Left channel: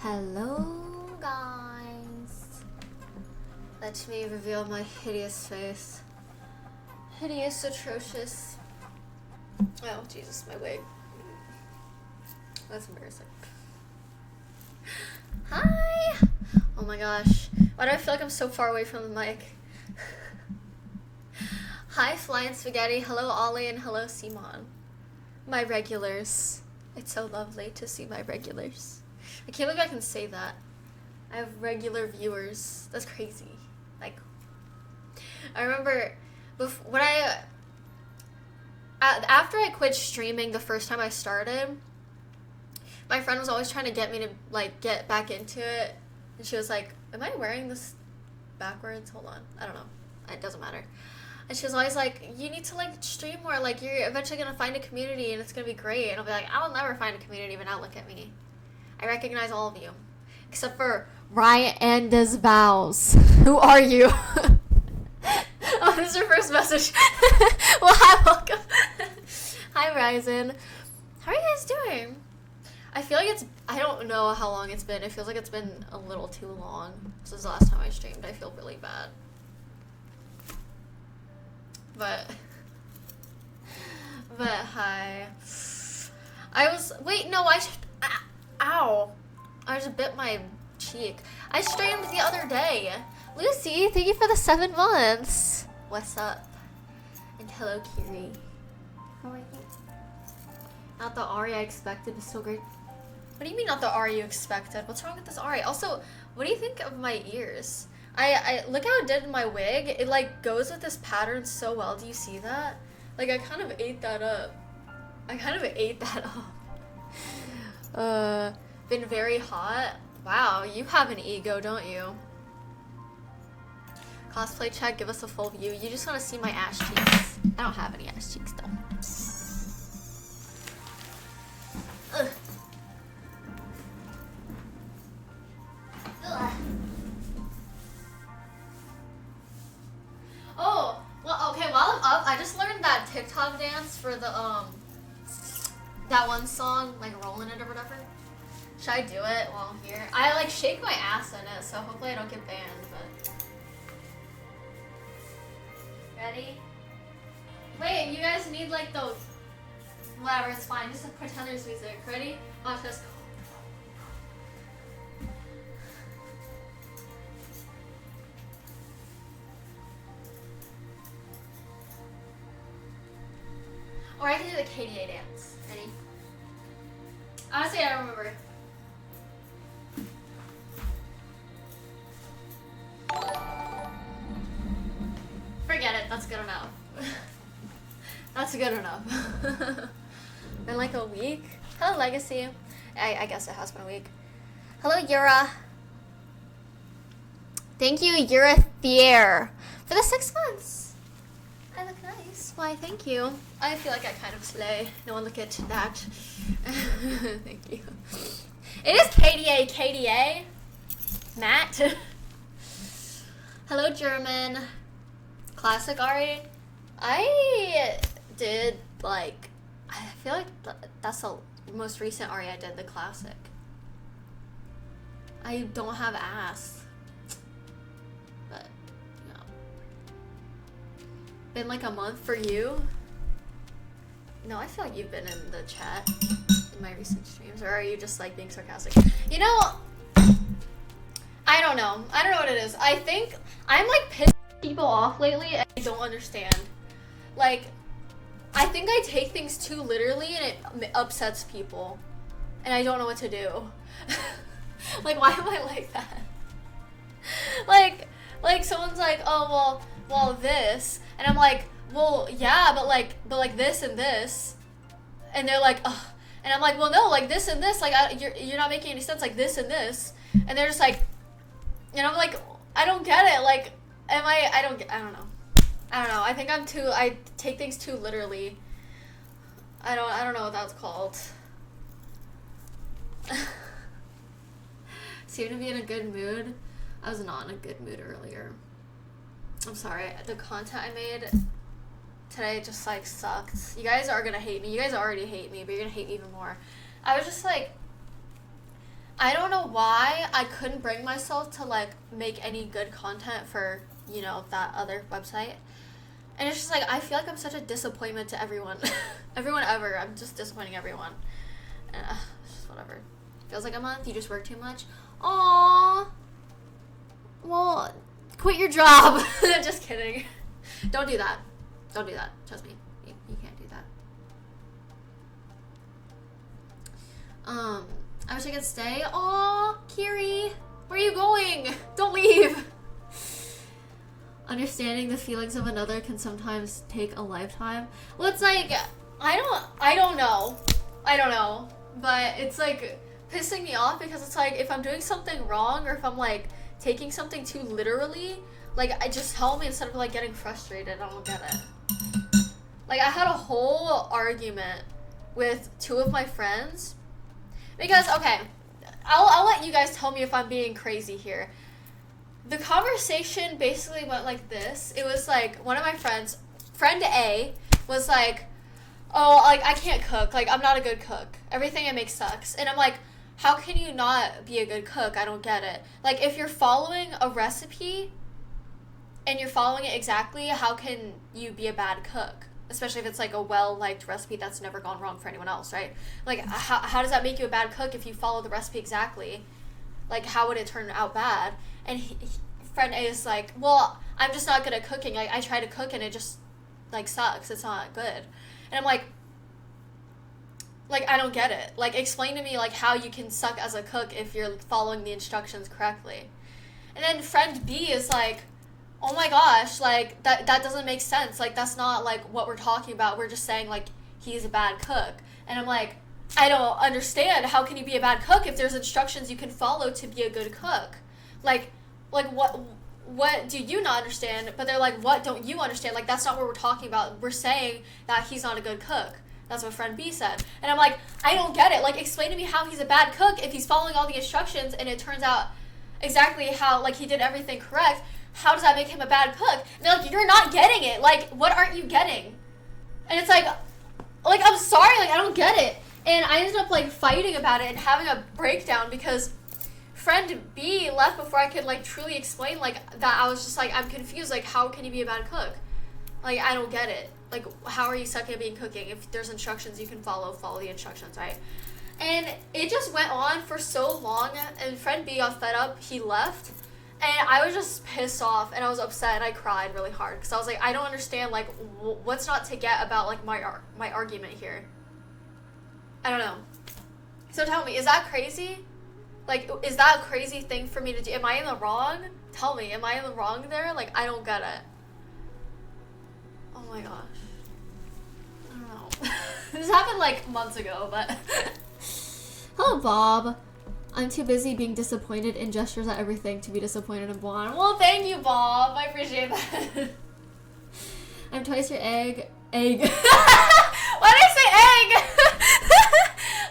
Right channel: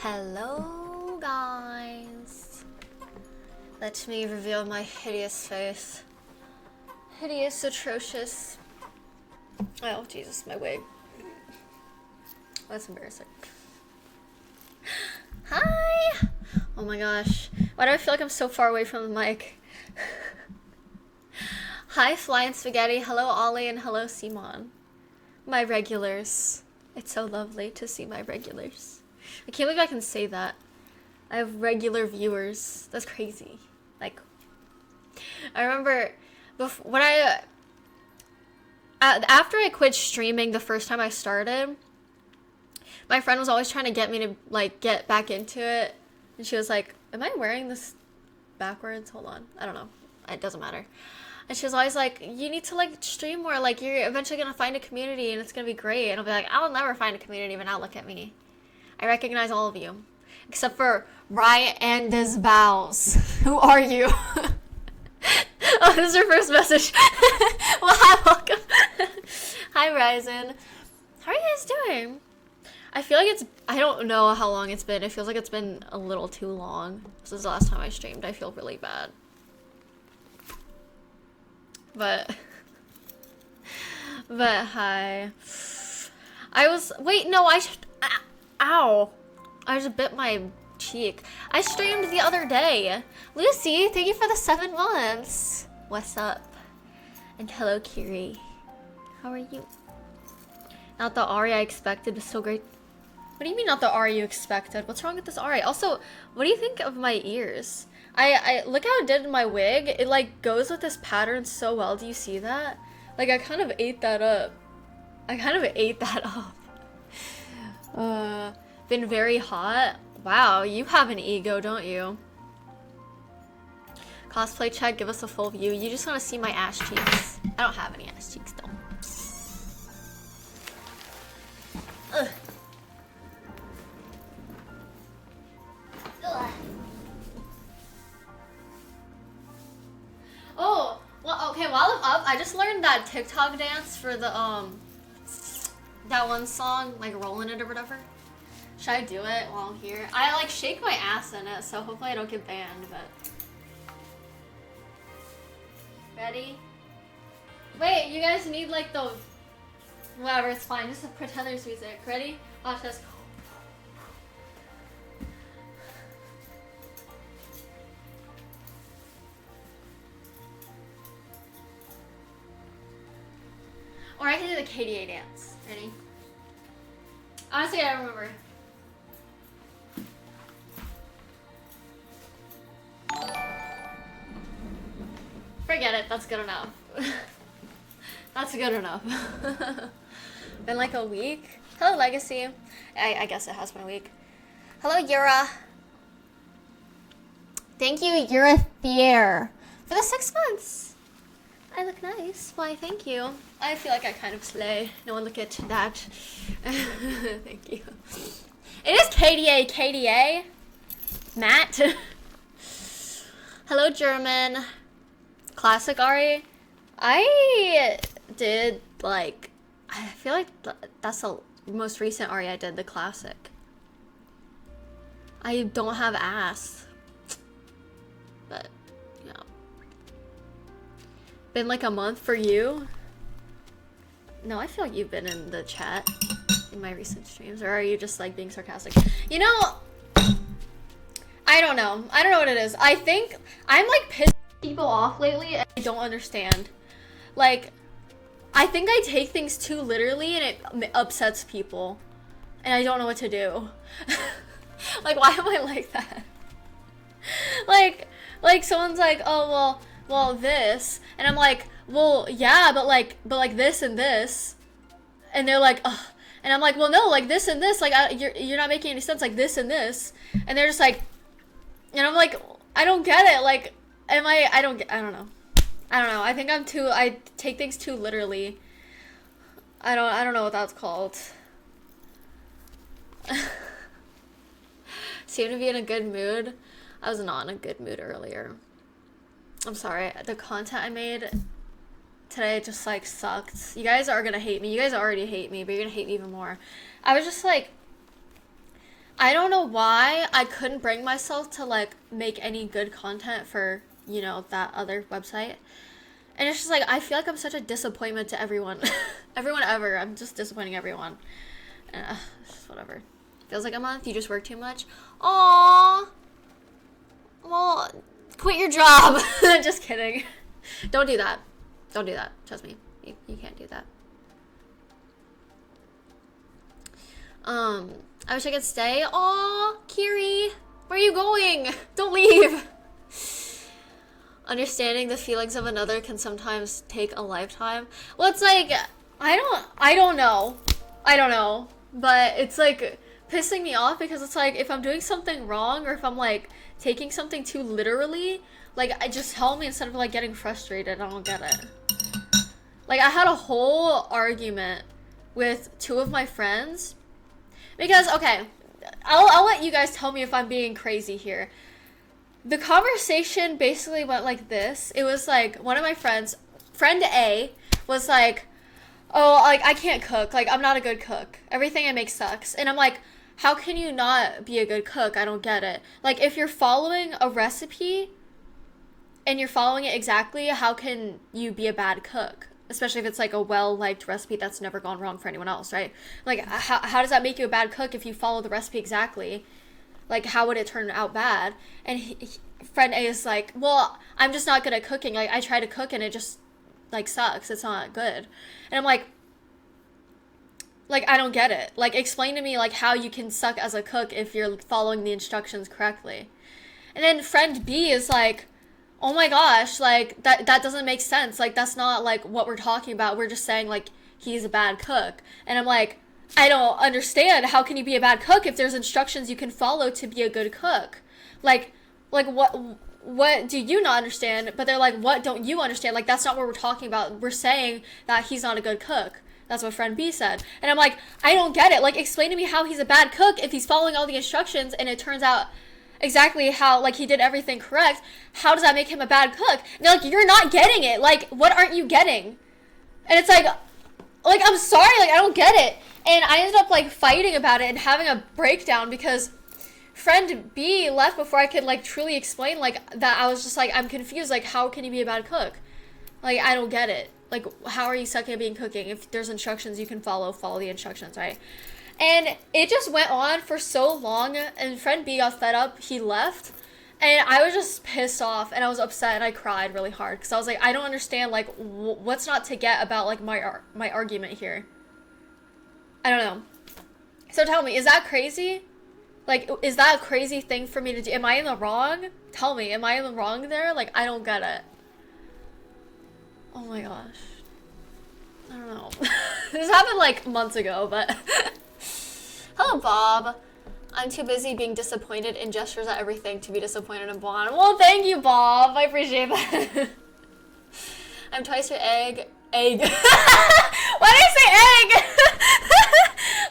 Hello, guys. Let me reveal my hideous face. Hideous, atrocious. Oh, Jesus, my wig. That's embarrassing. Hi! Oh my gosh. Why do I feel like I'm so far away from the mic? Hi, Flying Spaghetti. Hello, Ollie, and hello, Simon. My regulars. It's so lovely to see my regulars. I can't believe I can say that. I have regular viewers. That's crazy. Like, I remember when after I quit streaming the first time I started, my friend was always trying to get me to like get back into it, and she was like, "Am I wearing this backwards? Hold on, I don't know. It doesn't matter." And she was always like, "You need to like stream more. Like you're eventually gonna find a community, and it's gonna be great." And I'll be like, "I'll never find a community, but now look at me. I recognize all of you, except for Ryan and Desbows. Who are you?" Oh, this is your first message. Well, hi, welcome. Hi, Ryzen. How are you guys doing? I feel like I don't know how long it's been. It feels like it's been a little too long since the last time I streamed. I feel really bad. But hi. Ow. I just bit my cheek. I streamed the other day. Lucy, thank you for the 7 months. What's up? And hello, Kiri. How are you? Not the Ahri I expected, but so great. What do you mean not the Ahri you expected? What's wrong with this Ahri? Also, what do you think of my ears? I look how it did in my wig. It like goes with this pattern so well. Do you see that? Like I kind of ate that up. Been very hot. Wow, you have an ego, don't you? Cosplay check, give us a full view. You just want to see my ass cheeks. I don't have any ass cheeks though. Ugh. Ugh. Oh, well, okay, while I'm up, I just learned that TikTok dance for the, that one song, like rolling it or whatever. Should I do it while I'm here? I, like, shake my ass in it, so hopefully I don't get banned, but... Ready? Wait, you guys need, like, the... Whatever, it's fine, just pretend there's music. Ready? Watch this. Or I can do the KDA dance. Ready? Honestly, I don't remember. Forget it. That's good enough. That's good enough. Been like a week. Hello, Legacy. I guess it has been a week. Hello, Yura. Thank you, Yura Thier, for the 6 months. I look nice. Why, thank you. I feel like I kind of slay. No one look at that. Thank you. It is KDA. Matt. Hello, German. Classic Ahri. I did, like, I feel like that's the most recent Ahri I did, the classic. I don't have ass. But, you know. Been like a month for you? No, I feel like you've been in the chat in my recent streams. Or are you just, like, being sarcastic? You know, I don't know. I don't know what it is. I think I'm, like, pissing people off lately and I don't understand. Like, I think I take things too literally and it upsets people. And I don't know what to do. Like, why am I like that? Like someone's like, oh, well, this. And I'm like, well, yeah, but like this and this. And they're like, ugh. And I'm like, well, no, like this and this. Like, you're not making any sense. Like this and this. And they're just like, and I'm like, I don't get it. Like, I don't know. I think I take things too literally. I don't know what that's called. Seem to be in a good mood. I was not in a good mood earlier. I'm sorry. The content I made today just like sucked. You guys are gonna hate me. You guys already hate me, but you're gonna hate me even more. I was just like I don't know why I couldn't bring myself to like make any good content for, you know, that other website. And it's just like I feel like I'm such a disappointment to everyone. Everyone ever. I'm just disappointing everyone. It's just whatever. Feels like a month. You just work too much. Aww. Well, quit your job. Just kidding. Don't do that. Don't do that. Trust me. You can't do that. I wish I could stay. Aw, Kiri. Where are you going? Don't leave. Understanding the feelings of another can sometimes take a lifetime. Well, it's like, I don't know. I don't know. But it's like pissing me off because it's like if I'm doing something wrong or if I'm like taking something too literally, like I just tell me instead of like getting frustrated. I don't get it. Like I had a whole argument with two of my friends because, okay, I'll let you guys tell me if I'm being crazy here. The conversation basically went like this. It was like one of my friends, friend A, was like, oh, like I can't cook. Like I'm not a good cook. Everything I make sucks. And I'm like, how can you not be a good cook? I don't get it. Like if you're following a recipe and you're following it exactly, how can you be a bad cook? Especially if it's like a well-liked recipe that's never gone wrong for anyone else, right? Like how does that make you a bad cook if you follow the recipe exactly? Like how would it turn out bad? And friend A is like, well, I'm just not good at cooking. Like I try to cook and it just like sucks. It's not good. And I'm like I don't get it. Like explain to me like how you can suck as a cook if you're following the instructions correctly. And then friend B is like, oh my gosh, like that doesn't make sense. Like that's not like what we're talking about. We're just saying like he's a bad cook. And I'm like, I don't understand. How can you be a bad cook if there's instructions you can follow to be a good cook? Like what do you not understand? But they're like, what don't you understand? Like that's not what we're talking about. We're saying that he's not a good cook. That's what friend B said. And I'm like, I don't get it. Like explain to me how he's a bad cook if he's following all the instructions and it turns out exactly how like he did everything correct. How does that make him a bad cook? And they're like, you're not getting it. Like what aren't you getting? And it's like I'm sorry, like I don't get it. And I ended up like fighting about it and having a breakdown because friend B left before I could like truly explain like that. I was just like, I'm confused. Like how can you be a bad cook? Like I don't get it. Like how are you sucking at being cooking? If there's instructions you can follow the instructions, right? And it just went on for so long and friend B got fed up. He left and I was just pissed off and I was upset and I cried really hard because I was like, I don't understand like what's not to get about like my argument here. I don't know. So tell me, is that crazy? Like, is that a crazy thing for me to do? Am I in the wrong? Tell me, am I in the wrong there? Like, I don't get it. Oh my gosh. I don't know. This happened like months ago, but... Hello, Bob. I'm too busy being disappointed in gestures at everything to be disappointed in Blonde. Well, thank you, Bob. I appreciate that. I'm twice your egg. Egg. Why did I say egg?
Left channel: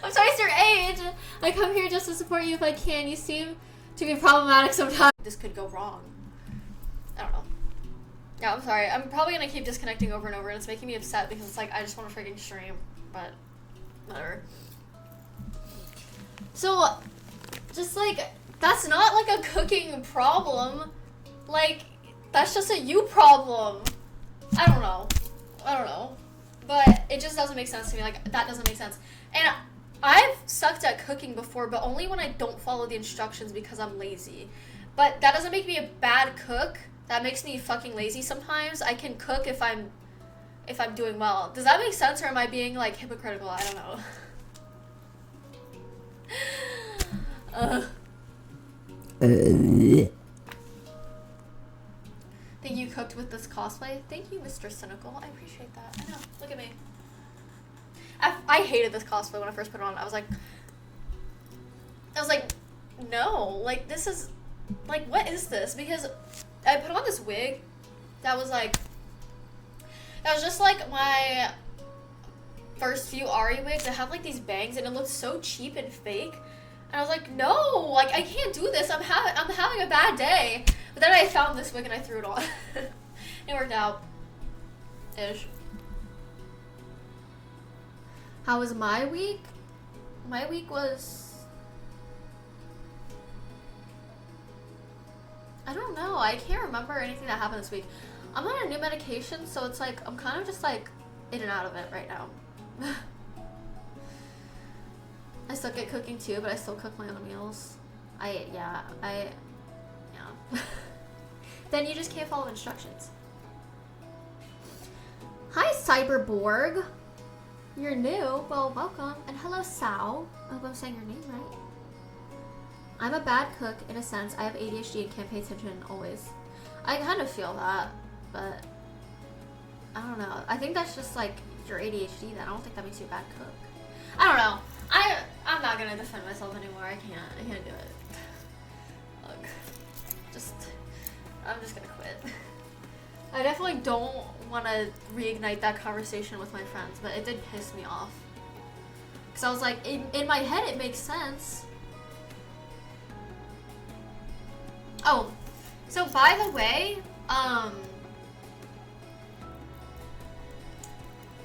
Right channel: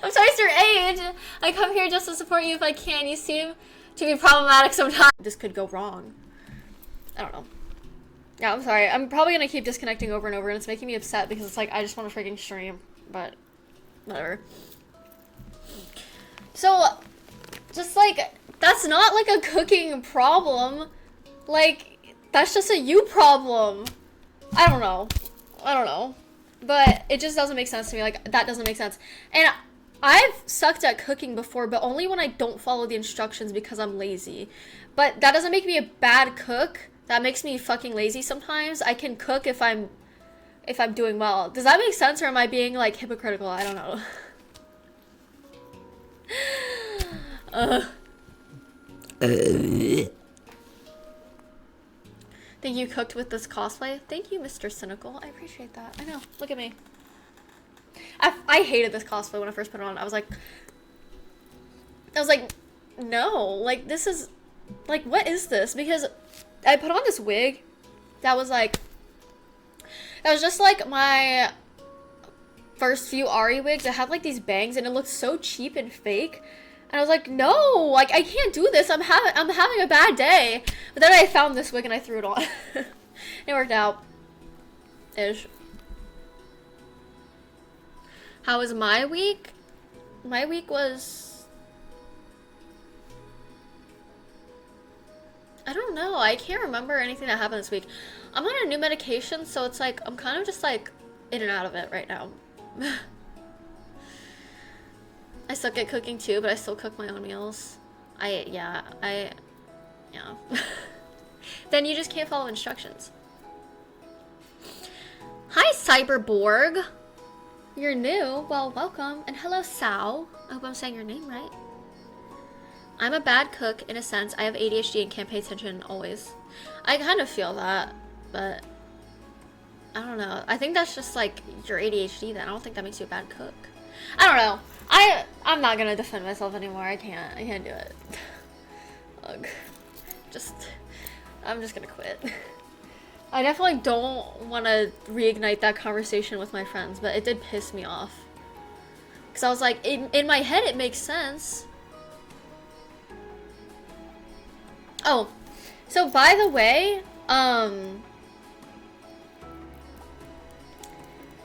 I'm twice your age. I come here just to support you if I can. You seem to be problematic sometimes. This could go wrong. I don't know. Yeah, I'm sorry. I'm probably gonna keep disconnecting over and over, and it's making me upset because it's like I just want to freaking stream, but whatever. So, just like that's not like a cooking problem. Like that's just a you problem. I don't know. But it just doesn't make sense to me. Like that doesn't make sense. And I've sucked at cooking before, but only when I don't follow the instructions because I'm lazy. But that doesn't make me a bad cook. That makes me fucking lazy sometimes. I can cook if I'm doing well. Does that make sense or am I being like hypocritical? I don't know. Think you cooked with this cosplay? Thank you, Mr. Cynical. I appreciate that. I know. Look at me. I hated this cosplay when I first put it on. I was like, no. Like, this is... Like, what is this? Because I put on this wig that was just like my first few Ahri wigs. That had like these bangs and it looked so cheap and fake. And I was like, no, like I can't do this. I'm having a bad day. But then I found this wig and I threw it on. It worked out. Ish. How was my week? My week was I don't know. I can't remember anything that happened this week. I'm on a new medication, so it's like I'm kind of just like in and out of it right now. I suck at cooking too, but I still cook my own meals. Yeah. Then you just can't follow instructions. Hi, Cyberborg. You're new. Well, welcome. And hello, Sal. I hope I'm saying your name right. I'm a bad cook in a sense. I have ADHD and can't pay attention always. I kind of feel that, but I don't know. I think that's just like your ADHD then. I don't think that makes you a bad cook. I don't know. I'm not gonna defend myself anymore. I can't do it. Ugh. I'm just gonna quit. I definitely don't want to reignite that conversation with my friends, but it did piss me off. Because I was like, in my head it makes sense. Oh, so by the way,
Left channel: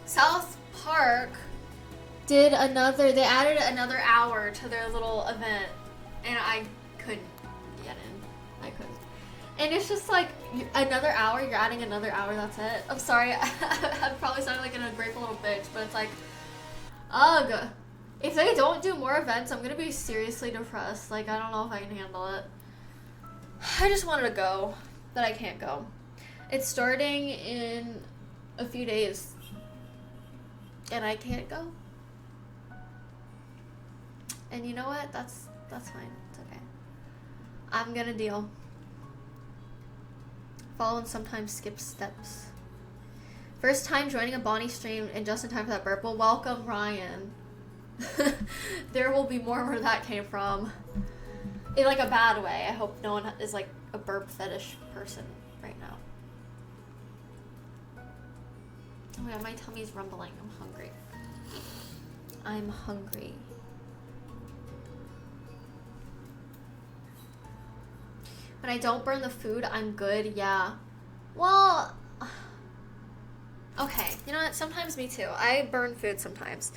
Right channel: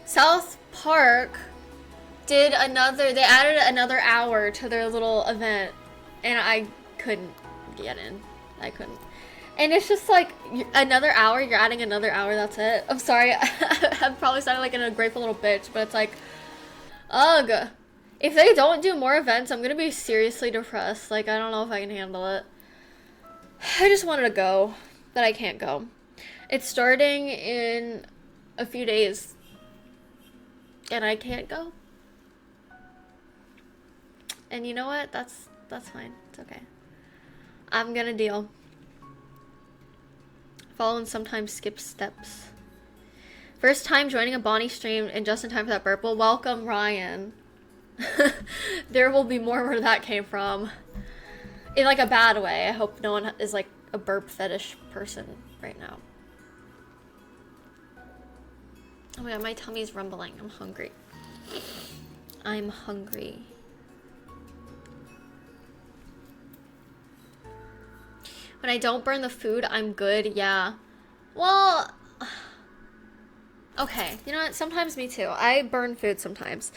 South Park they added another hour to their little event, and I couldn't get in. I couldn't. And it's just like, another hour, you're adding another hour, that's it. I'm sorry, I'm probably sounding like a ungrateful little bitch, but it's like, ugh. If they don't do more events, I'm gonna be seriously depressed. Like, I don't know if I can handle it. I just wanted to go, but I can't go. It's starting in a few days, and I can't go. And you know what? That's fine. It's okay. I'm gonna deal. Follow and sometimes skip steps. First time joining a Bonnie stream and just in time for that burp. Well, welcome, Ryan. There will be more where that came from. In like a bad way. I hope no one is like a burp fetish person right now. Oh my god, my tummy's rumbling. I'm hungry. I'm hungry. When I don't burn the food, I'm good. Yeah. Well, okay. You know what? Sometimes me too. I burn food sometimes.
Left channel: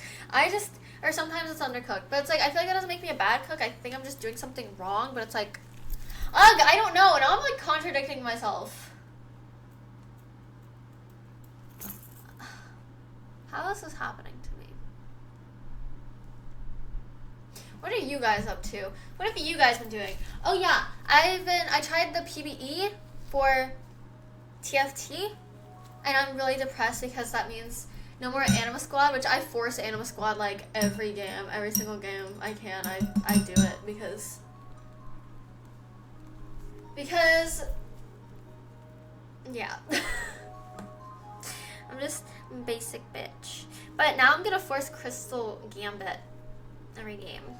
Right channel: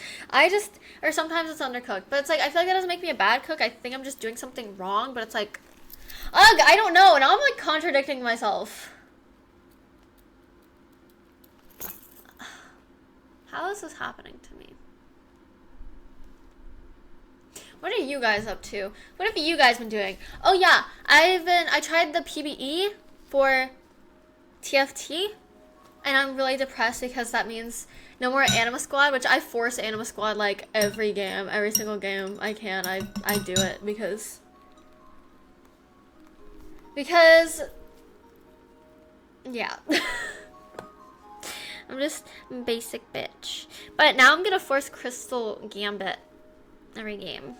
Or sometimes it's undercooked. But it's like, I feel like that doesn't make me a bad cook. I think I'm just doing something wrong. But it's like, ugh, I don't know. Now I'm like contradicting myself. How is this happening to me? What are you guys up to? What have you guys been doing? Oh yeah, I tried the PBE for TFT, and I'm really depressed because that means no more Anima Squad, which I force Anima Squad like every single game I can. I do it because yeah. I'm just basic bitch. But now I'm gonna force Crystal Gambit every game.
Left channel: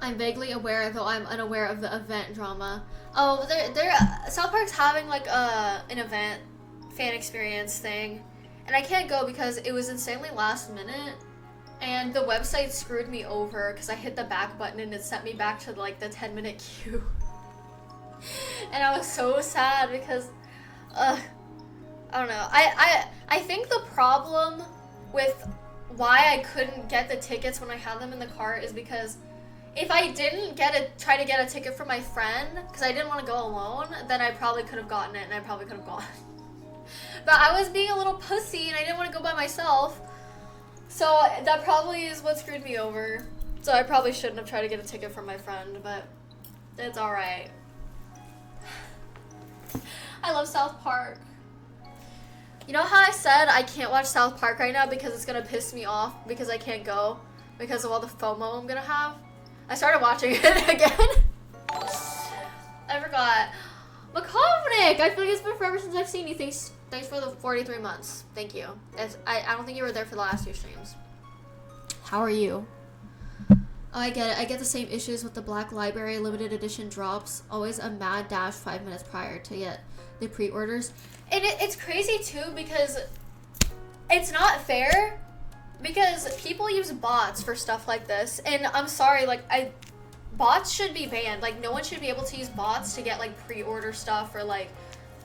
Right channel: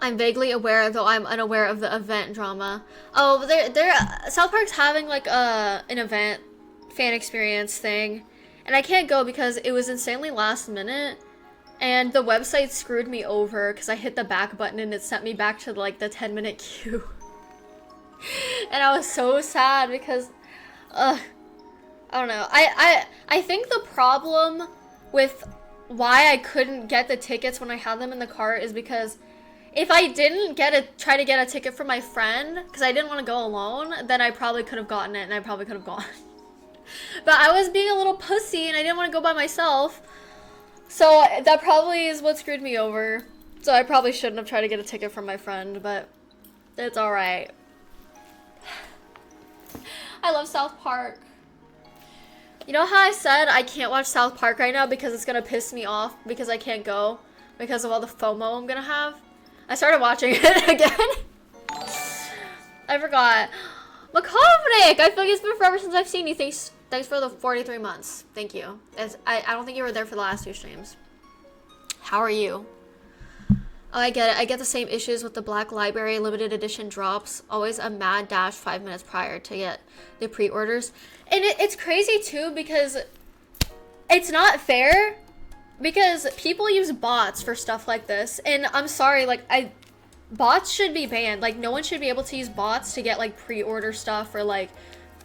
I'm vaguely aware, though I'm unaware of the event drama. Oh, South Park's having like an event fan experience thing, and I can't go because it was insanely last minute, and the website screwed me over because I hit the back button and it sent me back to like the 10-minute queue. And I was so sad because, I don't know. I think the problem with why I couldn't get the tickets when I had them in the cart is because if I didn't try to get a ticket for my friend, because I didn't want to go alone, then I probably could have gotten it and I probably could have gone. But I was being a little pussy and I didn't want to go by myself. So that probably is what screwed me over. So I probably shouldn't have tried to get a ticket for my friend, but it's alright. I love South Park. You know how I said I can't watch South Park right now because it's gonna piss me off because I can't go because of all the FOMO I'm gonna have? I started watching it again. I forgot. Makovnik! I feel like it's been forever since I've seen you. Thanks for the 43 months. Thank you. I don't think you were there for the last 2 streams. How are you? Oh, I get it. I get the same issues with the Black Library limited edition drops. Always a mad dash 5 minutes prior to get the pre-orders. And it's crazy too because it's not fair because people use bots for stuff like this. And I'm sorry, like bots should be banned. Like no one should be able to use bots to get like pre-order stuff or like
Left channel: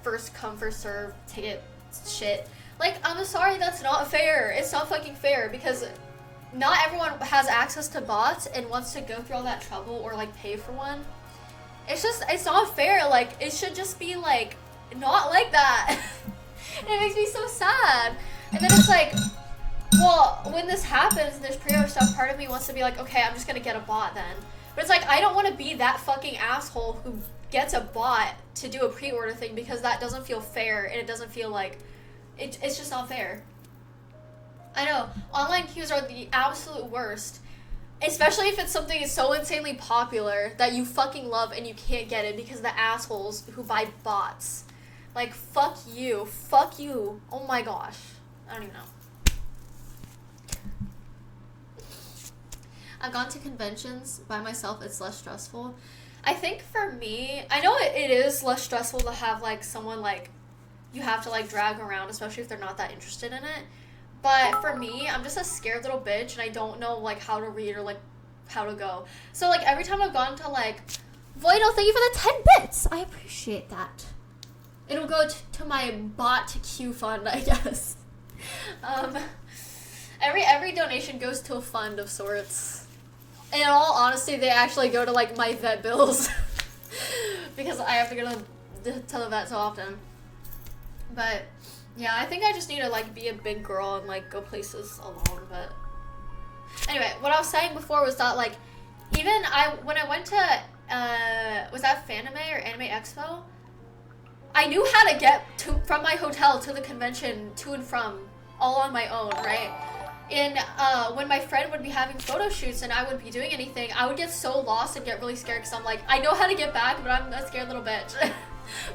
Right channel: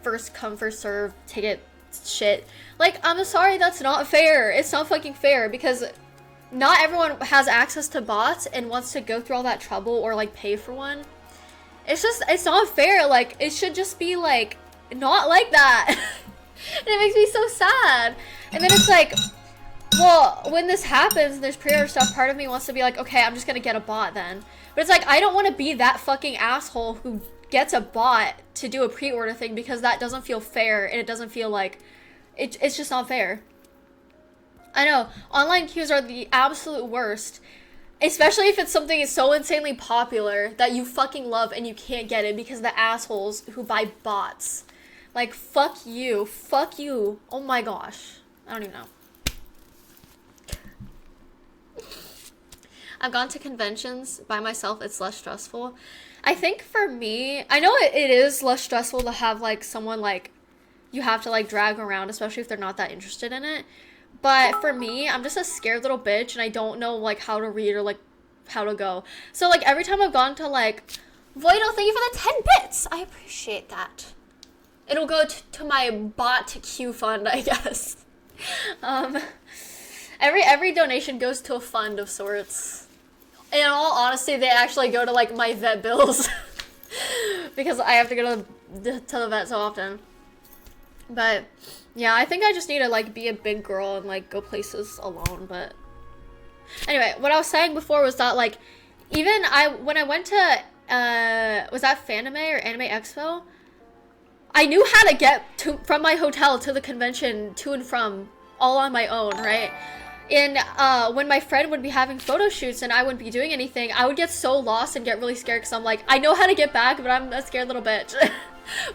first come first serve ticket shit. Like I'm sorry, that's not fair. It's not fucking fair because not everyone has access to bots and wants to go through all that trouble or like pay for one. It's not fair. Like, it should just be like not like that. And it makes me so sad. And then it's like, well, when this happens and there's pre-order stuff, part of me wants to be like, okay, I'm just gonna get a bot then. But it's like, I don't want to be that fucking asshole who gets a bot to do a pre-order thing, because that doesn't feel fair, and it doesn't feel like, it's just not fair. I know, online queues are the absolute worst. Especially if it's something so insanely popular that you fucking love and you can't get it because the assholes who buy bots. Like, fuck you. Fuck you. Oh my gosh. I don't even know. I've gone to conventions by myself. It's less stressful. I think for me, I know it is less stressful to have, like, someone, like, you have to, like, drag around, especially if they're not that interested in it. But for me, I'm just a scared little bitch, and I don't know, like, how to read or, like, how to go. So, like, every time I've gone to, like, Voido, thank you for the 10 bits. I appreciate that. It'll go to my bot queue fund, I guess. Every donation goes to a fund of sorts. And in all honesty, they actually go to, like, my vet bills. Because I have to go to the vet so often. But yeah, I think I just need to, like, be a big girl and, like, go places alone. But anyway, what I was saying before was that, like, even when I went to, was that Fanime or Anime Expo? I knew how to get from my hotel to the convention, to and from, all on my own, right? And when my friend would be having photo shoots and I wouldn't be doing anything, I would get so lost and get really scared because I'm like, I know how to get back, but I'm a scared little bitch.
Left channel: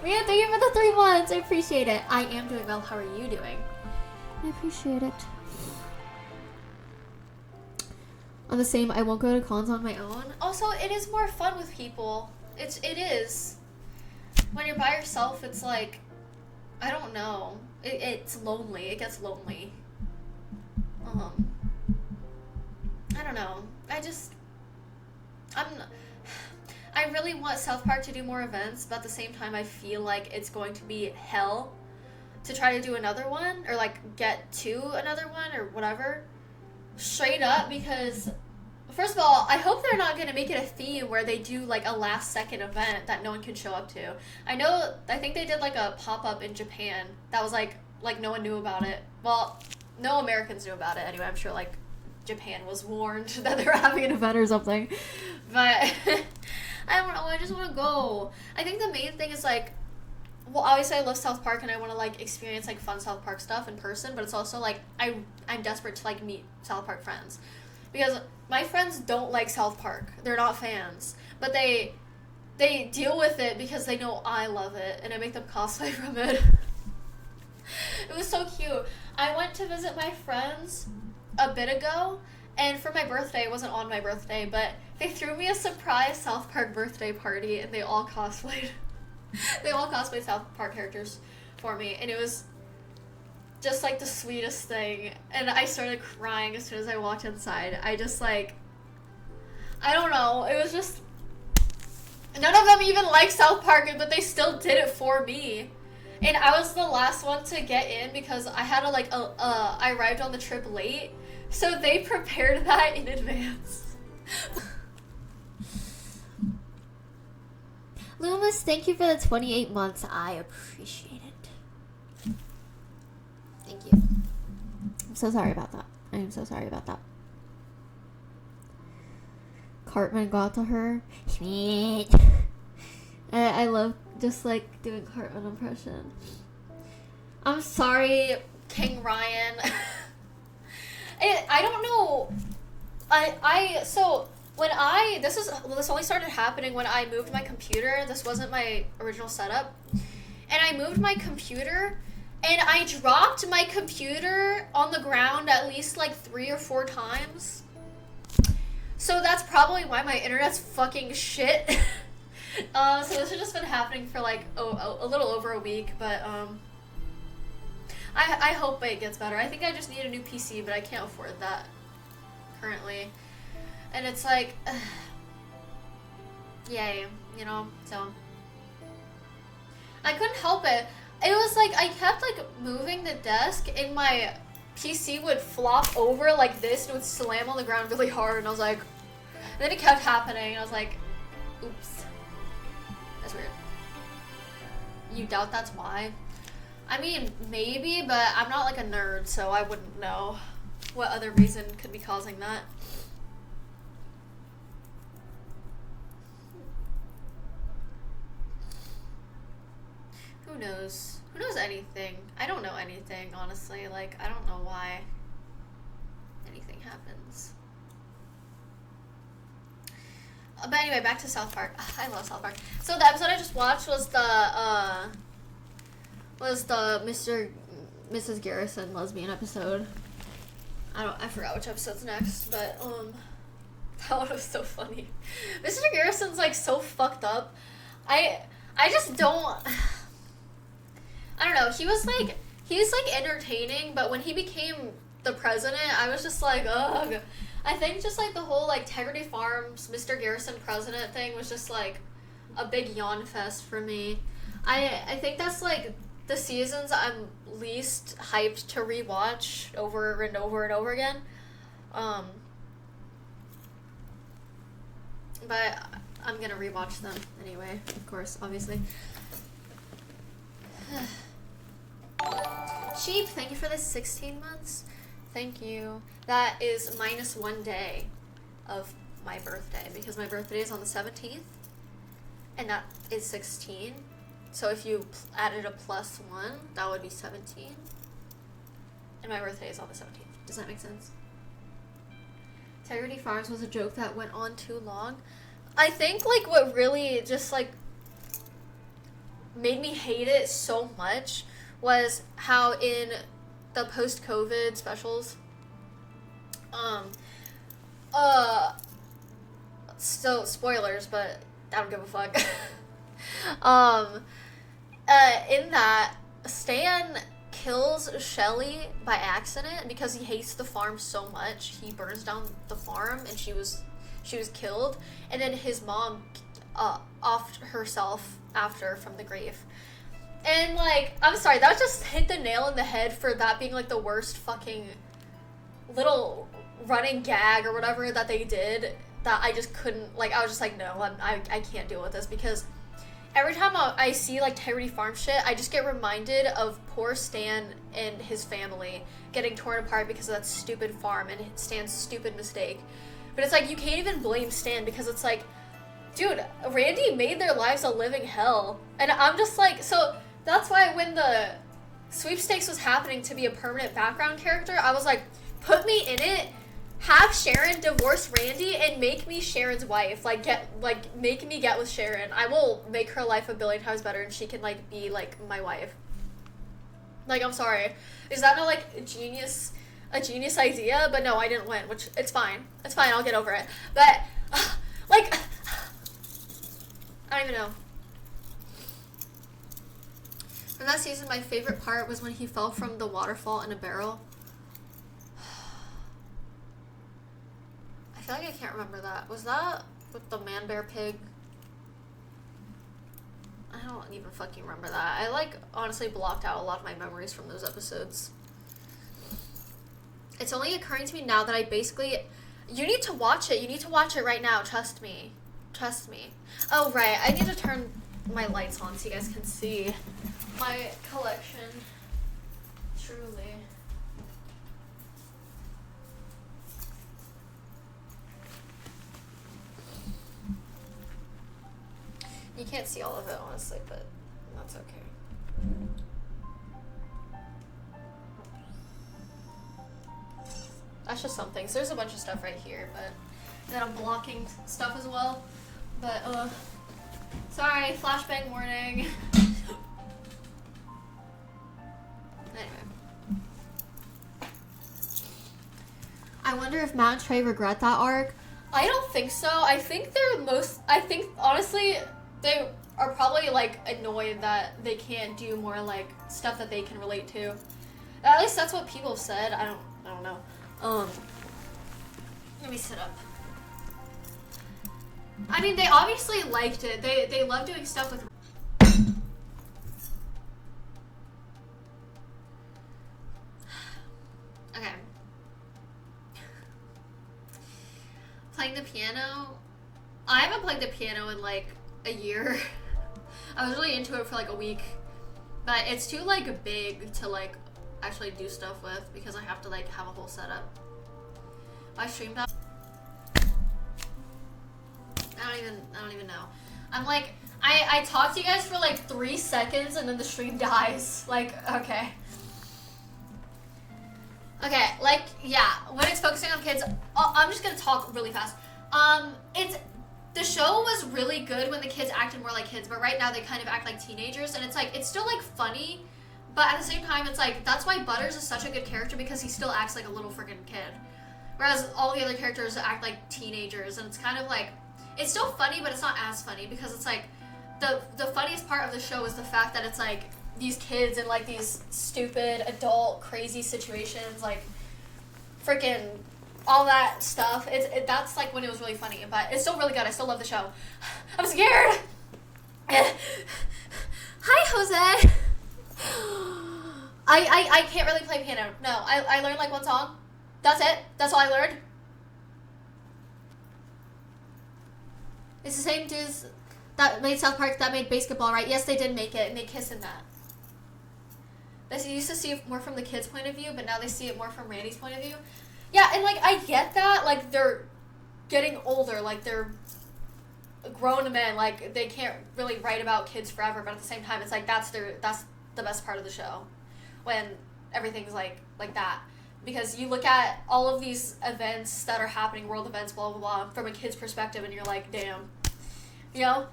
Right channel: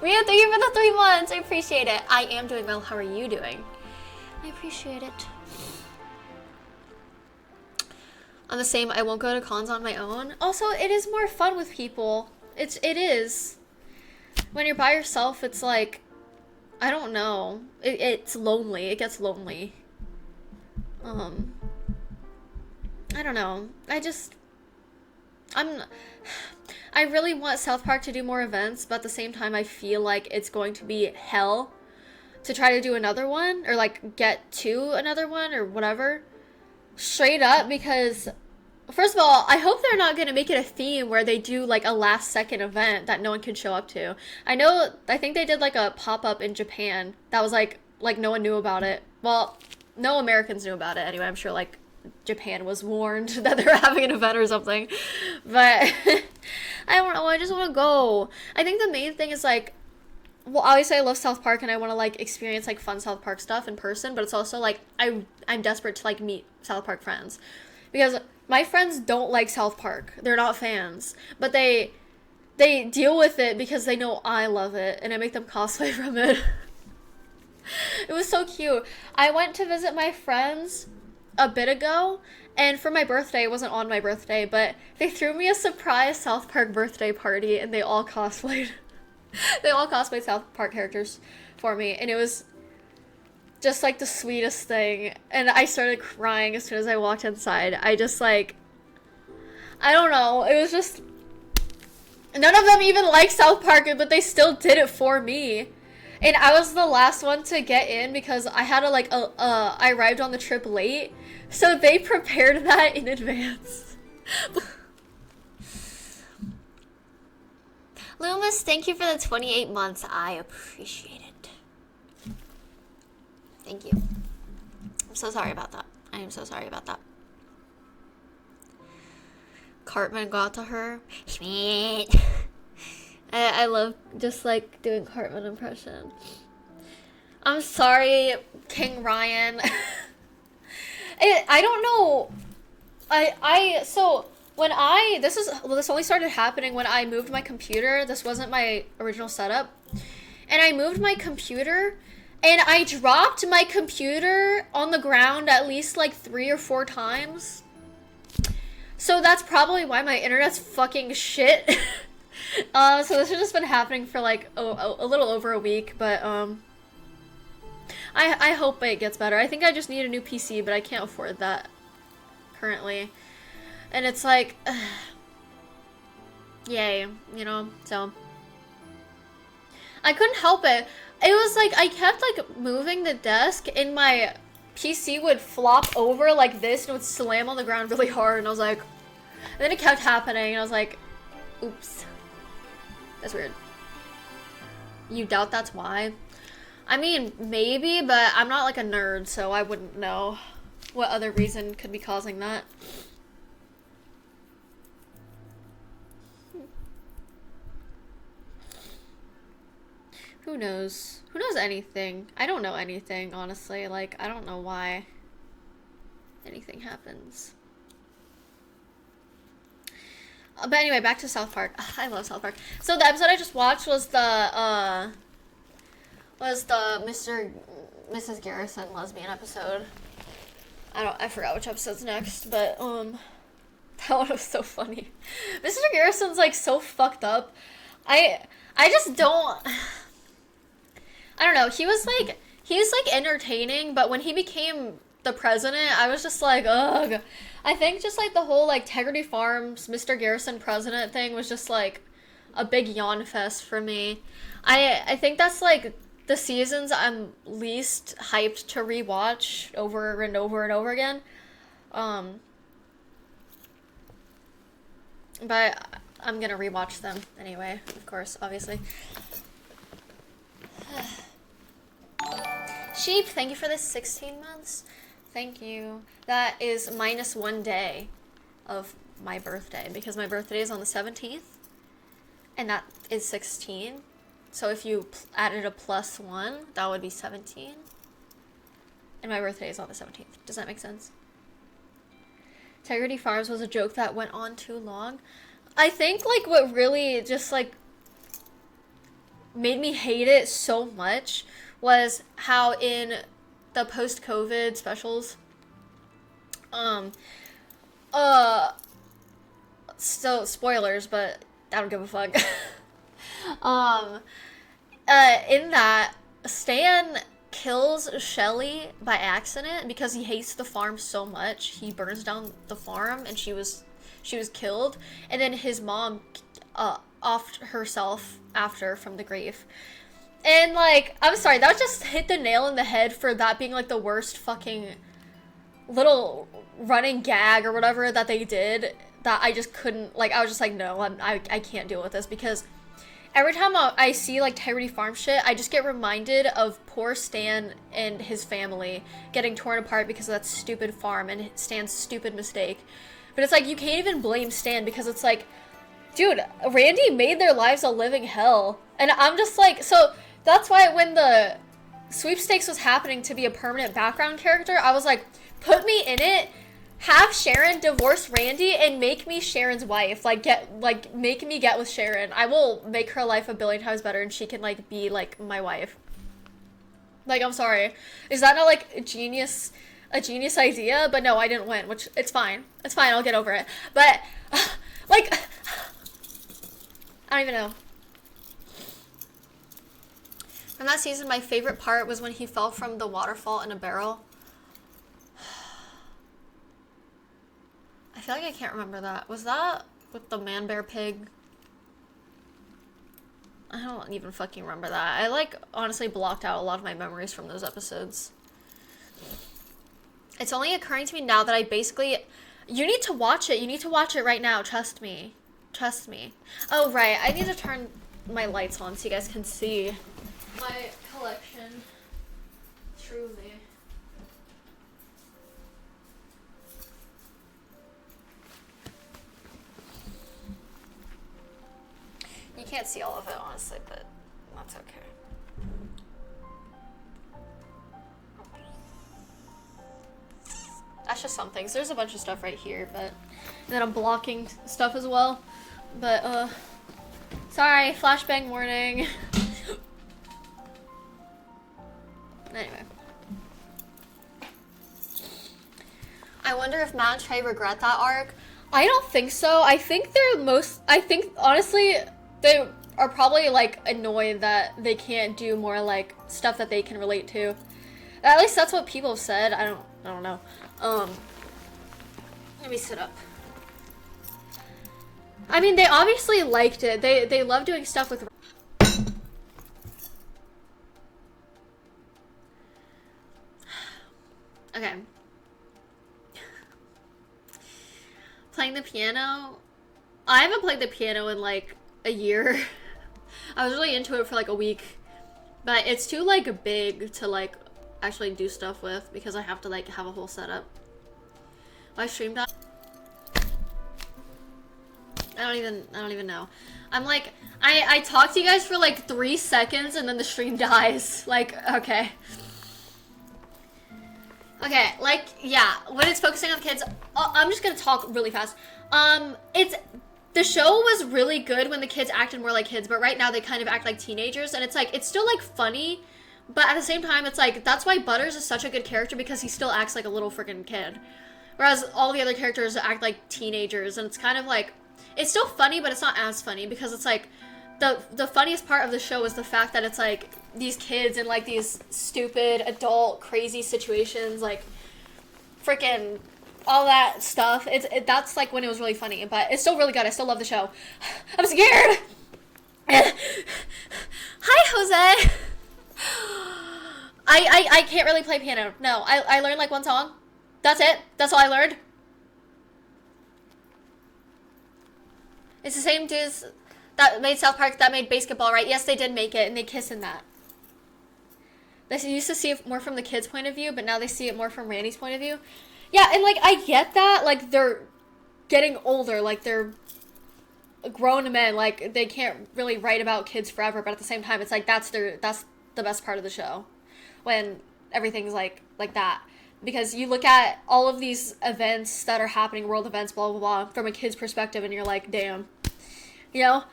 Rhea, thank you for the 3 months. I appreciate it. I am doing well. How are you doing? I appreciate it. I'm the same. I won't go to cons on my own. Also, it is more fun with people. It is. When you're by yourself, it's like, I don't know. It's lonely. It gets lonely. I don't know. I really want South Park to do more events, but at the same time, I feel like it's going to be hell to try to do another one, or, like, get to another one, or whatever. Straight up, because, first of all, I hope they're not going to make it a theme where they do, like, a last-second event that no one can show up to. I think they did, like, a pop-up in Japan that was, like, no one knew about it. Well, no Americans knew about it anyway. I'm sure, like, Japan was warned that they were having an event or something. But I don't know, I just want to go. I think the main thing is, like, well, obviously I love South Park and I want to, like, experience, like, fun South Park stuff in person, but it's also, like, I'm desperate to, like, meet South Park friends. Because my friends don't like South Park. They're not fans. But they deal with it because they know I love it, and I make them cosplay from it. It was so cute. I went to visit my friends a bit ago, and for my birthday, it wasn't on my birthday, but they threw me a surprise South Park birthday party, and they all cosplayed. They all cosplayed South Park characters for me, and it was just, like, the sweetest thing. And I started crying as soon as I walked inside. I just, like, I don't know, it was just, none of them even like South Park, but they still did it for me. And I was the last one to get in because I had I arrived on the trip late, so they prepared that in advance. Loomis, thank you for the 28 months. I appreciate it. Thank you. I'm so sorry about that. I am so sorry about that. Cartman got to her. I love just, like, doing Cartman impression. I'm sorry, King Ryan. I don't know. So when this only started happening when I moved my computer. This wasn't my original setup. And I moved my computer, and I dropped my computer on the ground at least, like, 3 or 4 times. So that's probably why my internet's fucking shit. So this has just been happening for, like, a little over a week, but, I hope it gets better. I think I just need a new PC, but I can't afford that currently. And it's like, yay, you know, so. I couldn't help it. It was like, I kept, like, moving the desk in my PC would flop over like this and it would slam on the ground really hard, and I was like, and then it kept happening, and I was like, oops. That's weird. You doubt that's why? I mean, maybe, but I'm not like a nerd, so I wouldn't know what other reason could be causing that. Who knows? Who knows anything? I don't know anything, honestly. Like, I don't know why anything happens. But anyway, back to South Park. I love South Park. So the episode I just watched was the Mrs. Garrison lesbian episode. I forgot which episode's next, but that one was so funny. Mr. Garrison's like so fucked up. I just don't. I don't know. He was like entertaining, but when he became the president, I was just like, ugh. I think just like the whole like Integrity Farms Mr. Garrison president thing was just like a big yawn fest for me. I think that's like the seasons I'm least hyped to rewatch over and over and over again. But I'm gonna rewatch them anyway, of course, obviously. Sheep, thank you for the 16 months. Thank you. That is minus 1 day of my birthday, because my birthday is on the 17th, and that is 16. So if you added a +1, that would be 17. And my birthday is on the 17th. Does that make sense? Integrity Farms was a joke that went on too long. I think like what really just like made me hate it so much was how in the post-COVID specials, so spoilers, but I don't give a fuck. In that, Stan kills Shelly by accident because he hates the farm so much. He burns down the farm, and she was killed, and then his mom offed herself after from the grave. And like, I'm sorry, that just hit the nail in the head for that being like the worst fucking little running gag or whatever that they did, that I just couldn't, like, I was just like, no, I can't deal with this, because every time I see like Integrity Farm shit, I just get reminded of poor Stan and his family getting torn apart because of that stupid farm and Stan's stupid mistake. But it's like, you can't even blame Stan, because it's like, dude, Randy made their lives a living hell. And I'm just like, so that's why when the sweepstakes was happening to be a permanent background character, I was like, put me in it, have Sharon divorce Randy, and make me Sharon's wife. Make me get with Sharon. I will make her life a billion times better, and she can like be like my wife. Like, I'm sorry, is that not like a genius idea? But no, I didn't win, which it's fine. It's fine. I'll get over it. But like, I don't even know. From that season, my favorite part was when he fell from the waterfall in a barrel. I feel like I can't remember that. Was that with the man bear pig? I don't even fucking remember that. I like honestly blocked out a lot of my memories from those episodes. It's only occurring to me now that I basically... You need to watch it. You need to watch it right now. Trust me. Trust me. Oh, right. I need to turn my lights on so you guys can see my collection. Truly. You can't see all of it, honestly, but that's okay. That's just some things. There's a bunch of stuff right here, but... And then I'm blocking stuff as well. But, sorry, flashbang warning. Anyway. I wonder if Matt and Trey regret that arc. I don't think so. I think honestly, they are probably like annoyed that they can't do more like stuff that they can relate to. At least that's what people have said. I don't know. Let me sit up. I mean, they obviously liked it. They love doing stuff with... Okay. Playing the piano. I haven't played the piano in like a year. I was really into it for like a week. But it's too like big to like actually do stuff with because I have to like have a whole setup. My stream died. I don't even know. I'm like, I talk to you guys for like 3 seconds and then the stream dies. Like, okay. Okay, like, yeah, when it's focusing on kids, I'm just gonna talk really fast. The show was really good when the kids acted more like kids, but right now they kind of act like teenagers, and it's like, it's still like funny, but at the same time, it's like, that's why Butters is such a good character, because he still acts like a little freaking kid. Whereas all the other characters act like teenagers, and it's kind of like, it's still funny, but it's not as funny, because it's like, the funniest part of the show is the fact that it's like, these kids in like these stupid, adult, crazy situations, like, freaking all that stuff. That's like when it was really funny, but it's still really good. I still love the show. I'm scared. Hi, Jose. I can't really play piano. No, I learned like one song. That's it. That's all I learned. It's the same dudes that made South Park that made Basketball, right? Yes, they did make it, and they kiss in that. They used to see it more from the kids' point of view, but now they see it more from Randy's point of view. Yeah, and like, I get that, like, they're getting older, like, they're grown men, like, they can't really write about kids forever, but at the same time, it's like, that's the best part of the show, when everything's like that. Because you look at all of these events that are happening, world events, blah, blah, blah, from a kid's perspective, and you're like, damn. You know?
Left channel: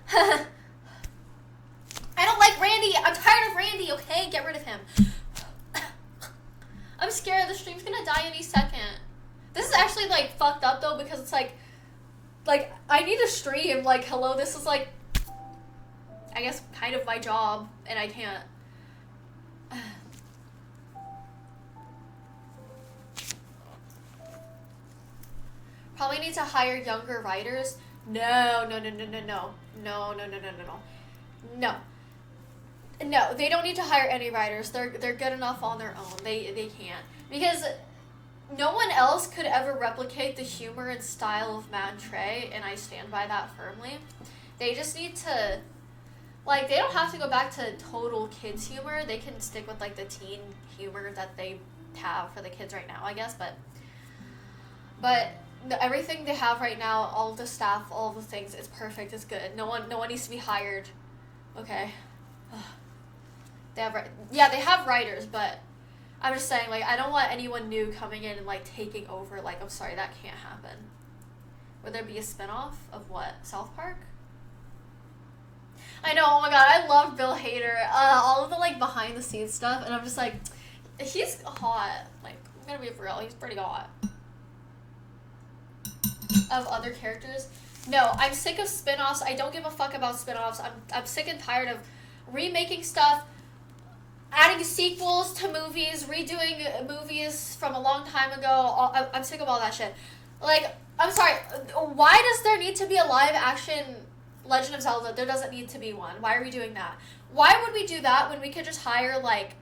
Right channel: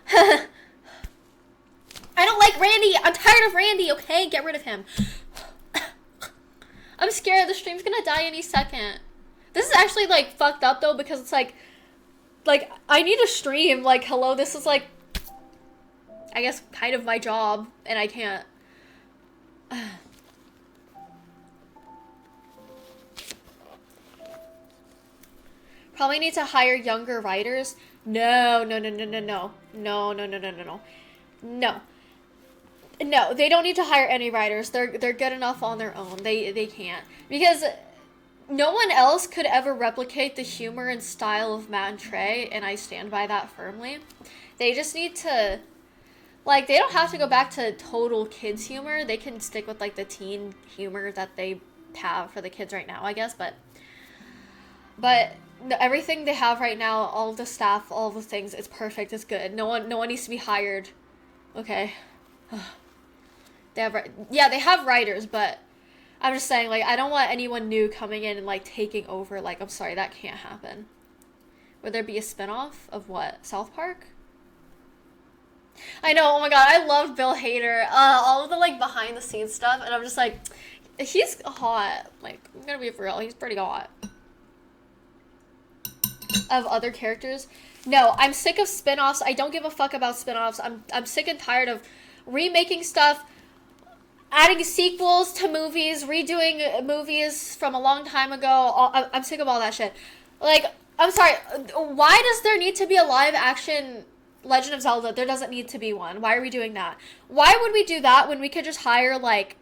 I don't like Randy! I'm tired of Randy, okay? Get rid of him. I'm scared the stream's gonna die any second. This is actually, like, fucked up, though, because it's like, I need a stream. Like, hello, this is, like, I guess, kind of my job, and I can't. Probably need to hire younger writers. No. No, they don't need to hire any writers. They're good enough on their own. They can't. Because no one else could ever replicate the humor and style of Matt and Trey, and I stand by that firmly. They just need to, like, they don't have to go back to total kids humor. They can stick with, like, the teen humor that they have for the kids right now, I guess, but everything they have right now, all the staff, all the things, it's perfect, it's good. No one needs to be hired. Okay. They have writers, but I'm just saying, like, I don't want anyone new coming in and, like, taking over. Like, I'm sorry, that can't happen. Would there be a spinoff of what? South Park? I know, oh my god, I love Bill Hader. All of the, like, behind the scenes stuff, and I'm just like, he's hot. Like, I'm gonna be for real, he's pretty hot. Of other characters. No, I'm sick of spinoffs. I don't give a fuck about spinoffs. I'm sick and tired of remaking stuff, adding sequels to movies, redoing movies from a long time ago. I'm sick of all that shit. Like, I'm sorry, why does there need to be a live action Legend of Zelda? There doesn't need to be one. Why are we doing that? Why would we do that when we could just hire, like,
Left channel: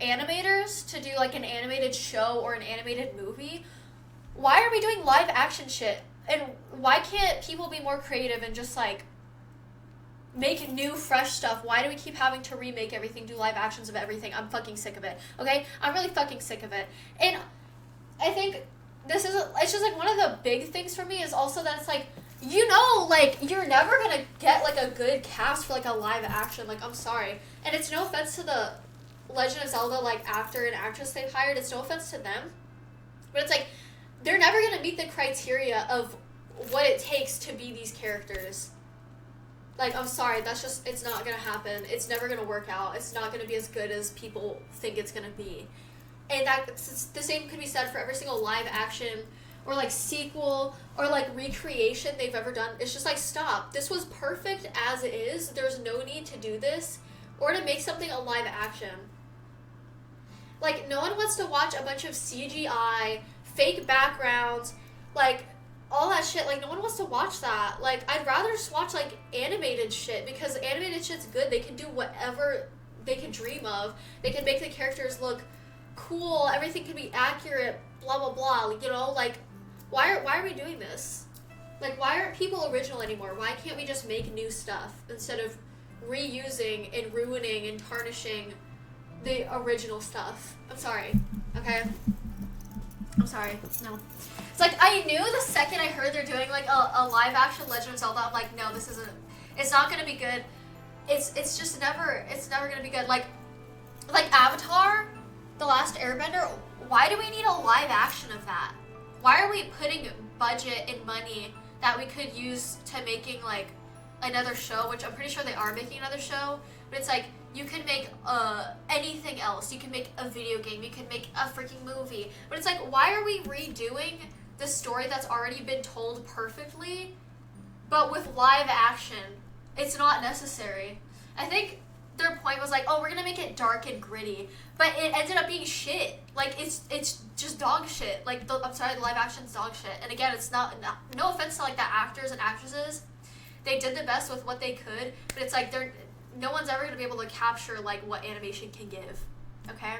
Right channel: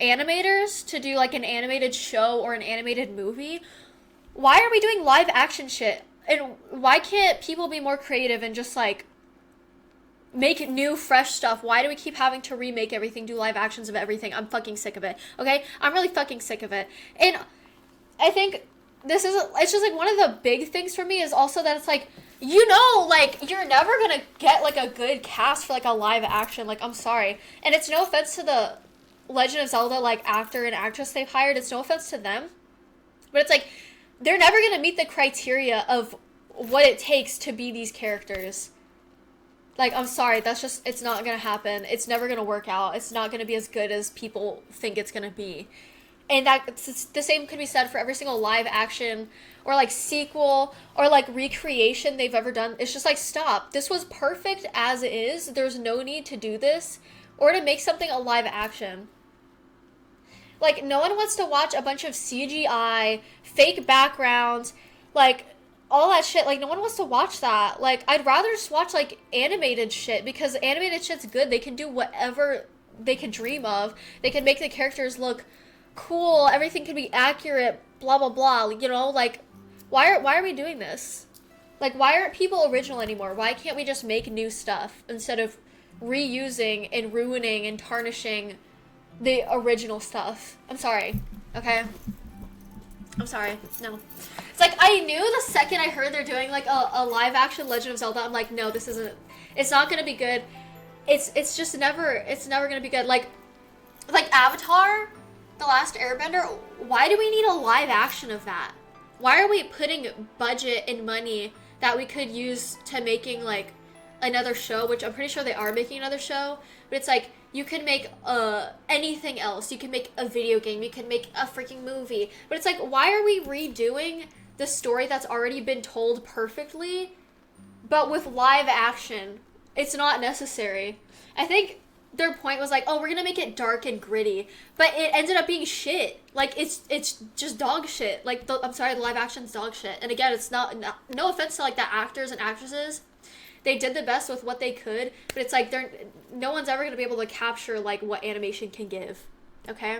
animators to do, like, an animated show or an animated movie? Why are we doing live action shit? And why can't people be more creative and just, like, make new, fresh stuff? Why do we keep having to remake everything, do live actions of everything? I'm fucking sick of it, okay? I'm really fucking sick of it. And I think it's just, like, one of the big things for me is also that it's, like, you know, like, you're never gonna get, like, a good cast for, like, a live action. Like, I'm sorry. And it's no offense to the Legend of Zelda, like, actor and actress they've hired. It's no offense to them. But it's, like, they're never going to meet the criteria of what it takes to be these characters. Like, I'm sorry, that's just, it's not going to happen. It's never going to work out. It's not going to be as good as people think it's going to be. And the same could be said for every single live action or, like, sequel or, like, recreation they've ever done. It's just like, stop. This was perfect as is. There's no need to do this or to make something a live action. Like, no one wants to watch a bunch of CGI, fake backgrounds, like, all that shit. Like, no one wants to watch that. Like, I'd rather just watch, like, animated shit, because animated shit's good. They can do whatever they can dream of. They can make the characters look cool, everything could be accurate, blah blah blah, you know, like why are we doing this? Like, why aren't people original anymore? Why can't we just make new stuff instead of reusing and ruining and tarnishing the original stuff? I'm sorry, okay? I'm sorry, no. It's like, I knew the second I heard they're doing, like, a live-action Legend of Zelda, I'm like, no, this isn't, it's not gonna be good. It's just never, it's never gonna be good. Like Avatar, The Last Airbender, why do we need a live action of that? Why are we putting budget and money that we could use to making, like, another show, which I'm pretty sure they are making another show, but it's like, you can make anything else. You can make a video game. You can make a freaking movie. But it's like, why are we redoing the story that's already been told perfectly, but with live action? It's not necessary. I think their point was like, oh, we're gonna make it dark and gritty, but it ended up being shit. Like, it's just dog shit. Like, I'm sorry, the live action's dog shit. And again, it's not no offense to, like, the actors and actresses. They did the best with what they could, but it's like no one's ever gonna be able to capture, like, what animation can give. Okay?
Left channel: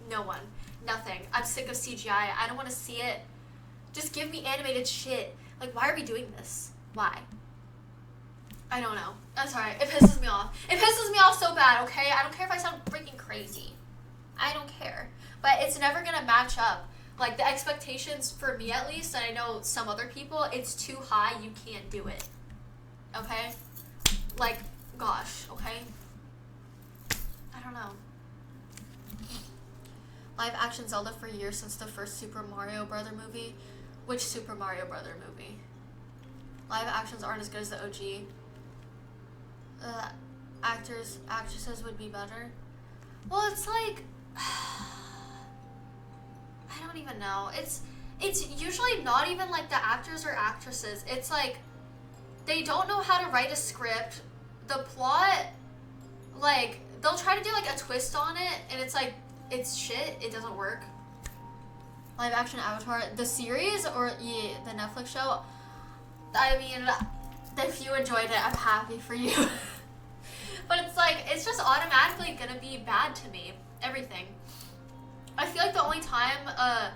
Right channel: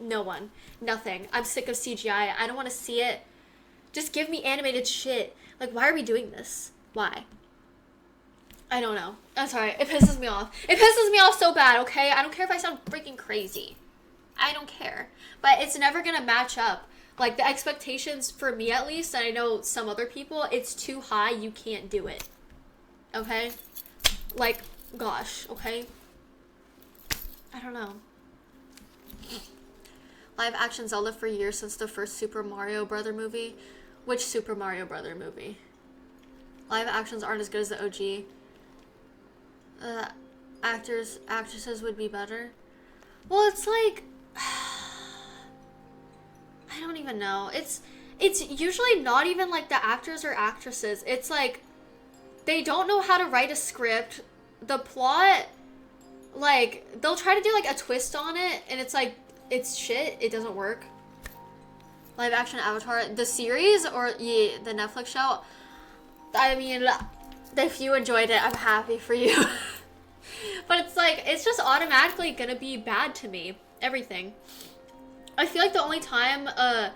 No one. Nothing. I'm sick of CGI. I don't want to see it. Just give me animated shit. Like, why are we doing this? Why? I don't know. I'm sorry. It pisses me off. It pisses me off so bad, okay? I don't care if I sound freaking crazy. I don't care. But it's never gonna match up. Like, the expectations, for me at least, and I know some other people, it's too high. You can't do it. Okay? Like, gosh, okay? I don't know. Live action Zelda for years since the first Super Mario Brother movie. Which Super Mario Brother movie? Live actions aren't as good as the OG. Actresses would be better. Well, it's like, I don't even know. It's usually not even like the actors or actresses. It's like, they don't know how to write a script. The plot, like, they'll try to do like a twist on it, and it's like, it's shit. It doesn't work. Live action Avatar, the series or the Netflix show. I mean, if you enjoyed it, I'm happy for you. But it's like, it's just automatically gonna be bad to me. Everything. I feel like the only time a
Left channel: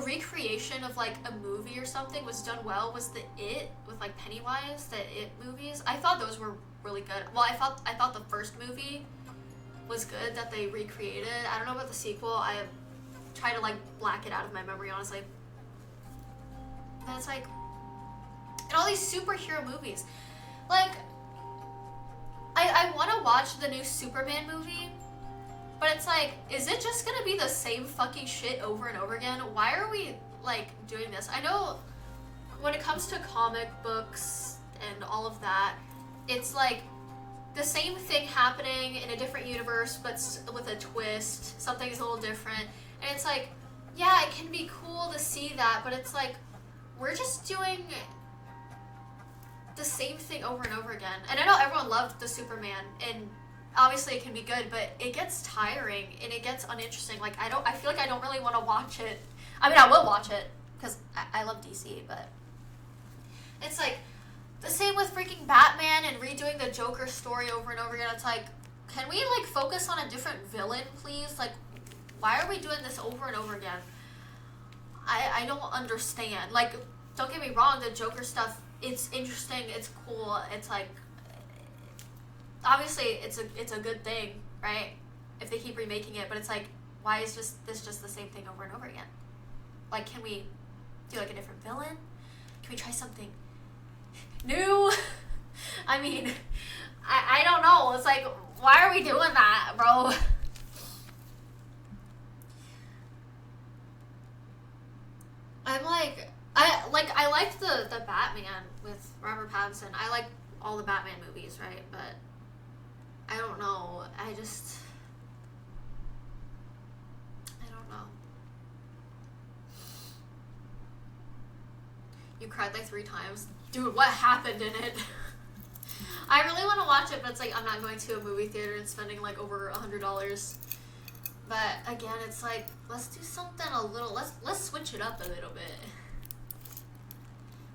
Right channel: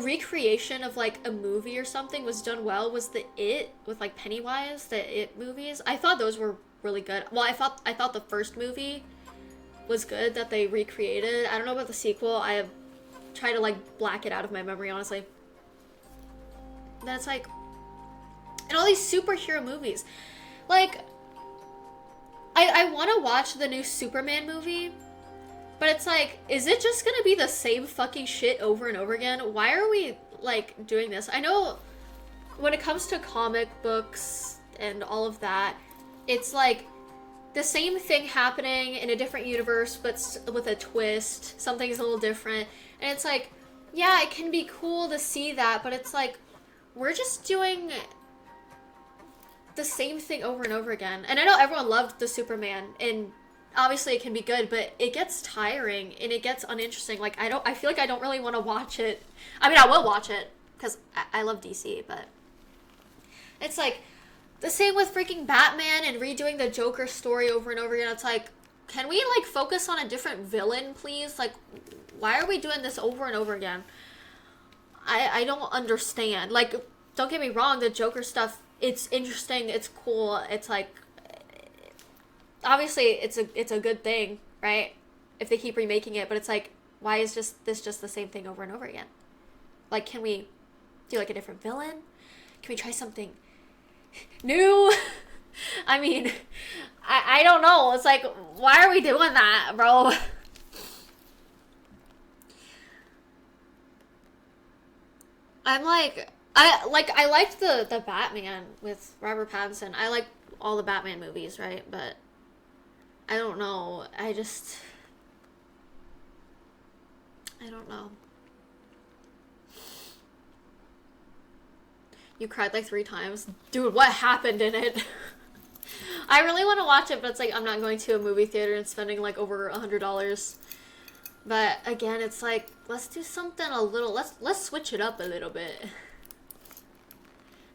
recreation of, like, a movie or something was done well was the It, with, like, Pennywise, the It movies. I thought those were really good. Well, I thought the first movie was good that they recreated. I don't know about the sequel. I have tried to, like, black it out of my memory, honestly. Then it's like, and all these superhero movies. Like, I want to watch the new Superman movie, but it's like, is it just gonna be the same fucking shit over and over again? Why are we, like, doing this? I know when it comes to comic books and all of that, it's like the same thing happening in a different universe, but with a twist. Something's a little different. And it's like, yeah, it can be cool to see that, but it's like, we're just doing the same thing over and over again. And I know everyone loved the Superman, and obviously it can be good, but it gets tiring and it gets uninteresting. Like, I feel like I don't really want to watch it. I mean, I will watch it because I love DC, but it's like the same with freaking Batman and redoing the Joker story over and over again. It's like, can we, like, focus on a different villain, please? Like, why are we doing this over and over again? I don't understand. Like, don't get me wrong, the Joker stuff, it's interesting, it's cool, it's like, obviously it's a good thing, right? If they keep remaking it, but it's like, why is this just the same thing over and over again? Like, can we do, like, a different villain? Can we try something new? I mean, I don't know. It's like, why are we doing that, bro? I'm like, I liked the Batman with Robert Pattinson. I like all the Batman movies, right? But I don't know. I don't know. You cried like 3 times? Dude, what happened in it? I really want to watch it, but it's like, I'm not going to a movie theater and spending like over $100. But again, it's like, let's do something a little, let's switch it up a little bit.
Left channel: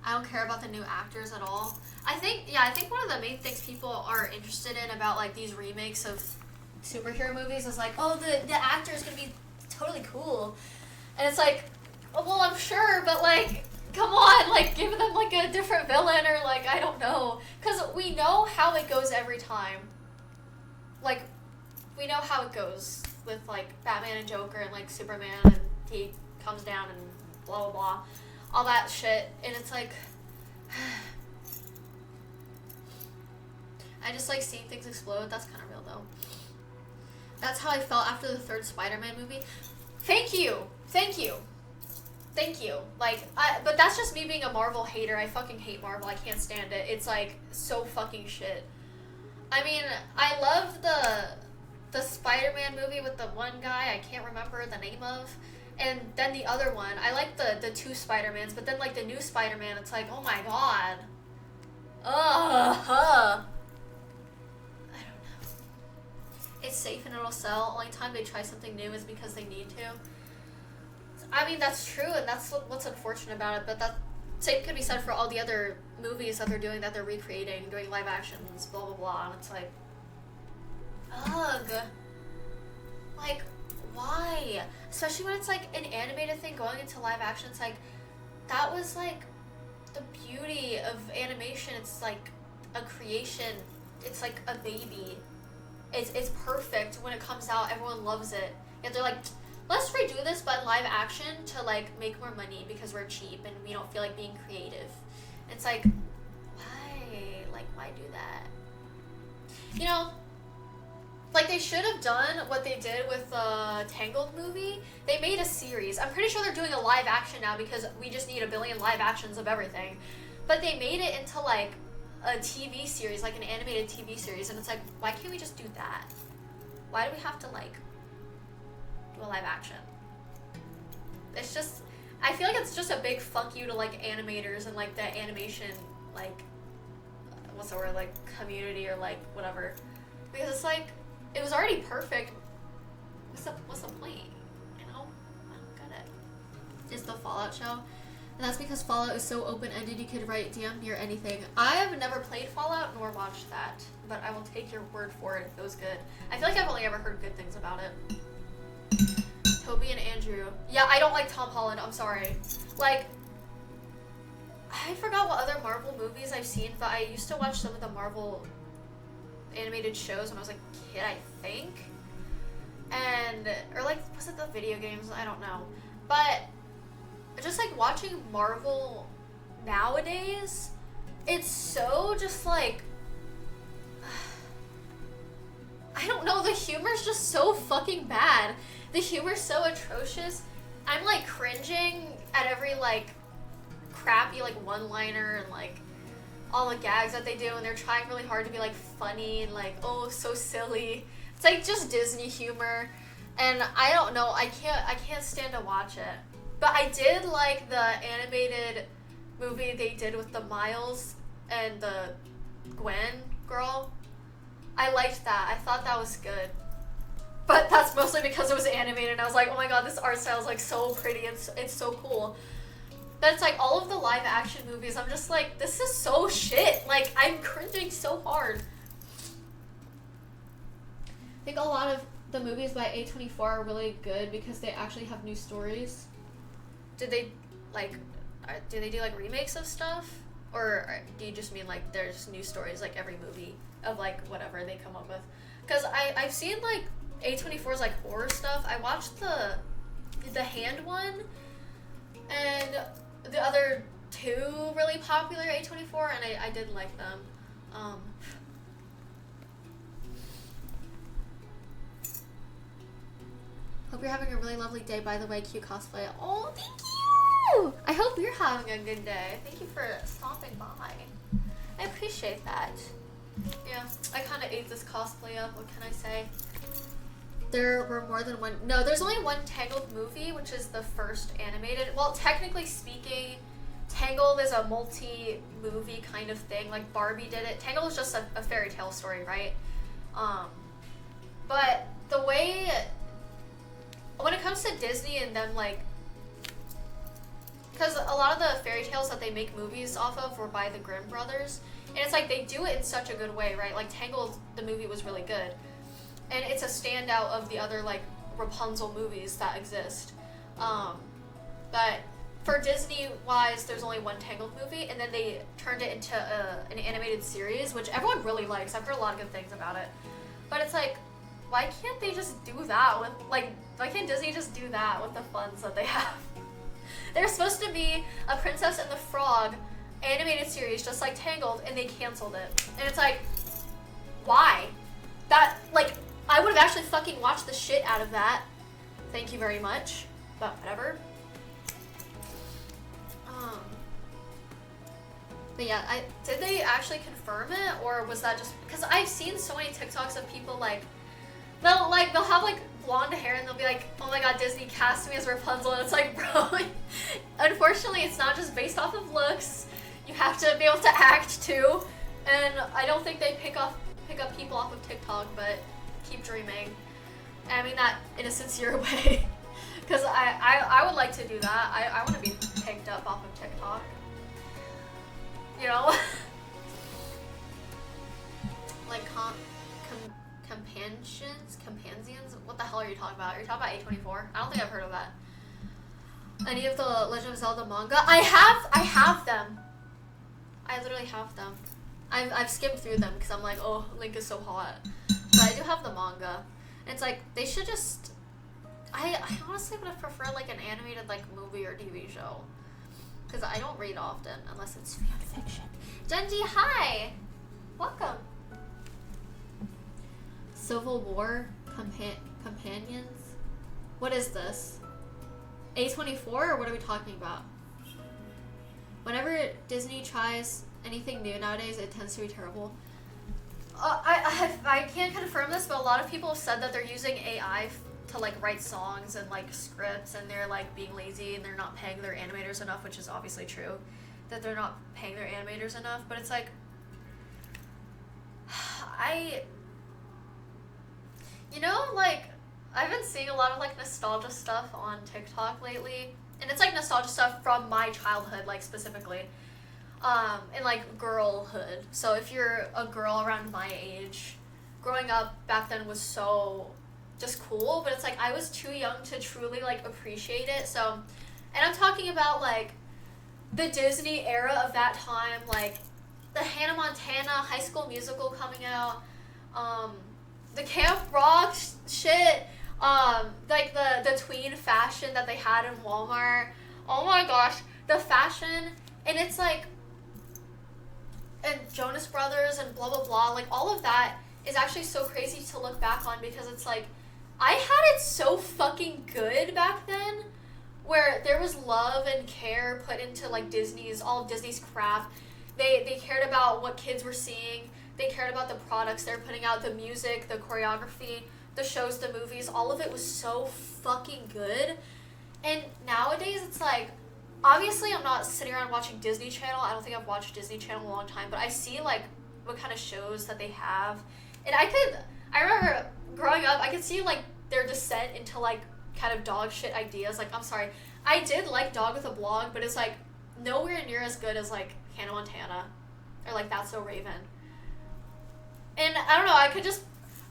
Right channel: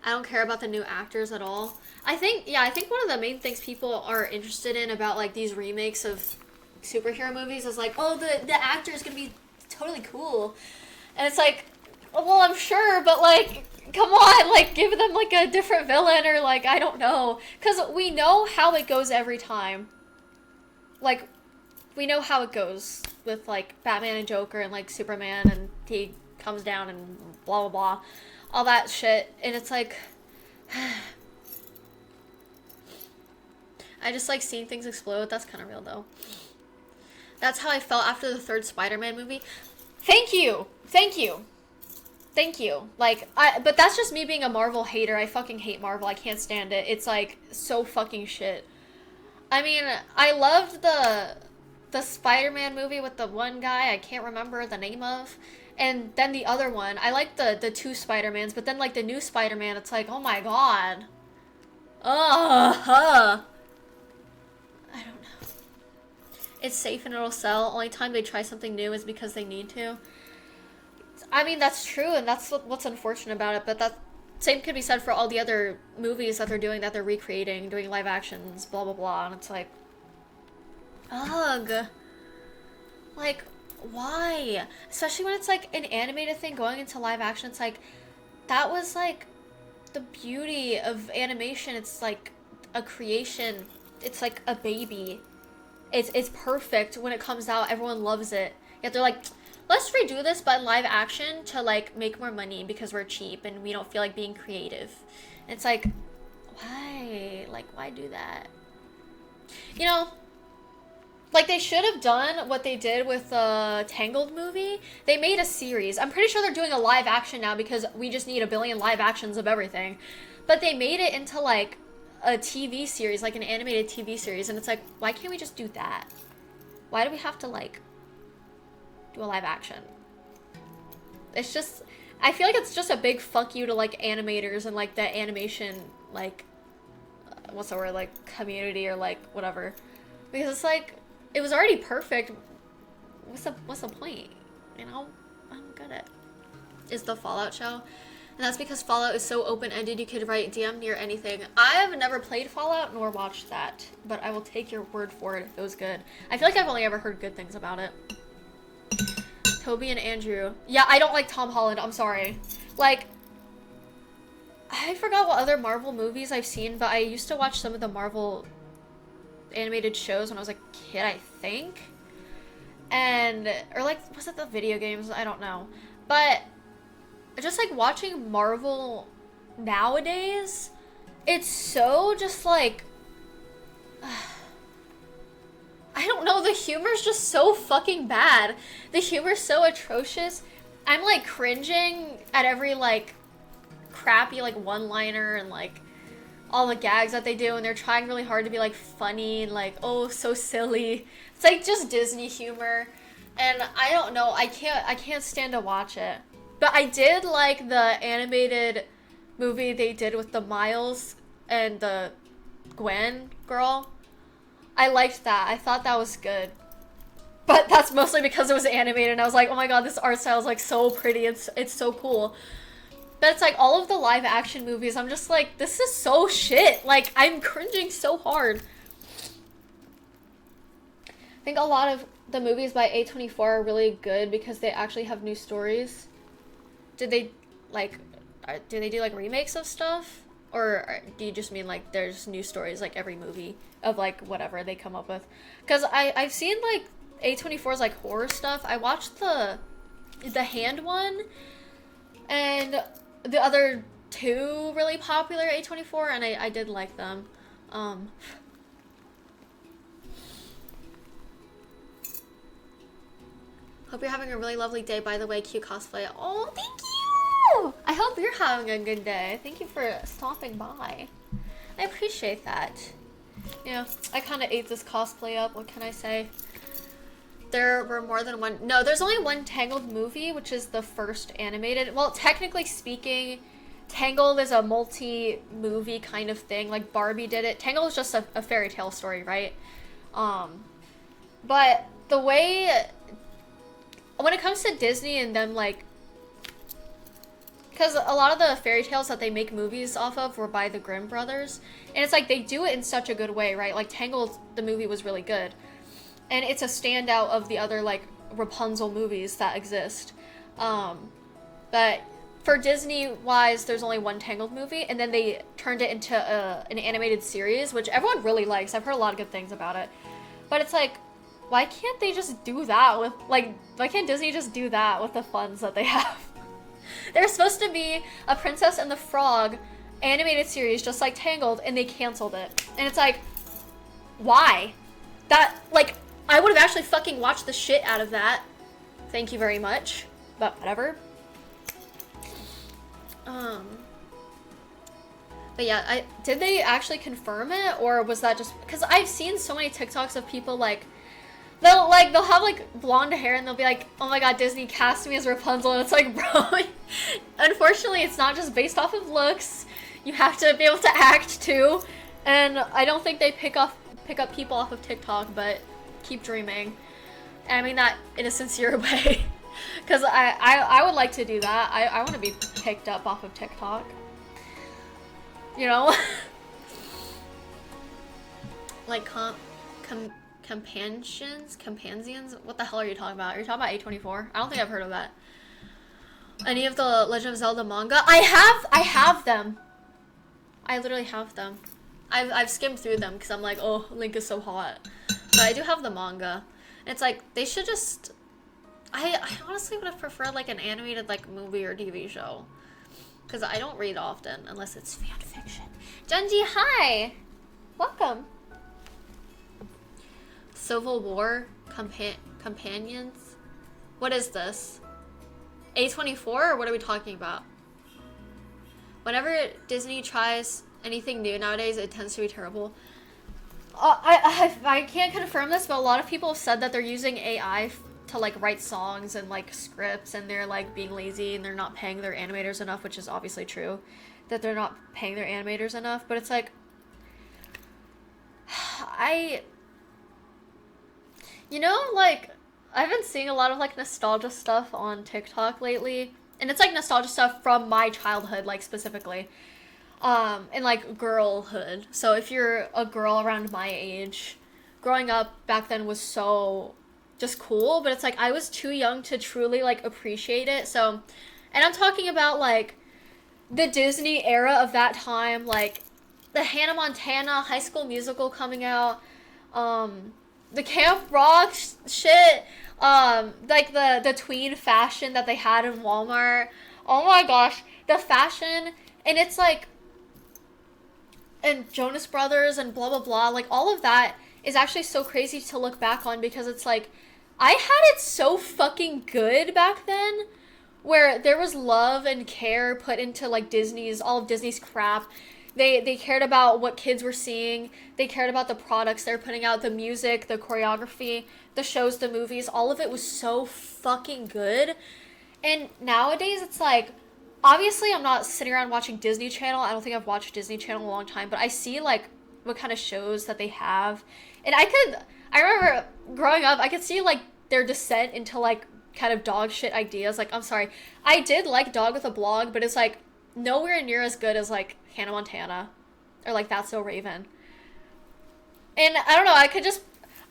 I don't care about the new actors at all. I think one of the main things people are interested in about, like, these remakes of superhero movies is like, oh, the actor is gonna be totally cool. And it's like, well, I'm sure, but like, come on, like, give them like a different villain or like, I don't know. Because we know how it goes every time. Like, we know how it goes with like Batman and Joker and like Superman, and he comes down and blah blah blah. All that shit. And it's like, I just like seeing things explode. That's kind of real though. That's how I felt after the third Spider-Man movie. Thank you. Thank you. Thank you. Like, but that's just me being a Marvel hater. I fucking hate Marvel. I can't stand it. It's like so fucking shit. I mean, I loved the Spider-Man movie with the one guy I can't remember the name of. And then the other one. I like the two Spider-Mans, but then like the new Spider-Man, it's like, oh my god. Ugh. I don't know. It's safe and it'll sell. Only time they try something new is because they need to. I mean, that's true, and that's what's unfortunate about it, but that same could be said for all the other movies that they're doing, that they're recreating, doing live actions, blah blah blah, and it's like, ugh. Like, why? Especially when it's like an animated thing going into live action. It's like, that was like the beauty of animation. It's like a creation. It's like a baby. It's perfect when it comes out. Everyone loves it. Yet they're like, let's redo this but in live action to like make more money because we're cheap and we don't feel like being creative. And it's like, why? Like, why do that? You know, like they should have done what they did with the Tangled movie. They made a series. I'm pretty sure they're doing a live action now because we just need a billion live actions of everything. But they made it into like a TV series, like an animated TV series, and it's like, why can't we just do that? Why do we have to like do a live action? It's just, I feel like it's just a big fuck you to like animators and like the animation like what's the word, like community or like whatever, because it's like, it was already perfect. What's the point? You know, I don't get it. Is the Fallout show, and that's because Fallout is so open-ended. You could write DM near anything. I have never played Fallout nor watched that, but I will take your word for it if it was good. I feel like I've only ever heard good things about it. Toby and Andrew. Yeah, I don't like Tom Holland. I'm sorry. Like, I forgot what other Marvel movies I've seen, but I used to watch some of the Marvel animated shows when I was a kid, I think. And, or like, was it the video games? I don't know. But, just like watching Marvel nowadays, it's so just like, I don't know, the humor's just so fucking bad. The humor's so atrocious. I'm like cringing at every like crappy like one-liner and like all the gags that they do, and they're trying really hard to be like funny and like, oh, so silly. It's like just Disney humor, and I don't know, I can't stand to watch it. But I did like the animated movie they did with the Miles and the Gwen girl. I liked that. I thought that was good. But that's mostly because it was animated and I was like, oh my god, this art style is like so pretty. It's so cool. But it's like all of the live action movies, I'm just like, this is so shit. Like, I'm cringing so hard. I think a lot of the movies by A24 are really good because they actually have new stories. Did they, like, do they do like remakes of stuff? Or do you just mean like there's new stories like every movie of like whatever they come up with? Because I've seen like A24's like horror stuff. I watched the Hand one and the other two really popular A24, and I did like them. Hope you're having a really lovely day, by the way, Q Cosplay. Oh, thank you! I hope you're having a good day. Thank you for stopping by. I appreciate that. Yeah, I kind of ate this cosplay up. What can I say? There were more than one. No, there's only one Tangled movie, which is the first animated. Well, technically speaking, Tangled is a multi-movie kind of thing. Like Barbie did it. Tangled is just a fairy tale story, right? But the way, when it comes to Disney and them, like, because a lot of the fairy tales that they make movies off of were by the Grimm brothers, and it's like they do it in such a good way, right? Like Tangled, the movie was really good, and it's a standout of the other like Rapunzel movies that exist. But for Disney-wise, there's only one Tangled movie, and then they turned it into an animated series, which everyone really likes. I've heard a lot of good things about it. But it's like, why can't they just do that with, like, why can't Disney just do that with the funds that they have? There's supposed to be a Princess and the Frog animated series just like Tangled, and they canceled it. And it's like, why? That, like, I would have actually fucking watched the shit out of that. Thank you very much. But whatever. But yeah, did they actually confirm it, or was that just because I've seen so many TikToks of people like they'll have like blonde hair and they'll be like, oh my god, Disney cast me as Rapunzel, and it's like, bro, unfortunately it's not just based off of looks. You have to be able to act too, and I don't think they pick up people off of TikTok, but keep dreaming. And I mean that in a sincere way, because I would like to do that. I want to be picked up off of TikTok. You know? Like, Companions? What the hell are you talking about? Are you talking about A24? I don't think I've heard of that. Any of the Legend of Zelda manga? I have them. I literally have them. I've skimmed through them because I'm like, oh, Link is so hot. But I do have the manga. And it's like, they should just... I honestly would have preferred like an animated like movie or TV show. Because I don't read often, unless it's fan fiction. Junji, hi! Welcome. Civil War Companions? What is this? A24, or what are we talking about? Whenever Disney tries anything new nowadays, it tends to be terrible. I can't confirm this, but a lot of people have said that they're using AI to like write songs and like scripts, and they're like being lazy and they're not paying their animators enough, which is obviously true, that they're not paying their animators enough. But it's like, you know, like, I've been seeing a lot of like nostalgia stuff on TikTok lately, and it's like nostalgia stuff from my childhood, like specifically, and like girlhood. So if you're a girl around my age, growing up back then was so just cool, but it's like I was too young to truly like appreciate it. So, and I'm talking about like the Disney era of that time, like the Hannah Montana, High School Musical coming out, the Camp Rock shit, like the tween fashion that they had in Walmart. Oh my gosh, the fashion, and it's like, and Jonas Brothers and blah blah blah, like all of that is actually so crazy to look back on, because it's like, I had it so fucking good back then, where there was love and care put into like all of Disney's crap. They cared about what kids were seeing. They cared about the products they're putting out, the music, the choreography, the shows, the movies. All of it was so fucking good. And nowadays it's like, obviously I'm not sitting around watching Disney Channel. I don't think I've watched Disney Channel in a long time, but I see like what kind of shows that they have. And I remember growing up, I could see like their descent into like kind of dog shit ideas. Like, I'm sorry, I did like Dog with a Blog, but it's like nowhere near as good as like Hannah Montana or like That's So Raven. And I don't know,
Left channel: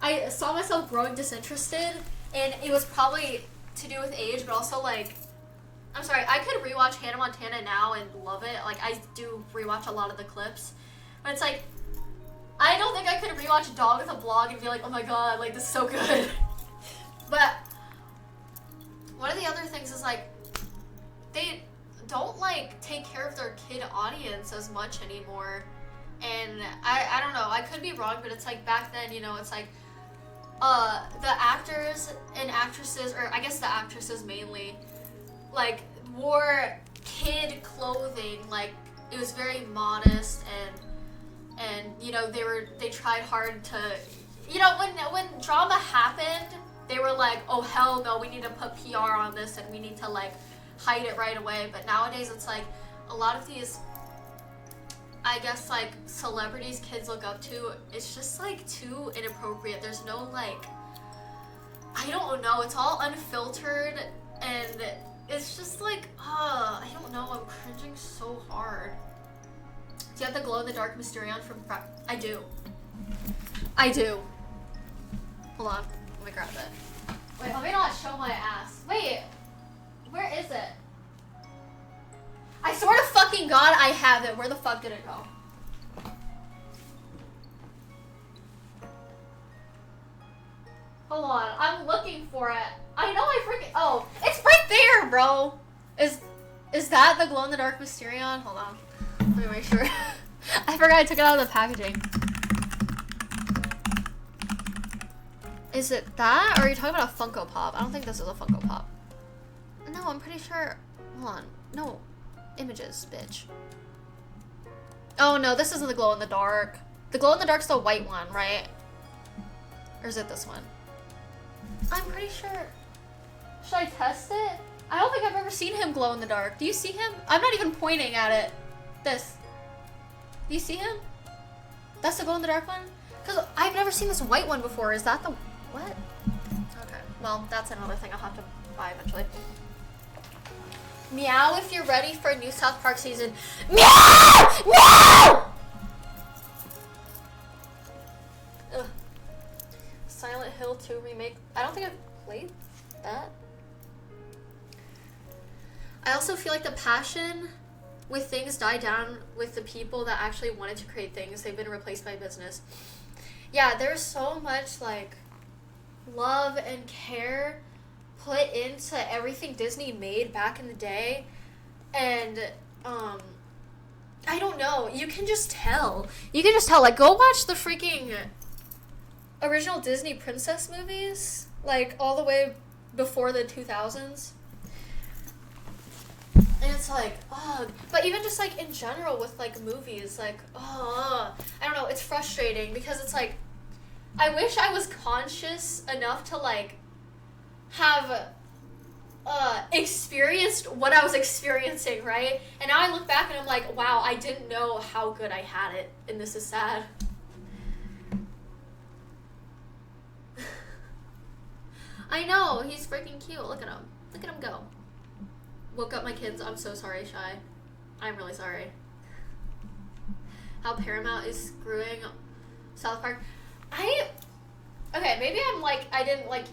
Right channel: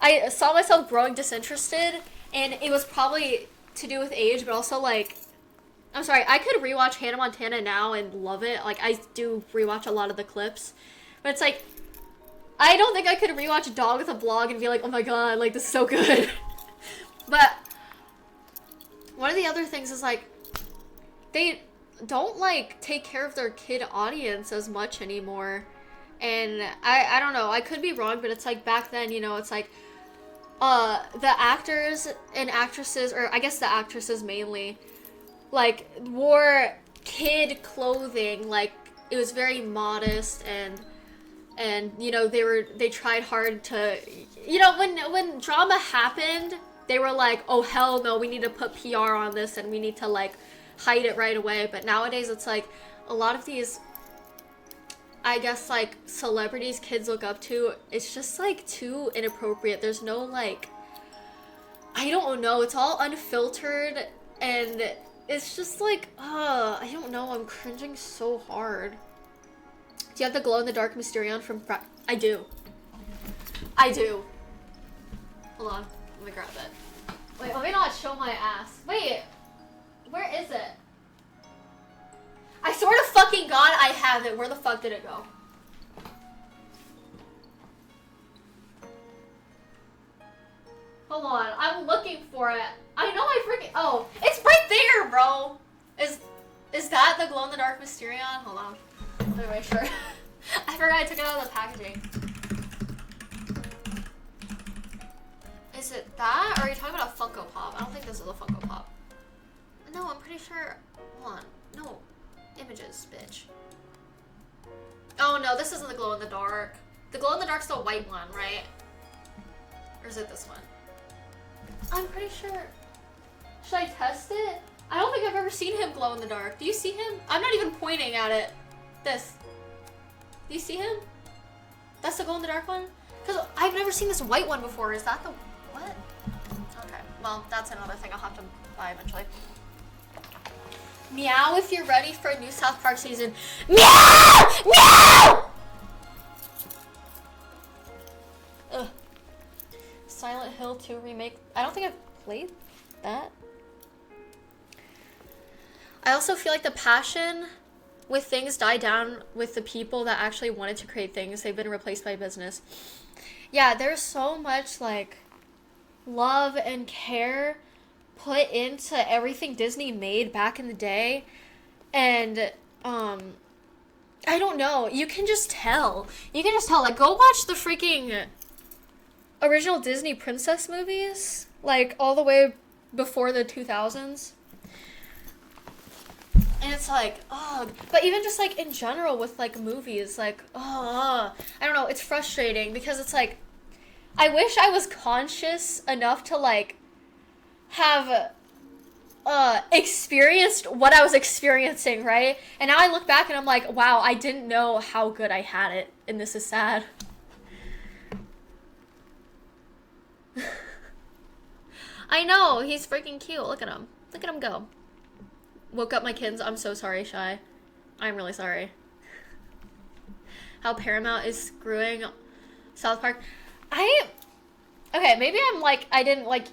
I saw myself growing disinterested, and it was probably to do with age, but also like, I'm sorry, I could rewatch Hannah Montana now and love it. Like, I do rewatch a lot of the clips, but it's like, I don't think I could rewatch Dog with a Blog and be like, oh my god, like, this is so good. But one of the other things is like, they don't like take care of their kid audience as much anymore. And I don't know, I could be wrong, but it's like back then, you know, it's like the actors and actresses, or I guess the actresses mainly, like wore kid clothing. Like, it was very modest, and you know, they tried hard to, you know, when drama happened, they were like, oh hell no, we need to put PR on this and we need to like hide it right away. But nowadays it's like a lot of these, I guess, like celebrities kids look up to, it's just like too inappropriate. There's no like, I don't know, it's all unfiltered, and it's just like, I don't know, I'm cringing so hard. Do you have the glow-in-the-dark Mysterion from I do. Hold on, let me grab it. Wait, let me not show my ass. Wait, where is it? I swear to fucking God I have it. Where the fuck did it go? Hold on, I'm looking for it. I know I freaking... Oh, it's right there, bro. Is that the glow-in-the-dark Mysterion? Hold on. Let me make sure. I forgot I took it out of the packaging. Is it that? Or are you talking about a Funko Pop? I don't think this is a Funko Pop. No, I'm pretty sure... Hold on. No. Images, bitch. Oh, no, this isn't the glow-in-the-dark. The glow-in-the-dark's the white one, right? Or is it this one? I'm pretty sure... Should I test it? I don't think I've ever seen him glow in the dark. Do you see him? I'm not even pointing at it. This. Do you see him? That's the glow in the dark one? Because I've never seen this white one before. Is that the... What? Okay. Well, that's another thing I'll have to buy eventually. Meow if you're ready for a new South Park season. Meow! Meow! Ugh. Silent Hill 2 remake. I don't think I've played that. I also feel like the passion with things died down with the people that actually wanted to create things. They've been replaced by business. Yeah, there's so much like love and care put into everything Disney made back in the day. And I don't know, you can just tell. You can just tell. Like, go watch the freaking original Disney princess movies, like all the way before the 2000s. And it's like, oh, but even just like in general with like movies, like, oh, I don't know, it's frustrating because it's like, I wish I was conscious enough to like have experienced what I was experiencing, right? And now I look back and I'm like, wow, I didn't know how good I had it, and this is sad. I know, he's freaking cute. Look at him. Look at him go. Woke up my kids. I'm so sorry, Shy. I'm really sorry. How Paramount is screwing South Park. Okay, maybe I'm like, I didn't like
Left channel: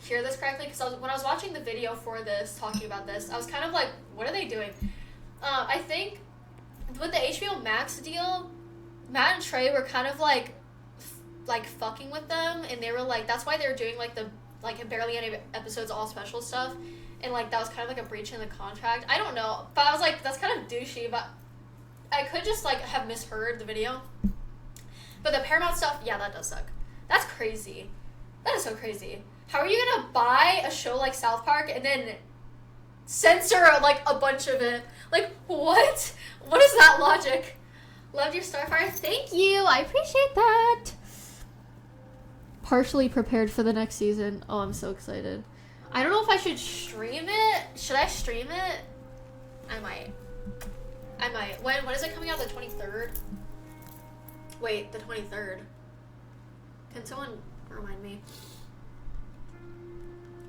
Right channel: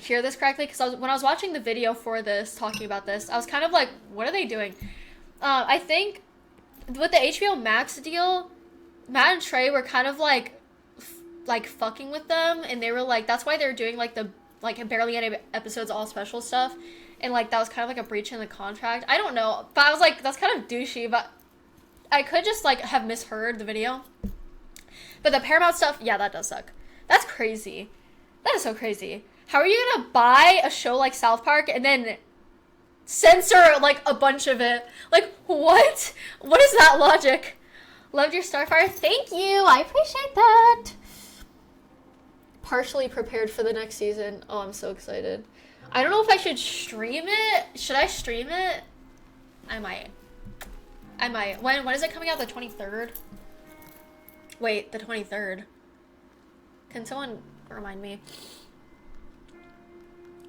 hear this correctly, because when I was watching the video for this, talking about this, I was kind of like, what are they doing? I think with the HBO Max deal, Matt and Trey were kind of like fucking with them, and they were like, that's why they were doing like the barely any episodes, all special stuff, and like that was kind of like a breach in the contract. I don't know, but I was like, that's kind of douchey, but I could just like have misheard the video. But the Paramount stuff, yeah, that does suck. That's crazy. That is so crazy. How are you gonna buy a show like South Park and then censor like a bunch of it? Like, what? What is that logic? Loved your Starfire. Thank you. I appreciate that. Partially prepared for the next season. Oh, I'm so excited. I don't know if I should stream it. Should I stream it? I might. When is it coming out? The 23rd? Wait, the 23rd. Can someone remind me?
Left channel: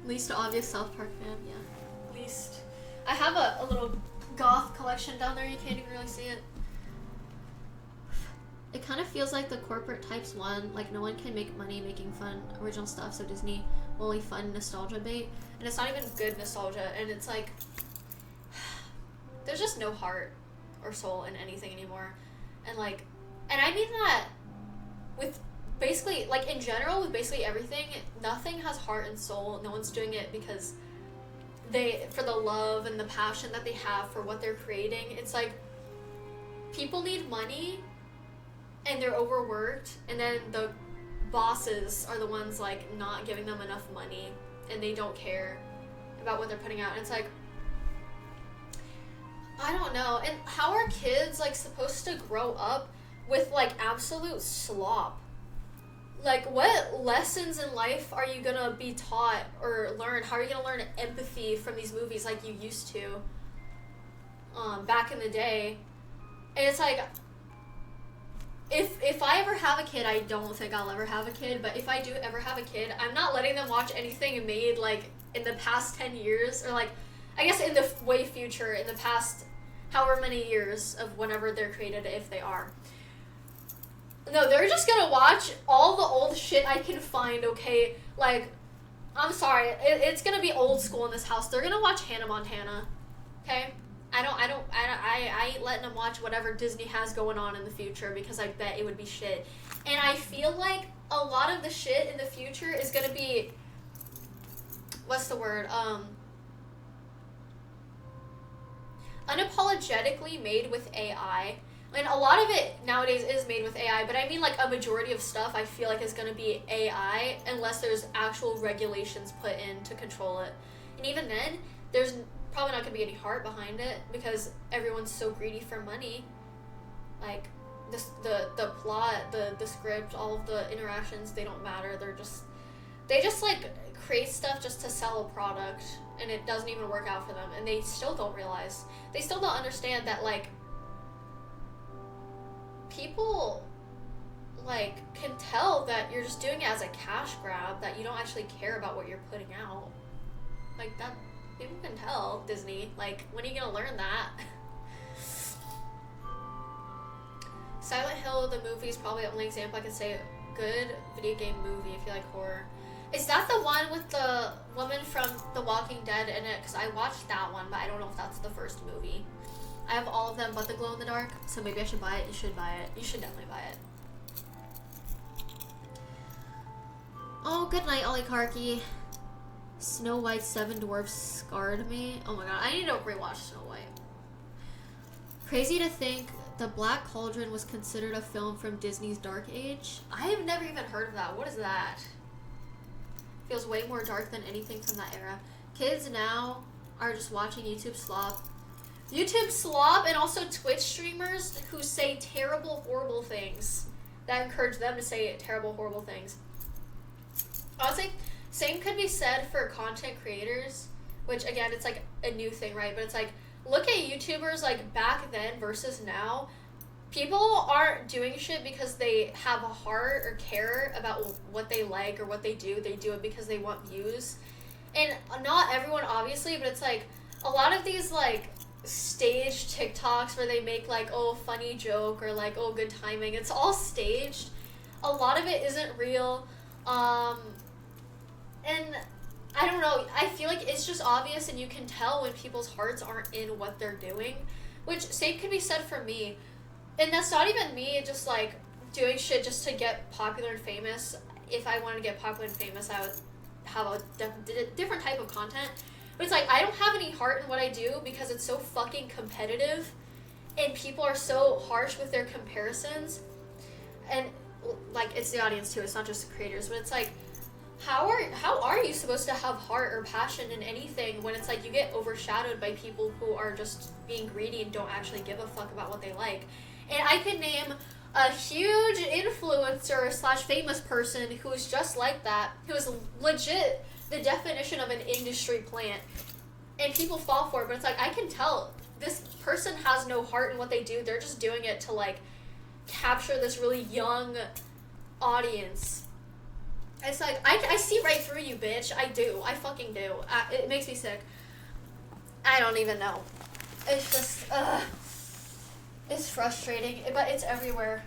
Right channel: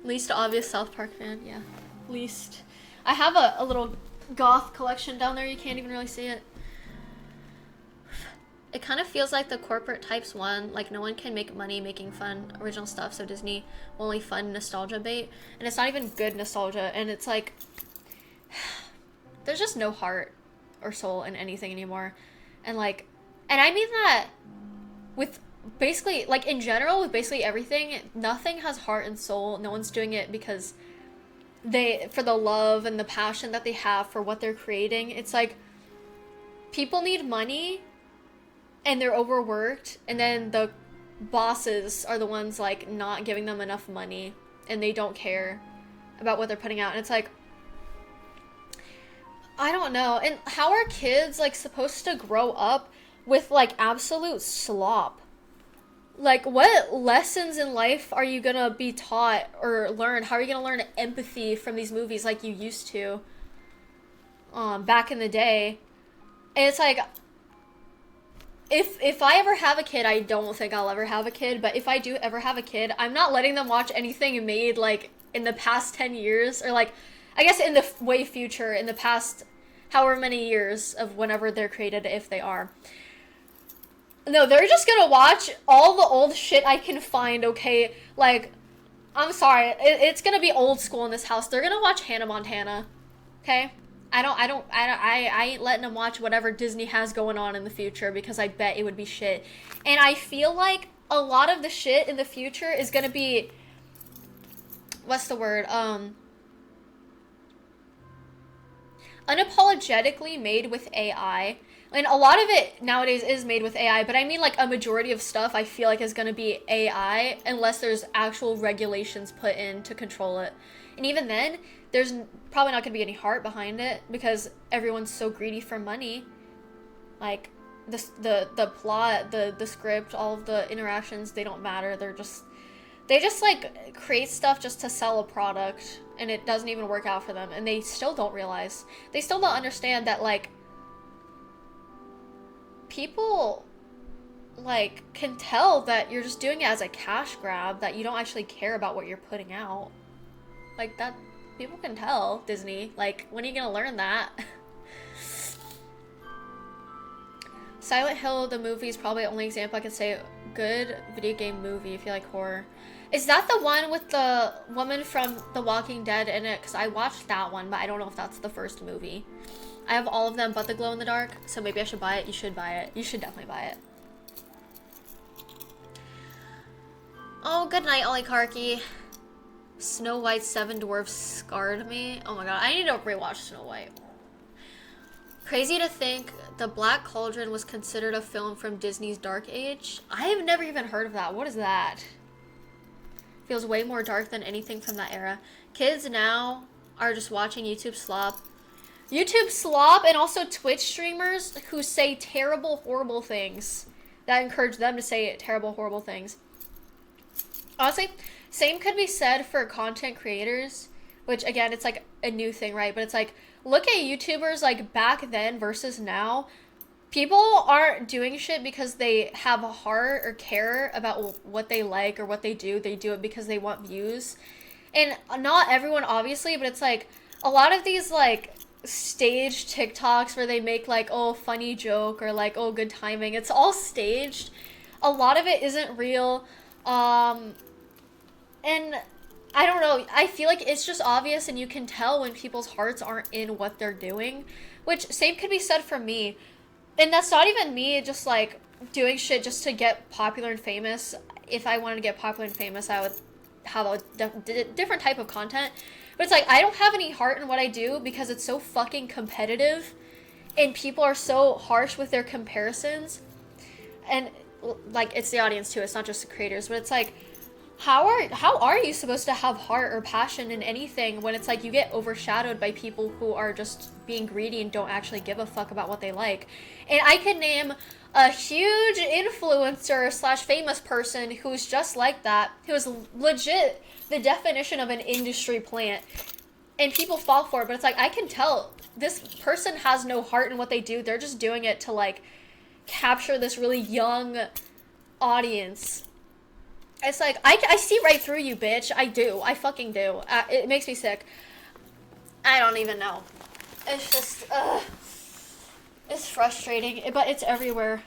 Least obvious South Park fan, yeah. Least. I have a little goth collection down there. You can't even really see it. It kind of feels like the corporate types won. Like, no one can make money making fun original stuff, so Disney will only fund nostalgia bait. And it's not even good nostalgia. And it's like, there's just no heart or soul in anything anymore. And like, and I mean that with basically, like in general, with basically everything, nothing has heart and soul. No one's doing it because for the love and the passion that they have for what they're creating. It's like, people need money and they're overworked, and then the bosses are the ones like not giving them enough money, and they don't care about what they're putting out. And it's like, I don't know. And how are kids like supposed to grow up with like absolute slop? Like, what lessons in life are you gonna be taught or learn? How are you gonna learn empathy from these movies like you used to back in the day? And it's like, if I ever have a kid, I don't think I'll ever have a kid, but if I do ever have a kid, I'm not letting them watch anything made like in the past 10 years, or like, I guess in the way future, in the past however many years of whenever they're created, if they are. No, they're just gonna watch all the old shit I can find, okay? Like, I'm sorry. It's gonna be old school in this house. They're gonna watch Hannah Montana. Okay? I ain't letting them watch whatever Disney has going on in the future because I bet it would be shit. And I feel like a lot of the shit in the future is gonna be, what's the word? Unapologetically made with AI. And a lot of it nowadays is made with AI, but I mean like a majority of stuff I feel like is gonna be AI unless there's actual regulations put in to control it. And even then, there's probably not gonna be any heart behind it because everyone's so greedy for money. Like the plot, the script, all of the interactions, they don't matter. They just like create stuff just to sell a product, and it doesn't even work out for them, and they still don't realize. They still don't understand that like people like can tell that you're just doing it as a cash grab, that you don't actually care about what you're putting out. Like that people can tell, Disney. Like, when are you gonna learn that? Silent Hill, the movie, is probably the only example I can say good video game movie if you like horror. Is that the one with the woman from The Walking Dead in it? Because I watched that one, but I don't know if that's the first movie. I have all of them but the glow in the dark, so maybe I should buy it. You should buy it. You should definitely buy it. Oh, good night, Olikarki. Snow White, Seven Dwarfs scarred me. Oh my god, I need to rewatch Snow White. Crazy to think The Black Cauldron was considered a film from Disney's Dark Age. I have never even heard of that. What is that? Feels way more dark than anything from that era. Kids now are just watching YouTube slop. YouTube slop, and also Twitch streamers who say terrible, horrible things. That encourage them to say terrible, horrible things. Honestly, same could be said for content creators, which again, it's like a new thing, right? But it's like, look at YouTubers like back then versus now. People aren't doing shit because they have a heart or care about what they like or what they do. They do it because they want views. And not everyone, obviously, but it's like a lot of these like staged TikToks where they make like, oh, funny joke or like, oh, good timing. It's all staged. A lot of it isn't real. And I don't know, I feel like it's just obvious, and you can tell when people's hearts aren't in what they're doing, which same could be said for me. And that's not even me just like doing shit just to get popular and famous. If I wanted to get popular and famous, I would have a different type of content. But it's like, I don't have any heart in what I do because it's so fucking competitive, and people are so harsh with their comparisons. And like, it's the audience too, it's not just creators, but it's like, how are you supposed to have heart or passion in anything when it's like you get overshadowed by people who are just being greedy and don't actually give a fuck about what they like? And I could name a huge influencer / famous person who is just like that, who is legit the definition of an industry plant, and people fall for it. But it's like, I can tell this person has no heart in what they do. They're just doing it to like capture this really young audience. It's like, I see right through you, bitch. I do. I fucking do. It makes me sick. I don't even know. It's just, it's frustrating, but it's everywhere.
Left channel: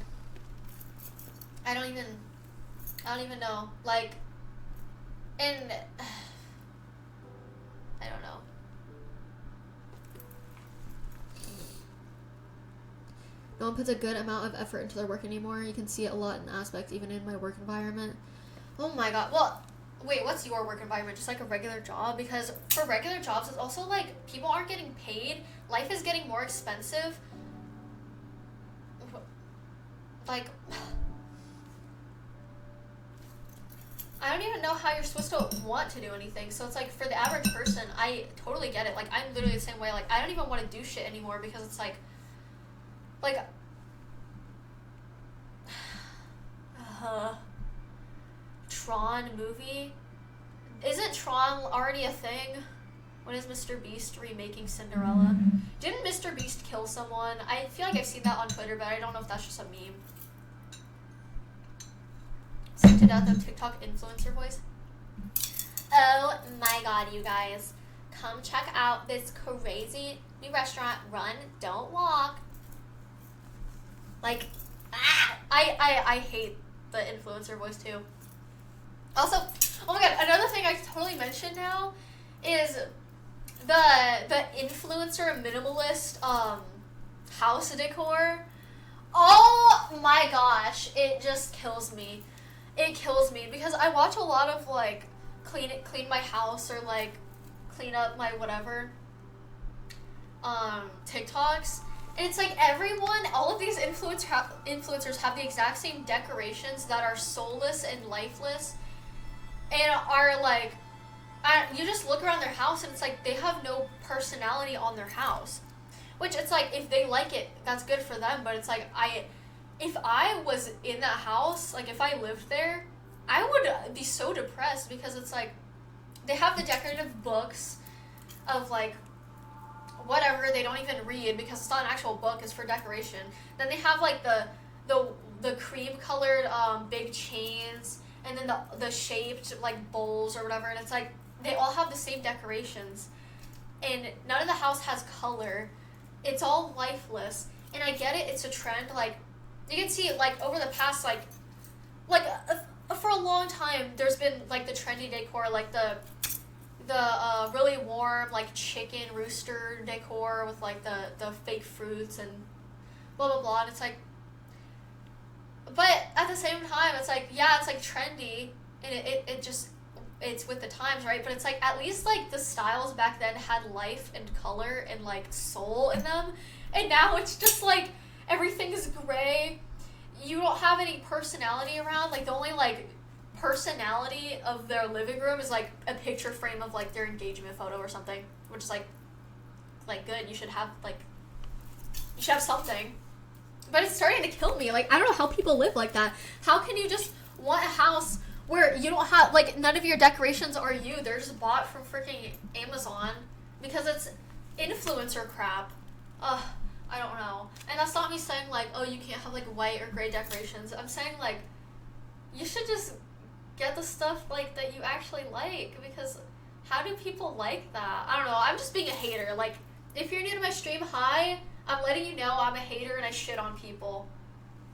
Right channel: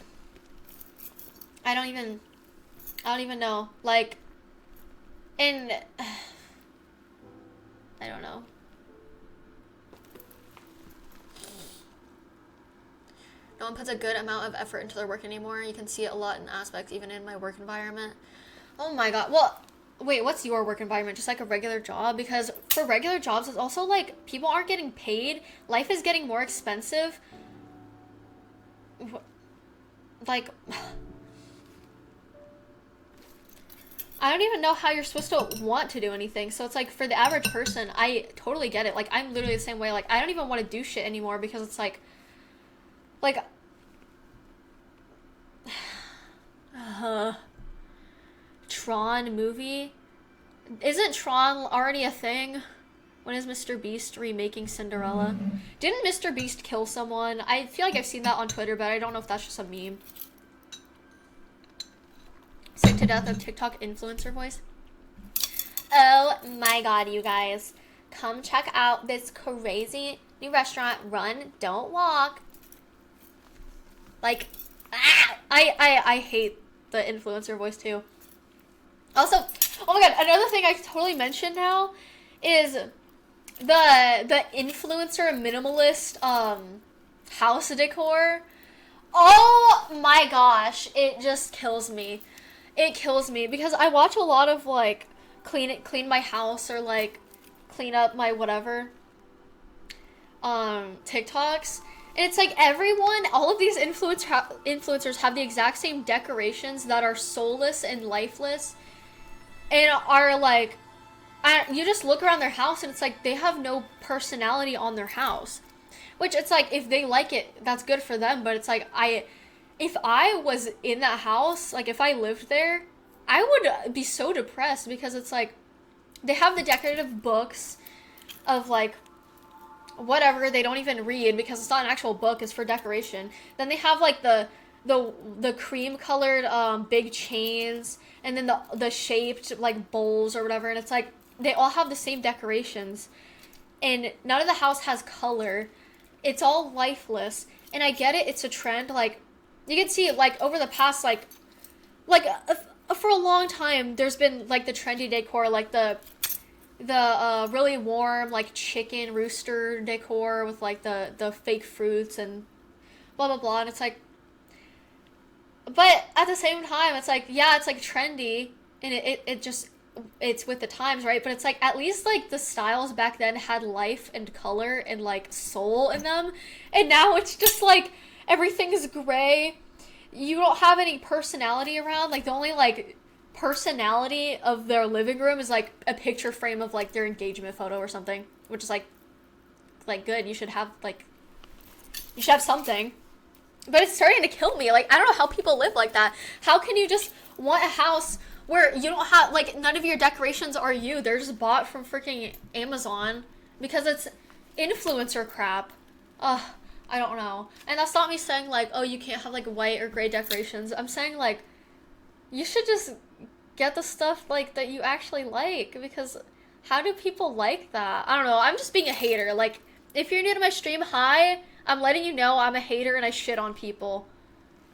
I don't even know. Like, and, I don't know. No one puts a good amount of effort into their work anymore. You can see it a lot in aspects, even in my work environment. Oh my god. Well, wait, what's your work environment? Just like a regular job? Because for regular jobs, it's also like people aren't getting paid. Life is getting more expensive. Like, I don't even know how you're supposed to want to do anything. So it's like, for the average person, I totally get it. Like, I'm literally the same way. Like, I don't even want to do shit anymore because it's like, Tron movie? Isn't Tron already a thing? When is Mr. Beast remaking Cinderella? Didn't Mr. Beast kill someone? I feel like I've seen that on Twitter, but I don't know if that's just a meme. Sick to death of TikTok influencer voice. Oh my god, you guys. Come check out this crazy new restaurant. Run, don't walk. Like, I hate the influencer voice too. Also, Oh my god, another thing I totally mentioned now is the influencer minimalist house decor. Oh my gosh, it just kills me. It kills me because I watch a lot of like clean my house or like clean up my whatever TikToks. And it's like everyone, all of these influencers have the exact same decorations that are soulless and lifeless, and are like, you just look around their house and it's like they have no personality on their house. Which it's like if they like it, that's good for them. But it's like if I was in that house, like if I lived there, I would be so depressed because it's like they have the decorative books of like whatever they don't even read because it's not an actual book, it's for decoration. Then they have like the cream colored big chains, and then the shaped like bowls or whatever, and it's like they all have the same decorations, and none of the house has color. It's all lifeless, and I get it, it's a trend. Like you can see like over the past like for a long time there's been like the trendy decor, like the really warm like chicken rooster decor with like the fake fruits and blah blah blah, and it's like, but at the same time it's like, yeah, it's like trendy and it just, it's with the times, right? But it's like at least like the styles back then had life and color and like soul in them, and now it's just like everything's gray. You don't have any personality around. Like the only like personality of their living room is like a picture frame of like their engagement photo or something, which is like good. You should have something. But it's starting to kill me. Like I don't know how people live like that. How can you just want a house where you don't have like none of your decorations are you? They're just bought from freaking Amazon because it's influencer crap. Ugh, I don't know. And that's not me saying like, oh, you can't have like white or gray decorations. I'm saying like you should just get the stuff like that you actually like, because how do people like that? I don't know. I'm just being a hater. Like if you're new to my stream, hi, I'm letting you know I'm a hater and I shit on people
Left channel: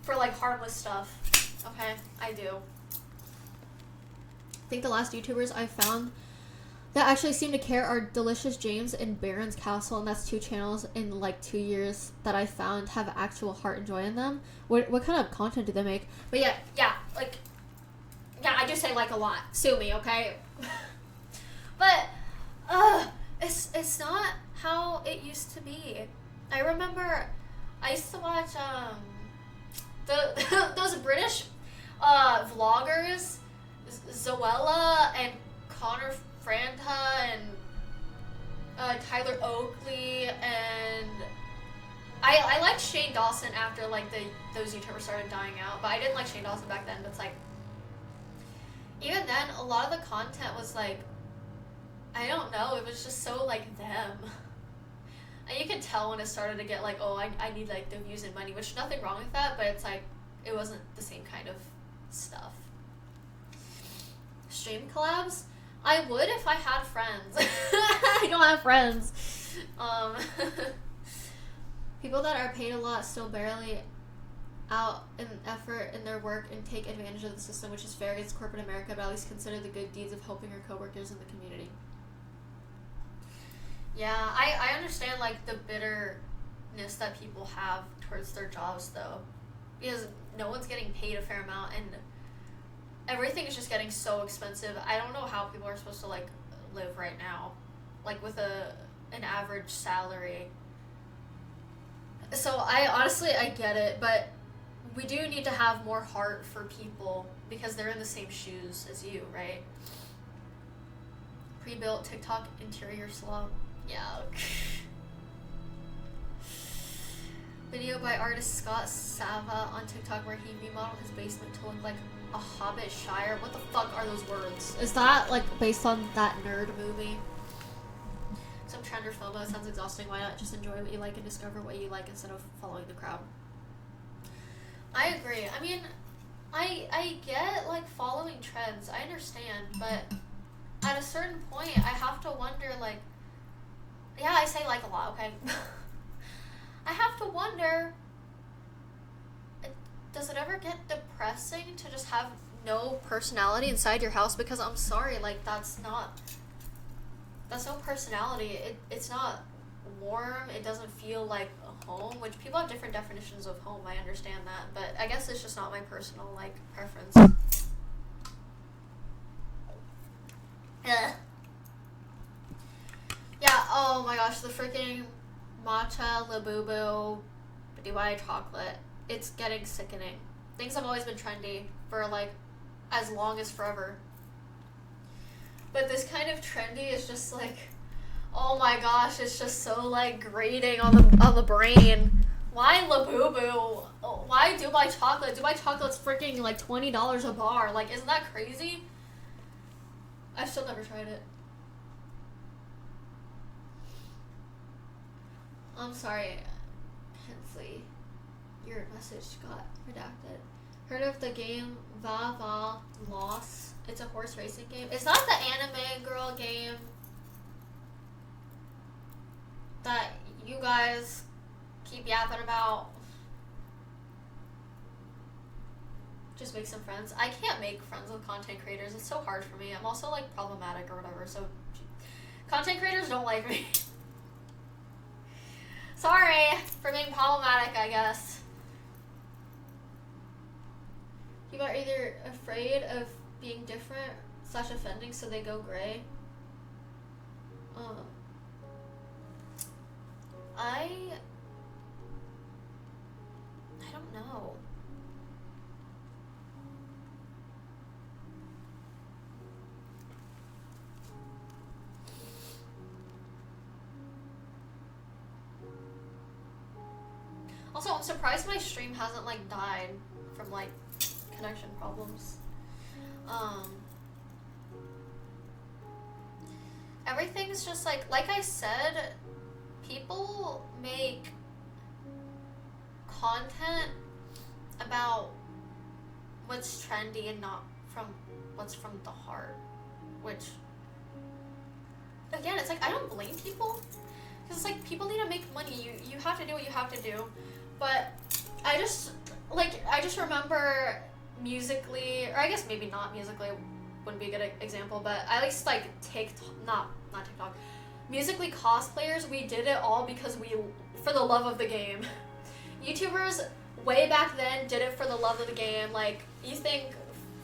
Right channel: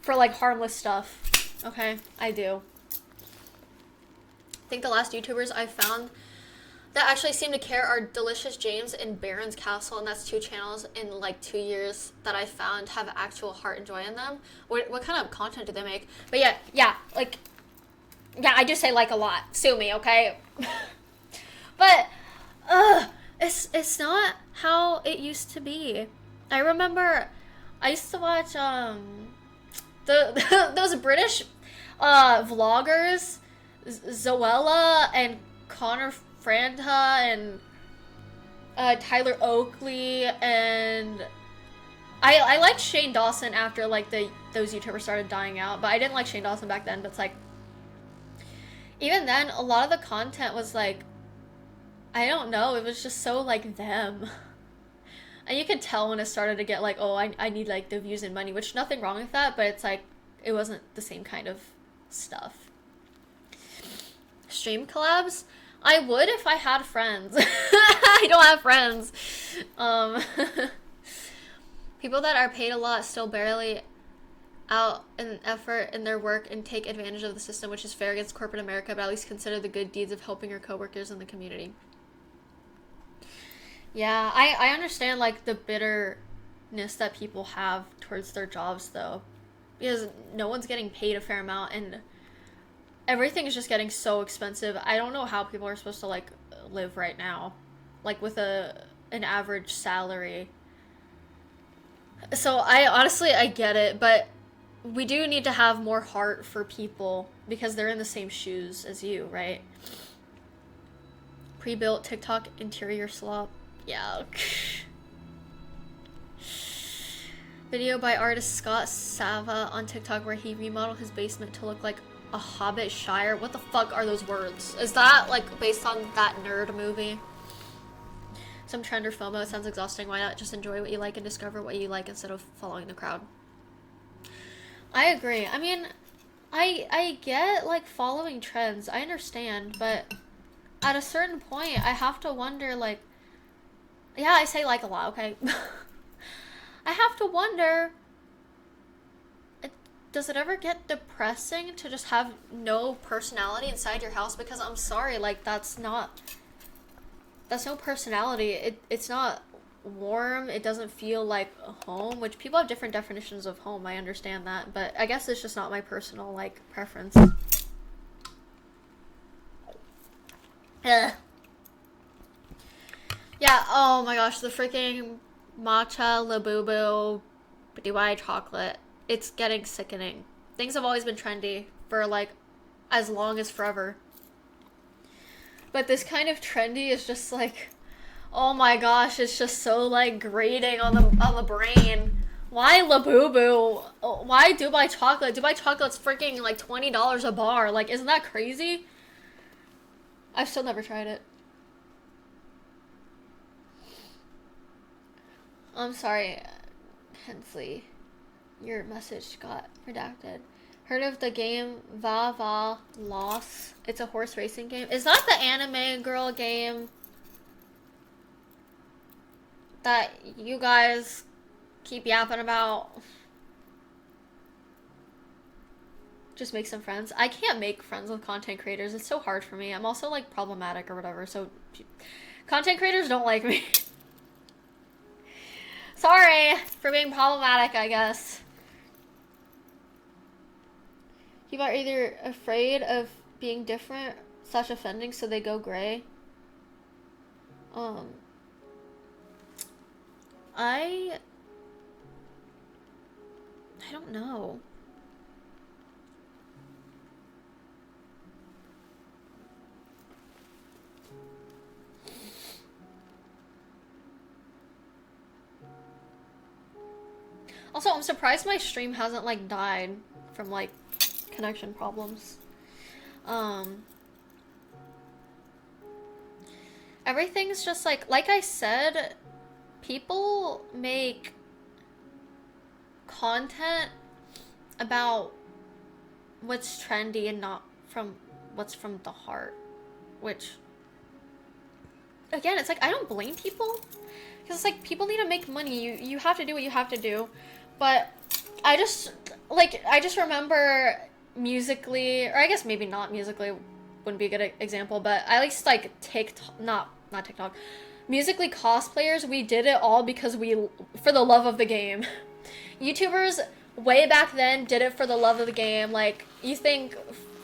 for like harmless stuff. Okay, I do. I think the last YouTubers I found that actually seem to care are Delicious James and Baron's Castle, and that's 2 channels in like 2 years that I found have actual heart and joy in them. What kind of content do they make? But yeah, like, yeah, I just say like a lot. Sue me, okay? But, it's not how it used to be. I remember I used to watch those British vloggers, Zoella and Connor Franta and Tyler Oakley, and I liked Shane Dawson after like those YouTubers started dying out, but I didn't like Shane Dawson back then. But it's like, even then, a lot of the content was like, I don't know, it was just so like them. And you could tell when it started to get like, oh, I need like the views and money, which nothing wrong with that, but it's like, it wasn't the same kind of stuff. Stream collabs? I would if I had friends. I don't have friends. People that are paid a lot still barely out in effort in their work and take advantage of the system, which is fair against corporate America, but at least consider the good deeds of helping your coworkers in the community. Yeah, I understand like the bitterness that people have towards their jobs though, because no one's getting paid a fair amount and everything is just getting so expensive. I don't know how people are supposed to like live right now, like with an average salary. So I honestly, I get it, but we do need to have more heart for people because they're in the same shoes as you, right? Pre-built TikTok interior slop. Yeah. Video by artist Scott Sava on TikTok where he remodeled his basement to look like a Hobbit Shire. What the fuck are those words? Is that like based on that nerd movie? Some trend or FOMO sounds exhausting. Why not just enjoy what you like and discover what you like instead of following the crowd? I agree. I mean, I get like following trends. I understand, but at a certain point, I have to wonder like, yeah, I say like a lot, okay? I have to wonder, does it ever get depressing to just have no personality inside your house? Because I'm sorry, like that's no personality. It's not warm. It doesn't feel like a home, which people have different definitions of home. I understand that, but I guess it's just not my personal like preference. Ugh. Yeah, oh my gosh, the freaking matcha labubu DY chocolate. It's getting sickening. Things have always been trendy for like as long as forever. But this kind of trendy is just like, oh my gosh, it's just so like grating on the brain. Why labubu? Why Dubai chocolate? Dubai chocolate's freaking like $20 a bar. Like, isn't that crazy? I've still never tried it. I'm sorry, Hensley. Your message got redacted. Heard of the game Va Va Loss? It's a horse racing game. Is that the anime girl game that you guys keep yapping about? Just make some friends. I can't make friends with content creators. It's so hard for me. I'm also like problematic or whatever, so content creators don't like me. Sorry for being problematic, I guess. People are either afraid of being different / offending, so they go gray. I don't know. Also, I'm surprised my stream hasn't like died from like connection problems. Everything's just like I said, people make content about what's trendy and not from what's from the heart, which again, it's like I don't blame people, because it's like people need to make money. You have to do what you have to do. But I just remember Musically, or I guess maybe not Musically wouldn't be a good example, but at least like not TikTok, Musically cosplayers, we did it all because for the love of the game. YouTubers way back then did it for the love of the game. Like, you think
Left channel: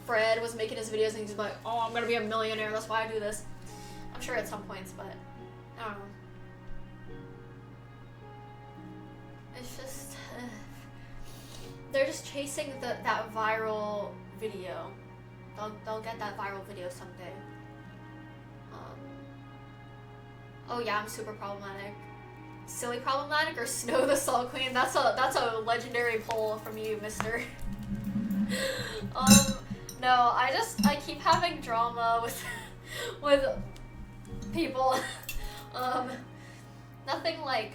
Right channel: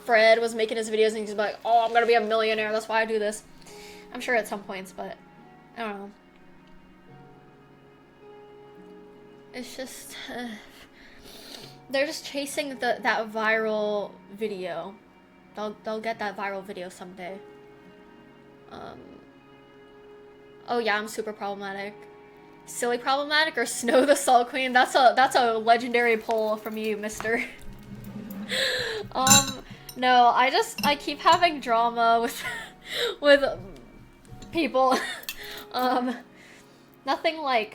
Fred was making his videos and he's like, oh, I'm gonna be a millionaire, that's why I do this. I'm sure at some points, but I don't know. It's just they're just chasing that viral video. They'll get that viral video someday. Oh yeah, I'm super problematic. Silly problematic or Snow the Salt Queen? That's a legendary poll from you, mister. No, I keep having drama with people. Nothing like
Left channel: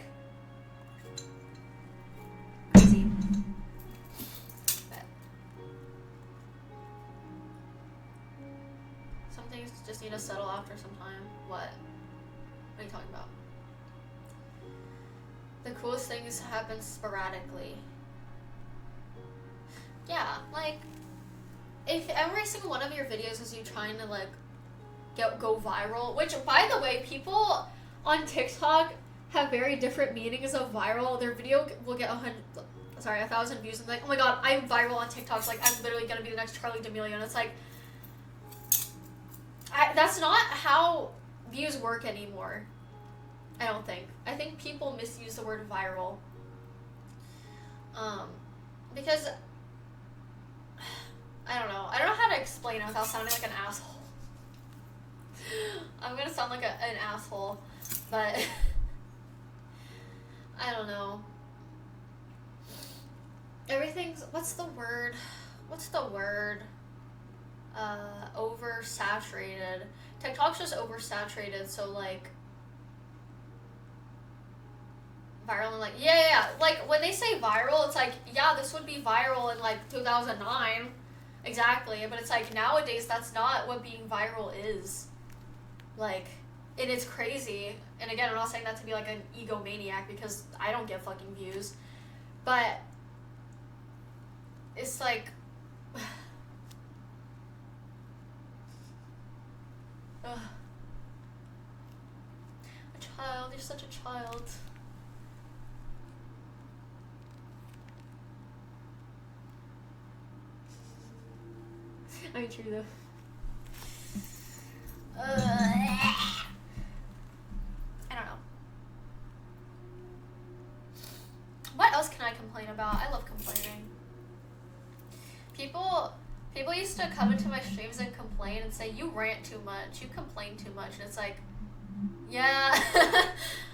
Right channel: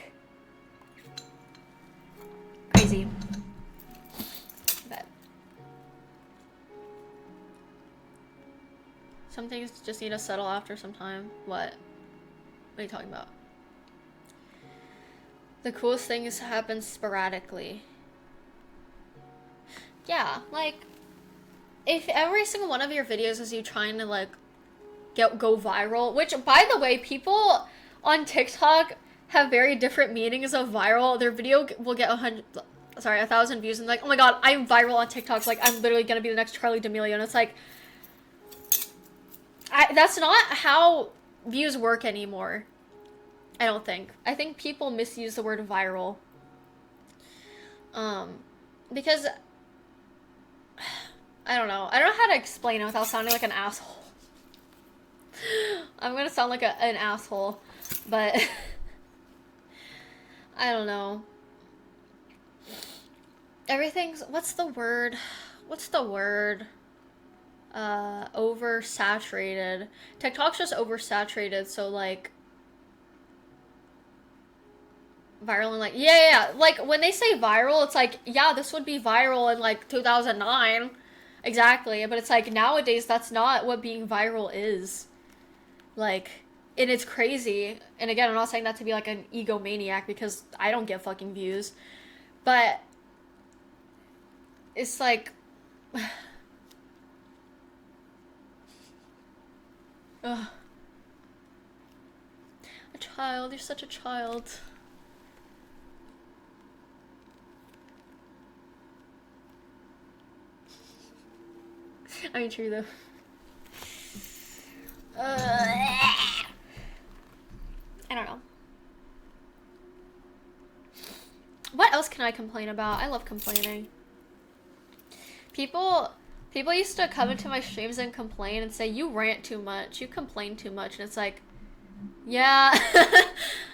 crazy. But some things just need to settle after some time. What are you talking about? The coolest things happen sporadically. Yeah, like, if every single one of your videos is you trying to, like, go viral, which, by the way, people on TikTok have very different meanings of viral. Their video will get 1,000 views, and like, oh my god, I'm viral on TikTok, like, I'm literally gonna be the next Charlie D'Amelio, and it's like, that's not how views work anymore. I don't think. I think people misuse the word viral. Because I don't know how to explain it without sounding like an asshole. I'm gonna sound like an asshole, but I don't know. Everything's, what's the word? Oversaturated. TikTok's just oversaturated, so like viral and like, yeah, like when they say viral, it's like, yeah, this would be viral in like 2009, exactly, but it's like nowadays that's not what being viral is, like, and it's crazy. And again, I'm not saying that to be like an egomaniac, because I don't get fucking views, but it's like, ugh. A child, you're such a child. I mean, true though. I don't know. What else can I complain about? I love complaining. People used to come into my streams and complain and say, you rant too much, you complain too much, and it's like, yeah,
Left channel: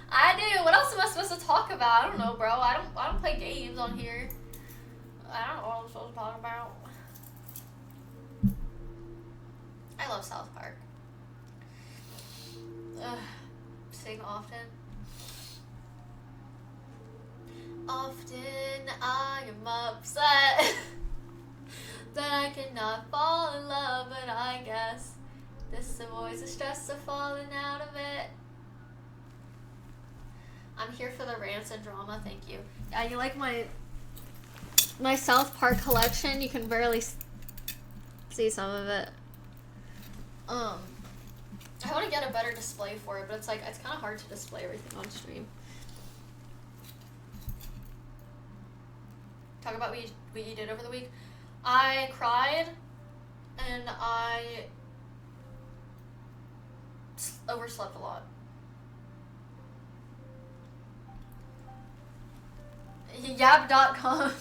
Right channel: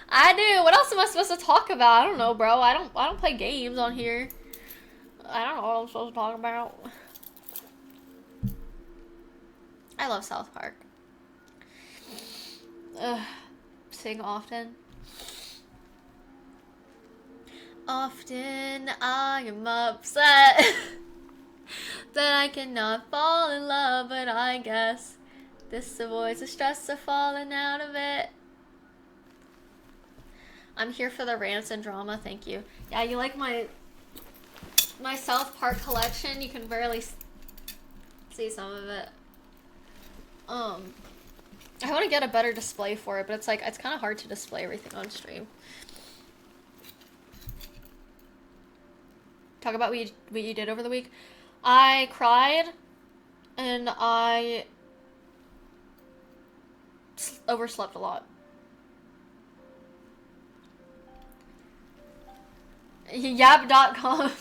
I do. What else am I supposed to talk about? I don't know, bro. I don't play games on here. I don't know what I'm supposed to talk about. I love South Park. Sing often. Often I am upset that I cannot fall in love, but I guess this avoids the stress of falling out of it. I'm here for the rants and drama, thank you. Yeah, you like my South Park collection? You can barely see some of it. I want to get a better display for it, but it's like, it's kind of hard to display everything on stream. Talk about what you did over the week. I cried, and I overslept a lot. Yab.com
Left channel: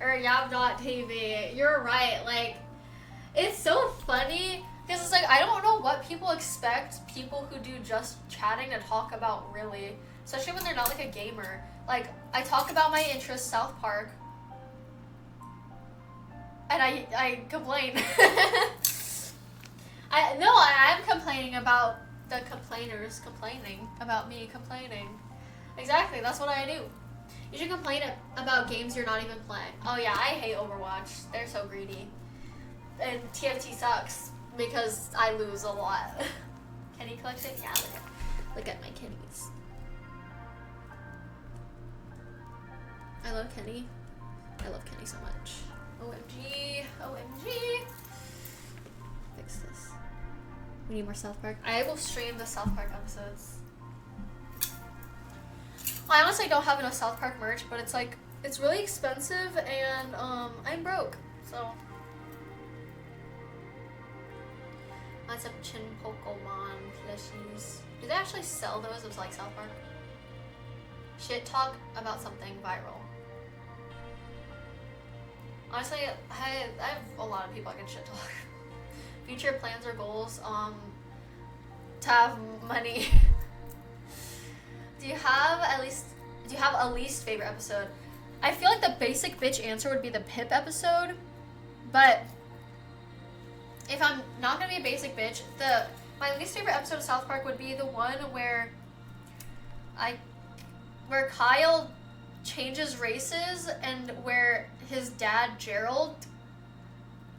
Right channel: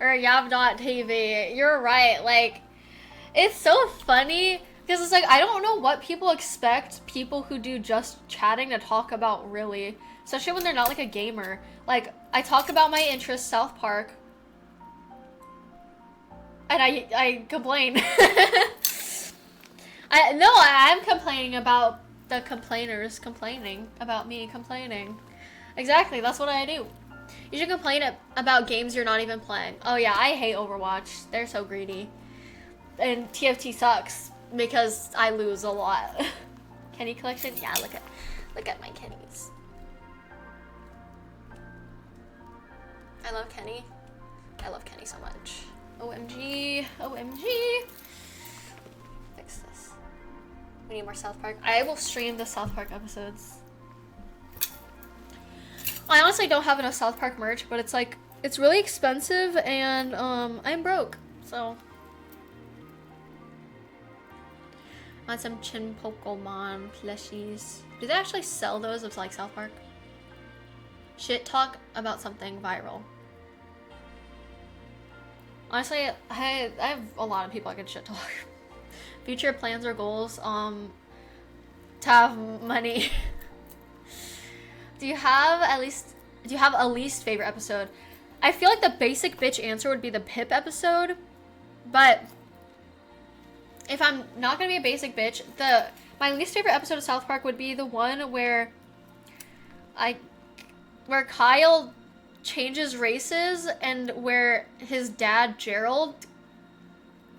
or yab.tv. You're right. Like, it's so funny because it's like, I don't know what people expect people who do just chatting to talk about, really. Especially when they're not like a gamer. Like, I talk about my interests, South Park. And I complain. I'm complaining about the complainers complaining about me complaining. Exactly, that's what I do. You should complain about games you're not even playing. Oh yeah, I hate Overwatch. They're so greedy. And TFT sucks because I lose a lot. Kenny collection? Yeah, look at my Kennys. I love Kenny. I love Kenny so much. OMG. OMG. Fix this. We need more South Park. I will stream the South Park episodes. I honestly don't have enough South Park merch, but it's like, it's really expensive and I'm broke, so. Want some Chin Pokemon plushies. Do they actually sell those of like South Park? Shit talk about something viral. Honestly, I have a lot of people I can shit talk. Future plans or goals, to have money. Do you have a least favorite episode? I feel like the basic bitch answer would be the Pip episode, but if I'm not gonna be a basic bitch, my least favorite episode of South Park would be the one where Kyle changes races and where his dad Gerald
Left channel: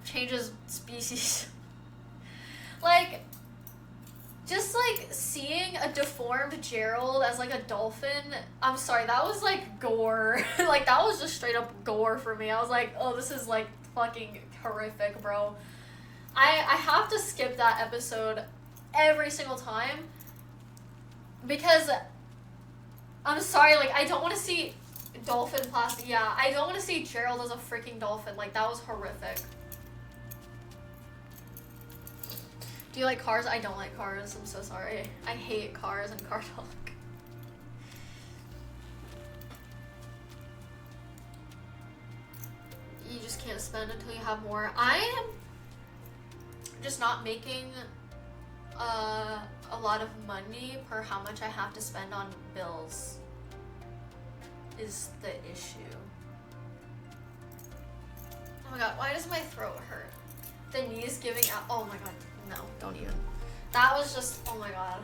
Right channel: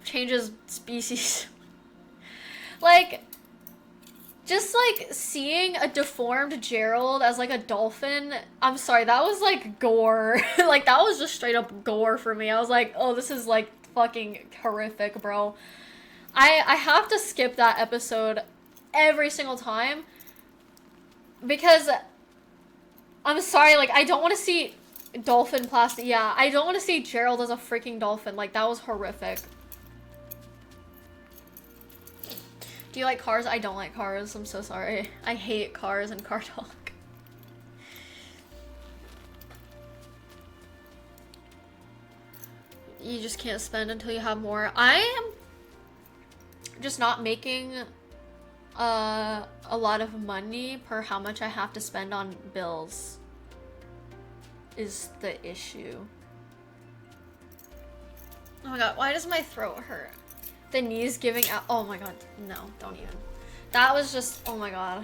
changes species. Like, just like seeing a deformed Gerald as like a dolphin, I'm sorry, that was like gore. Like, that was just straight up gore for me. I was like, oh, this is like fucking horrific, bro. I have to skip that episode every single time because I'm sorry, like, I don't want to see dolphin plastic. Yeah, I don't want to see Gerald as a freaking dolphin. Like, that was horrific. Do you like cars? I don't like cars. I'm so sorry. I hate cars and car talk. You just can't spend until you have more. I am just not making a lot of money per how much I have to spend on bills is the issue. Oh my god, why does my throat hurt? The knees giving out. Oh my god, no, don't even. That was just, oh my god.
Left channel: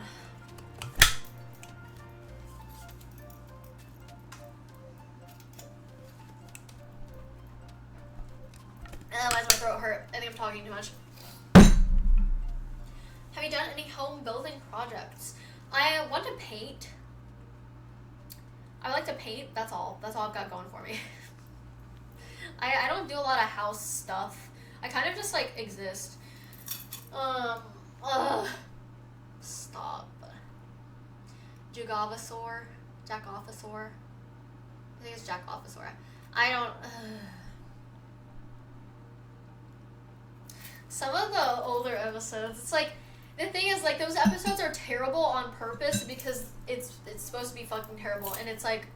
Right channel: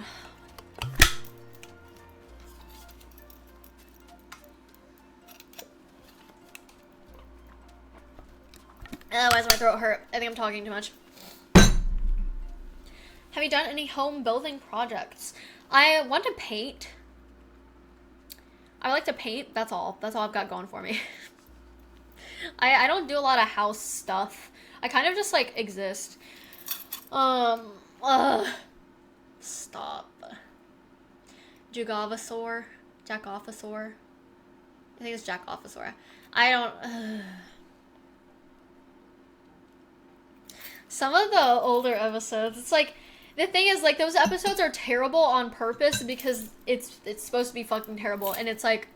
Why does my throat hurt? I think I'm talking too much. Have you done any home building projects? I want to paint. I like to paint, that's all. That's all I've got going for me. I don't do a lot of house stuff. I kind of just like exist. Um, Stop. Jugavasaur? Jackofasaur? I think it's Jackofasaur. I don't... Some of the older episodes, it's like... The thing is, like, those episodes are terrible on purpose because it's supposed to be fucking terrible. And it's like...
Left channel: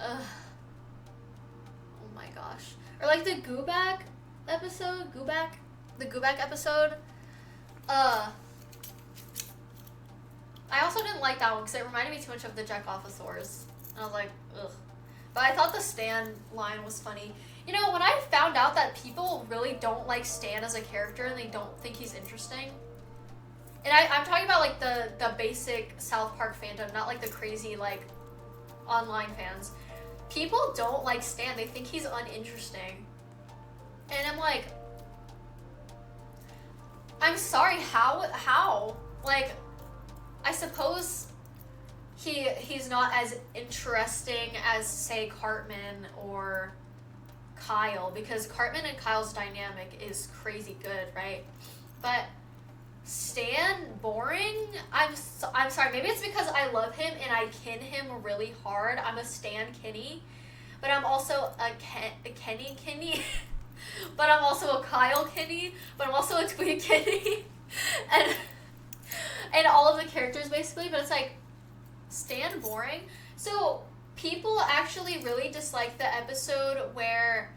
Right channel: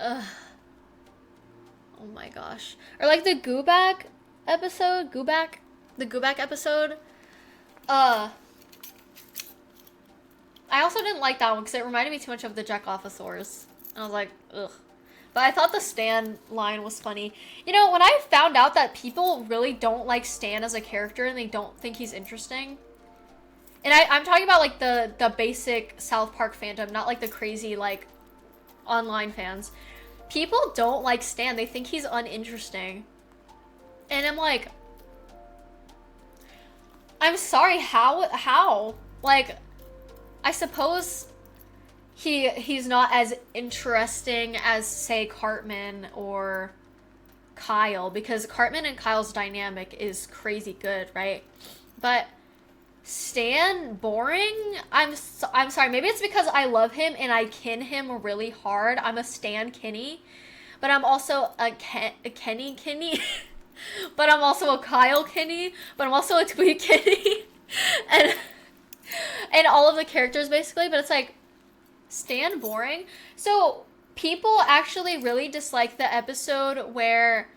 Oh my gosh. Or like the Goobak episode? Goobak? The Goobak episode? I also didn't like that one because it reminded me too much of the Jackofasaurs. And I was like, ugh. But I thought the Stan line was funny. You know, when I found out that people really don't like Stan as a character and they don't think he's interesting. And I'm talking about like the basic South Park fandom, not like the crazy like online fans. People don't like Stan. They think he's uninteresting. And I'm like, I'm sorry, how? Like, I suppose he's not as interesting as, say, Cartman or Kyle, because Cartman and Kyle's dynamic is crazy good, right? But Stan, boring? I'm sorry, maybe it's because I love him and I kin him really hard. I'm a Stan Kenny, but I'm also a Kenny Kenny. But I'm also a Kyle Kenny, but I'm also a Tweet Kenny. and all of the characters basically, but it's like, Stan boring? So people actually really dislike the episode where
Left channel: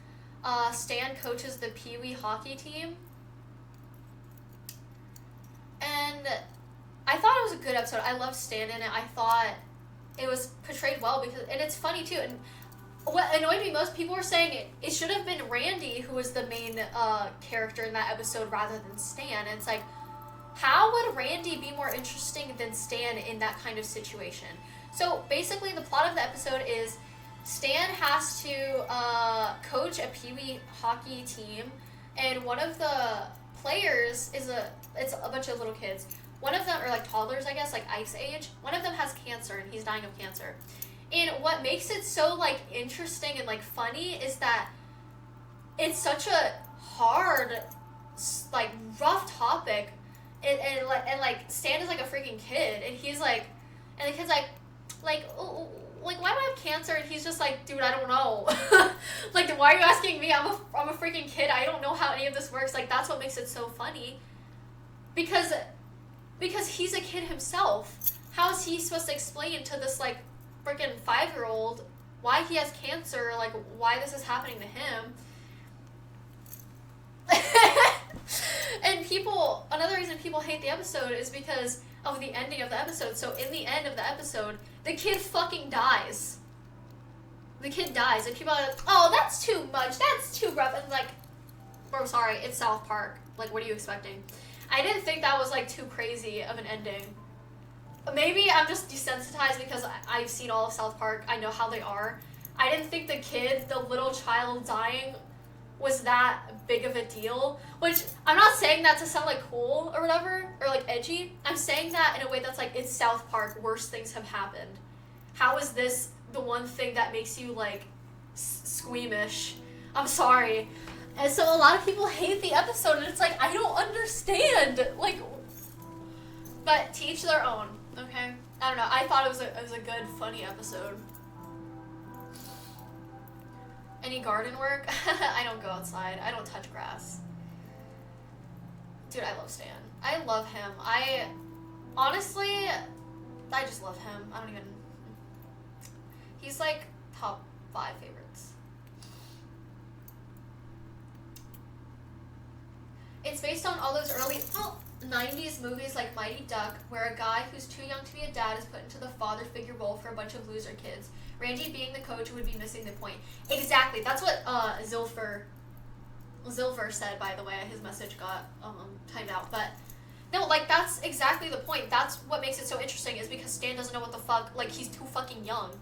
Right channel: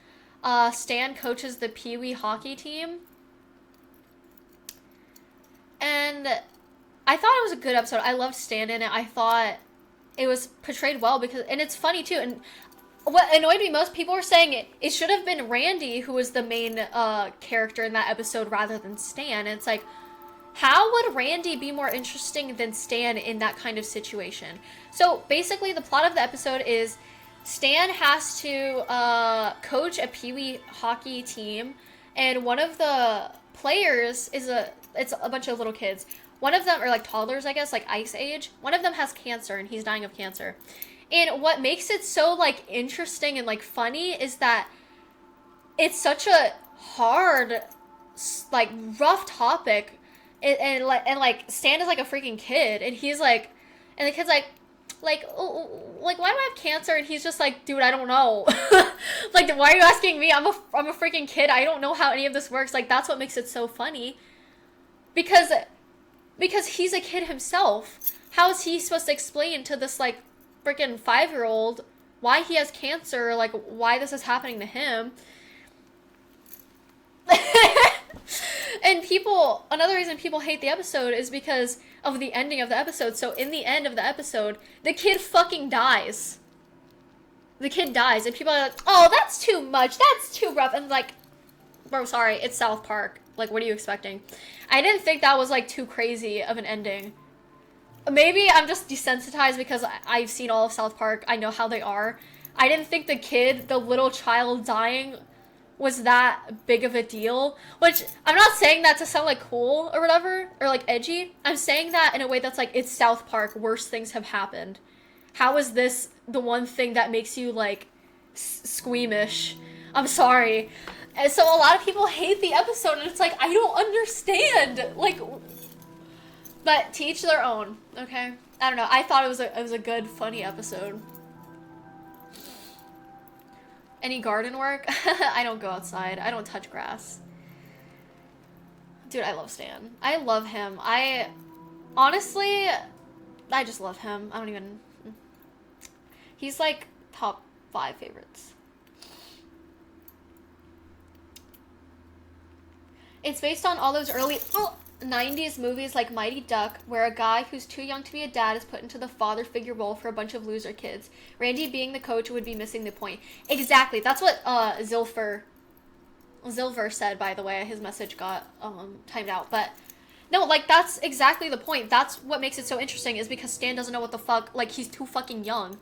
Stan coaches the Pee Wee hockey team. And I thought it was a good episode. I loved Stan in it. I thought it was portrayed well because, and it's funny too. And what annoyed me most, people were saying it should have been Randy who was the main character in that episode rather than Stan. And it's like, how would Randy be more interesting than Stan in that kind of situation? So basically the plot of the episode is Stan has to coach a Pee Wee hockey team, and one of the players it's a bunch of little kids. One of them are like toddlers, I guess, like ice age. One of them has cancer and he's dying of cancer. And what makes it so like interesting and like funny is that it's such a hard, like rough topic. And Stan is like a freaking kid, and he's like, and the kid's like, oh, like why do I have cancer? And he's just like, dude, I don't know. Like, why are you asking me? I'm a freaking kid. I don't know how any of this works. Like, that's what makes it so funny, because he's a kid himself. How is he supposed to explain to this like freaking 5-year-old why he has cancer? Like, why this is happening to him? And another reason people hate the episode is because of the ending of the episode. So in the end of the episode, the kid fucking dies. The kid dies, and people are like, oh, that's too much, that's too rough. And like, bro, sorry, it's South Park. Like, what are you expecting? I didn't think that was like too crazy of an ending. Maybe I'm just desensitized because I've seen all of South Park. I know how they are. I didn't think the little child dying was that big of a deal, which I'm not saying that to sound like cool or whatever, or like edgy. I'm saying that in a way that's like, it's South Park, worse things have happened. How is this the one thing that makes you like squeamish? I'm sorry. And so a lot of people hate the episode, and it's like, I don't understand. Like, but to each their own, okay? I don't know. I thought it was a good, funny episode. Any garden work? I don't go outside. I don't touch grass. Dude, I love Stan. I love him. Honestly, I just love him. I don't even... He's like top 5 favorites. It's based on all those early 90s movies like Mighty Duck, where a guy who's too young to be a dad is put into the father figure role for a bunch of loser kids. Randy being the coach would be missing the point. Exactly. That's what Zilfer said, by the way. His message got timed out. But no, like, that's exactly the point. That's what makes it so interesting, is because Stan doesn't know what the fuck, like, he's too fucking young.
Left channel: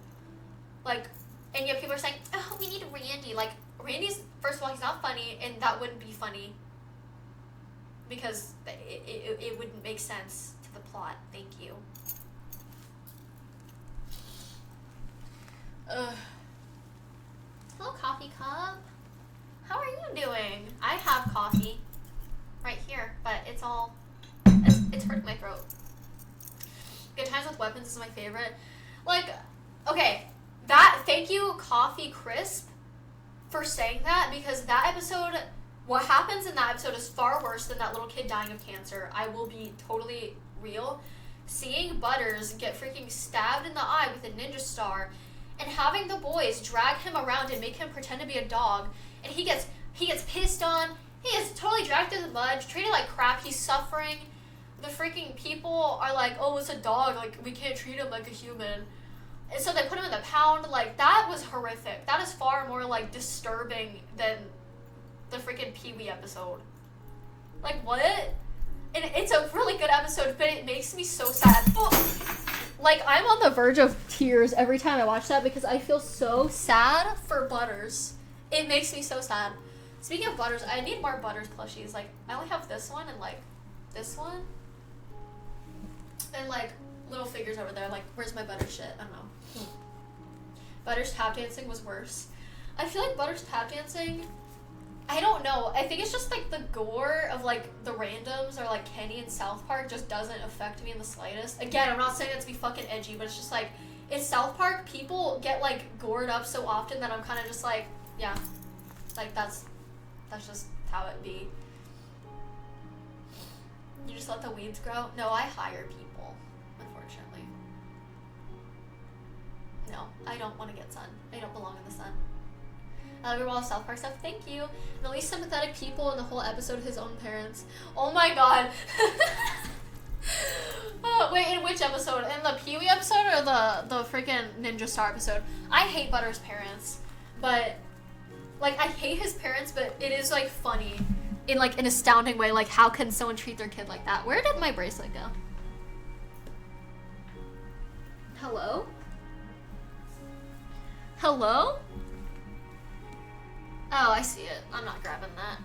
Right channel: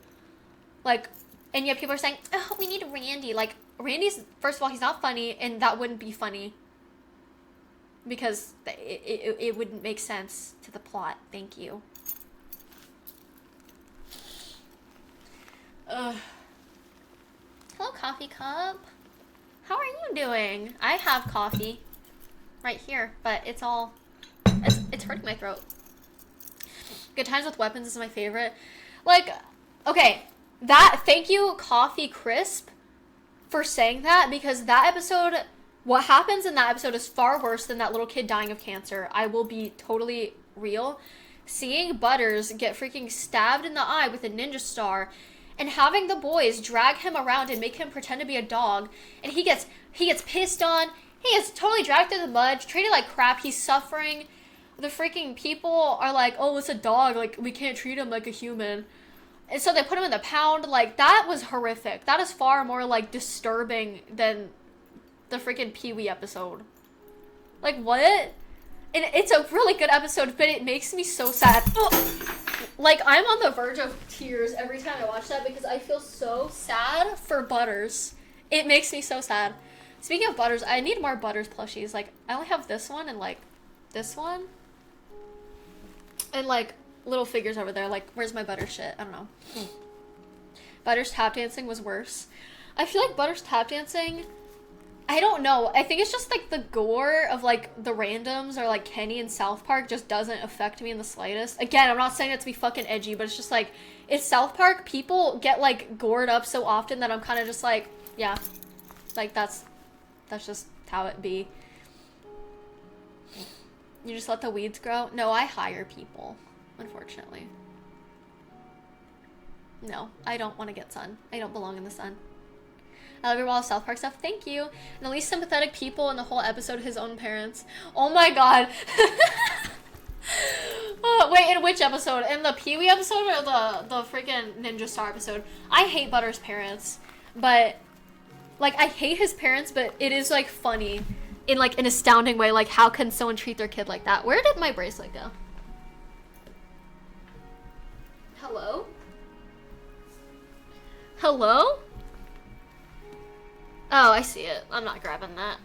Like, and yet people are saying, oh, we need Randy. Like, Randy's, first of all, he's not funny, and that wouldn't be funny. Because it wouldn't make sense to the plot. Thank you. Hello, coffee cup. How are you doing? I have coffee right here, but it's hurting my throat. Good Times with Weapons is my favorite. Like, okay, thank you, Coffee Crisp, for saying that, because that episode, what happens in that episode is far worse than that little kid dying of cancer. I will be totally real. Seeing Butters get freaking stabbed in the eye with a ninja star, and having the boys drag him around and make him pretend to be a dog, and he gets pissed on, he gets totally dragged through the mud, treated like crap, he's suffering. The freaking people are like, oh, it's a dog, like, we can't treat him like a human. And so they put him in the pound. Like, that was horrific. That is far more, like, disturbing than the freaking Pee-wee episode. Like, what? And it's a really good episode, but it makes me so sad. Oh. Like, I'm on the verge of tears every time I watch that because I feel so sad for Butters. It makes me so sad. Speaking of Butters, I need more Butters plushies. Like, I only have this one and, like, this one. And, like, little figures over there. Like, where's my Butters shit? I don't know. Butters tap dancing was worse. I feel like Butters tap dancing, I don't know. I think it's just, like, the gore of, like, the randoms or, like, Kenny and South Park just doesn't affect me in the slightest. Again, I'm not saying that to be fucking edgy, but it's just, like, it's South Park. People get, like, gored up so often that I'm kind of just, like, yeah. Like, that's just how it be. You just let the weeds grow? No, I hire people, unfortunately. No, I don't want to get sun. I don't belong in the sun. I love your wall of South Park stuff. Thank you. And the least sympathetic people in the whole episode, his own parents. Oh my god. Oh, wait, in which episode? In the Pee-wee episode or the freaking Ninja Star episode? I hate Butter's parents, but, like, I hate his parents, but it is, like, funny in, like, an astounding way. Like, how can someone treat their kid like that? Where did my bracelet go? Hello? Hello? Oh, I see it. I'm not grabbing that.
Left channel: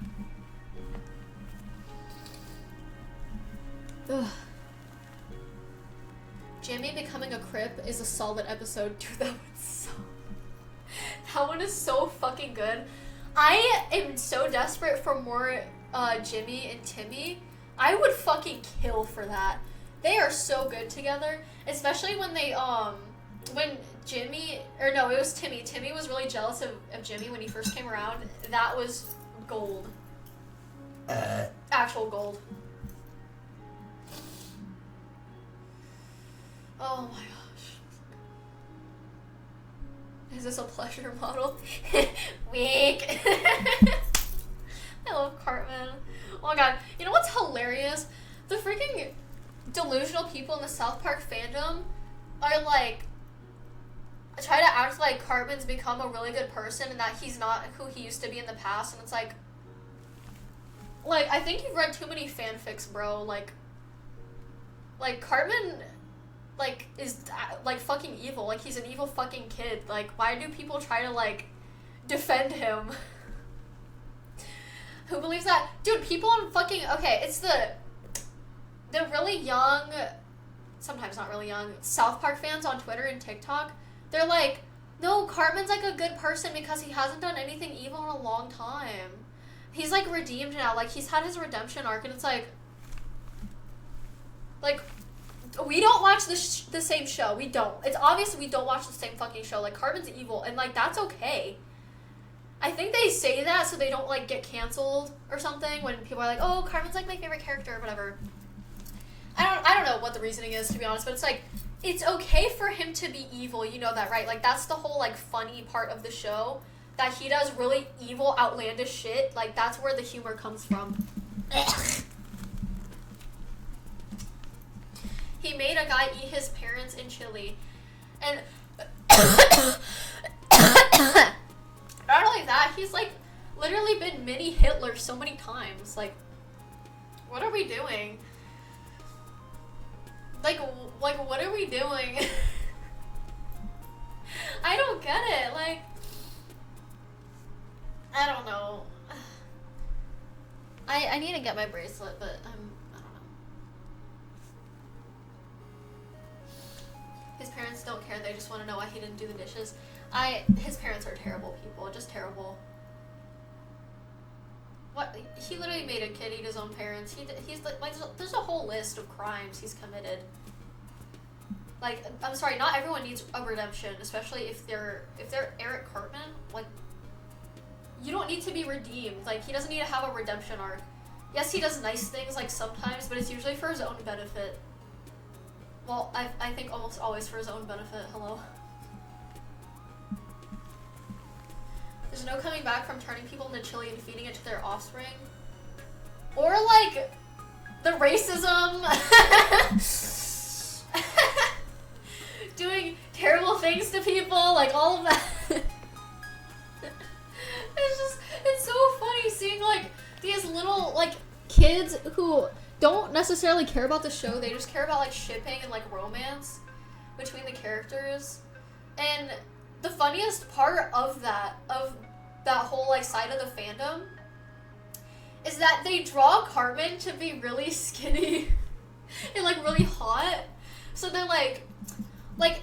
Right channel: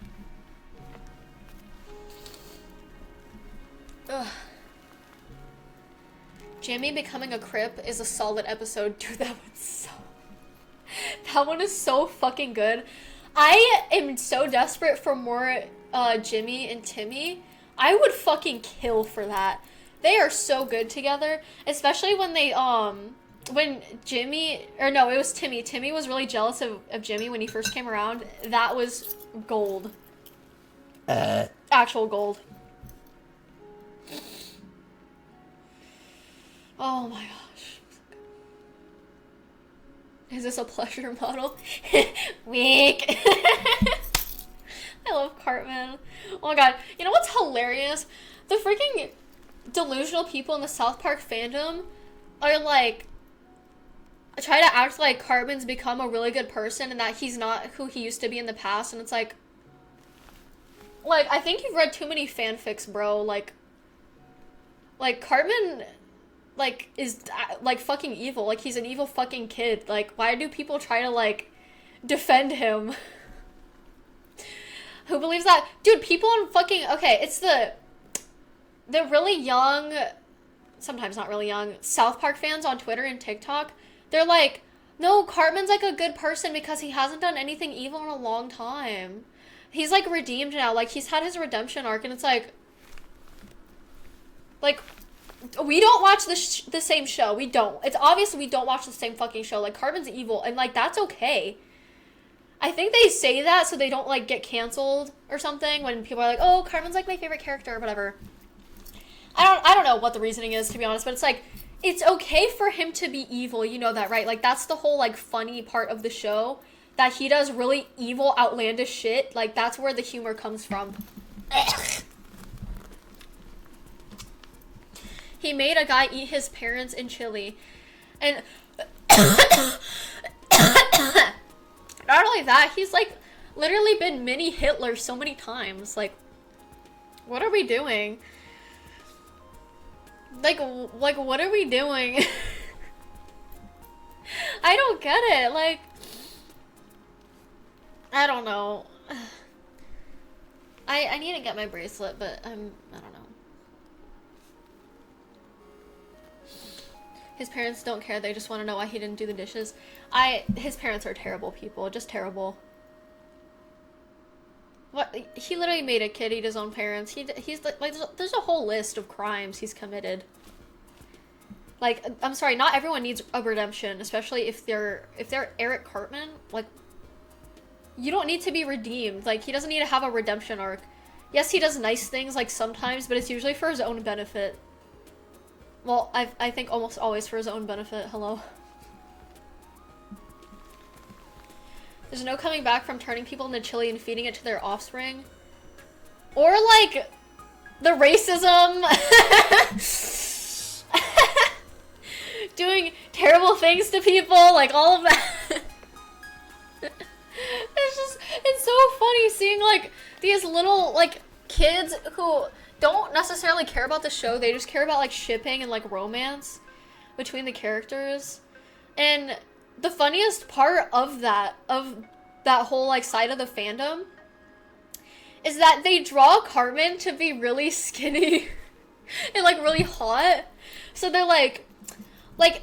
Ugh. Jimmy becoming a Crip is a solid episode. Dude, that one is so fucking good. I am so desperate for more Jimmy and Timmy. I would fucking kill for that. They are so good together, especially when they when Jimmy, or no, it was Timmy. Timmy was really jealous of Jimmy when he first came around. That was gold. Actual gold. Oh my gosh. Is this a pleasure model? Weak. I love Cartman. Oh my god. You know what's hilarious? The freaking delusional people in the South Park fandom are like, try to act like Cartman's become a really good person and that he's not who he used to be in the past, and it's like, I think you've read too many fanfics, bro. Like Cartman, like, is, like, fucking evil. Like, he's an evil fucking kid. Like, why do people try to, like, defend him? Who believes that? Dude, people on fucking, okay, it's the really young, sometimes not really young, South Park fans on Twitter and TikTok. They're like, no, Cartman's, like, a good person because he hasn't done anything evil in a long time. He's, like, redeemed now. Like, he's had his redemption arc, and it's like, we don't watch the same show. We don't. It's obvious we don't watch the same fucking show. Like, Cartman's evil, and, like, that's okay. I think they say that so they don't, like, get canceled or something when people are like, oh, Cartman's, like, my favorite character or whatever. I don't know what the reasoning is, to be honest, but it's like, it's okay for him to be evil, you know that, right? Like, that's the whole, like, funny part of the show, that he does really evil, outlandish shit. Like, that's where the humor comes from. He made a guy eat his parents in Chile. And not only that, he's, like, literally been mini Hitler so many times. Like, what are we doing? Like, what are we doing? I don't get it. Like, I don't know. I need to get my bracelet, but I don't know. His parents don't care. They just want to know why he didn't do the dishes. His parents are terrible people. Just terrible. he literally made a kid eat his own parents. He's like there's a whole list of crimes he's committed. Like, I'm sorry, not everyone needs a redemption, especially if they're Eric Cartman. Like, you don't need to be redeemed. Like, he doesn't need to have a redemption arc. Yes, he does nice things, like, sometimes, but it's usually for his own benefit. Well, I think almost always for his own benefit. Hello. There's no coming back from turning people into chili and feeding it to their offspring. Or, like, the racism. Doing terrible things to people, like, all of that. It's so funny seeing, like, these little, like, kids who don't necessarily care about the show. They just care about, like, shipping and, like, romance between the characters. And the funniest part of that whole, like, side of the fandom is that they draw Cartman to be really skinny and, like, really hot. So they're, like,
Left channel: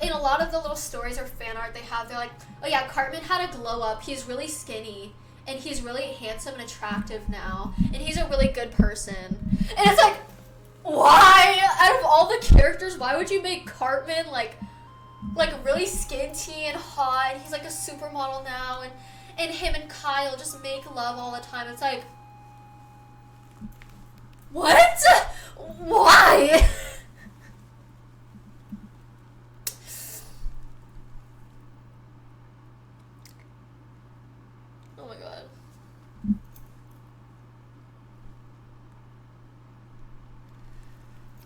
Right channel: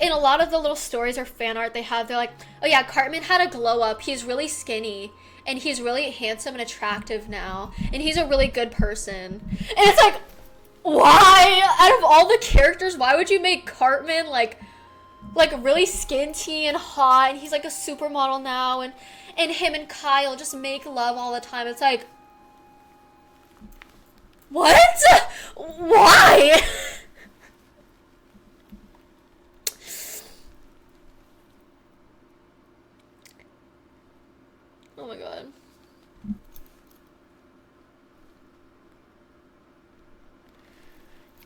in a lot of the little stories or fan art they have, they're like, oh yeah, Cartman had a glow up, he's really skinny, and he's really handsome and attractive now, and he's a really good person. And it's like, why? Out of all the characters, why would you make Cartman, like really skinty and hot, and he's like a supermodel now, and him and Kyle just make love all the time? It's like, what? Why? Oh my god.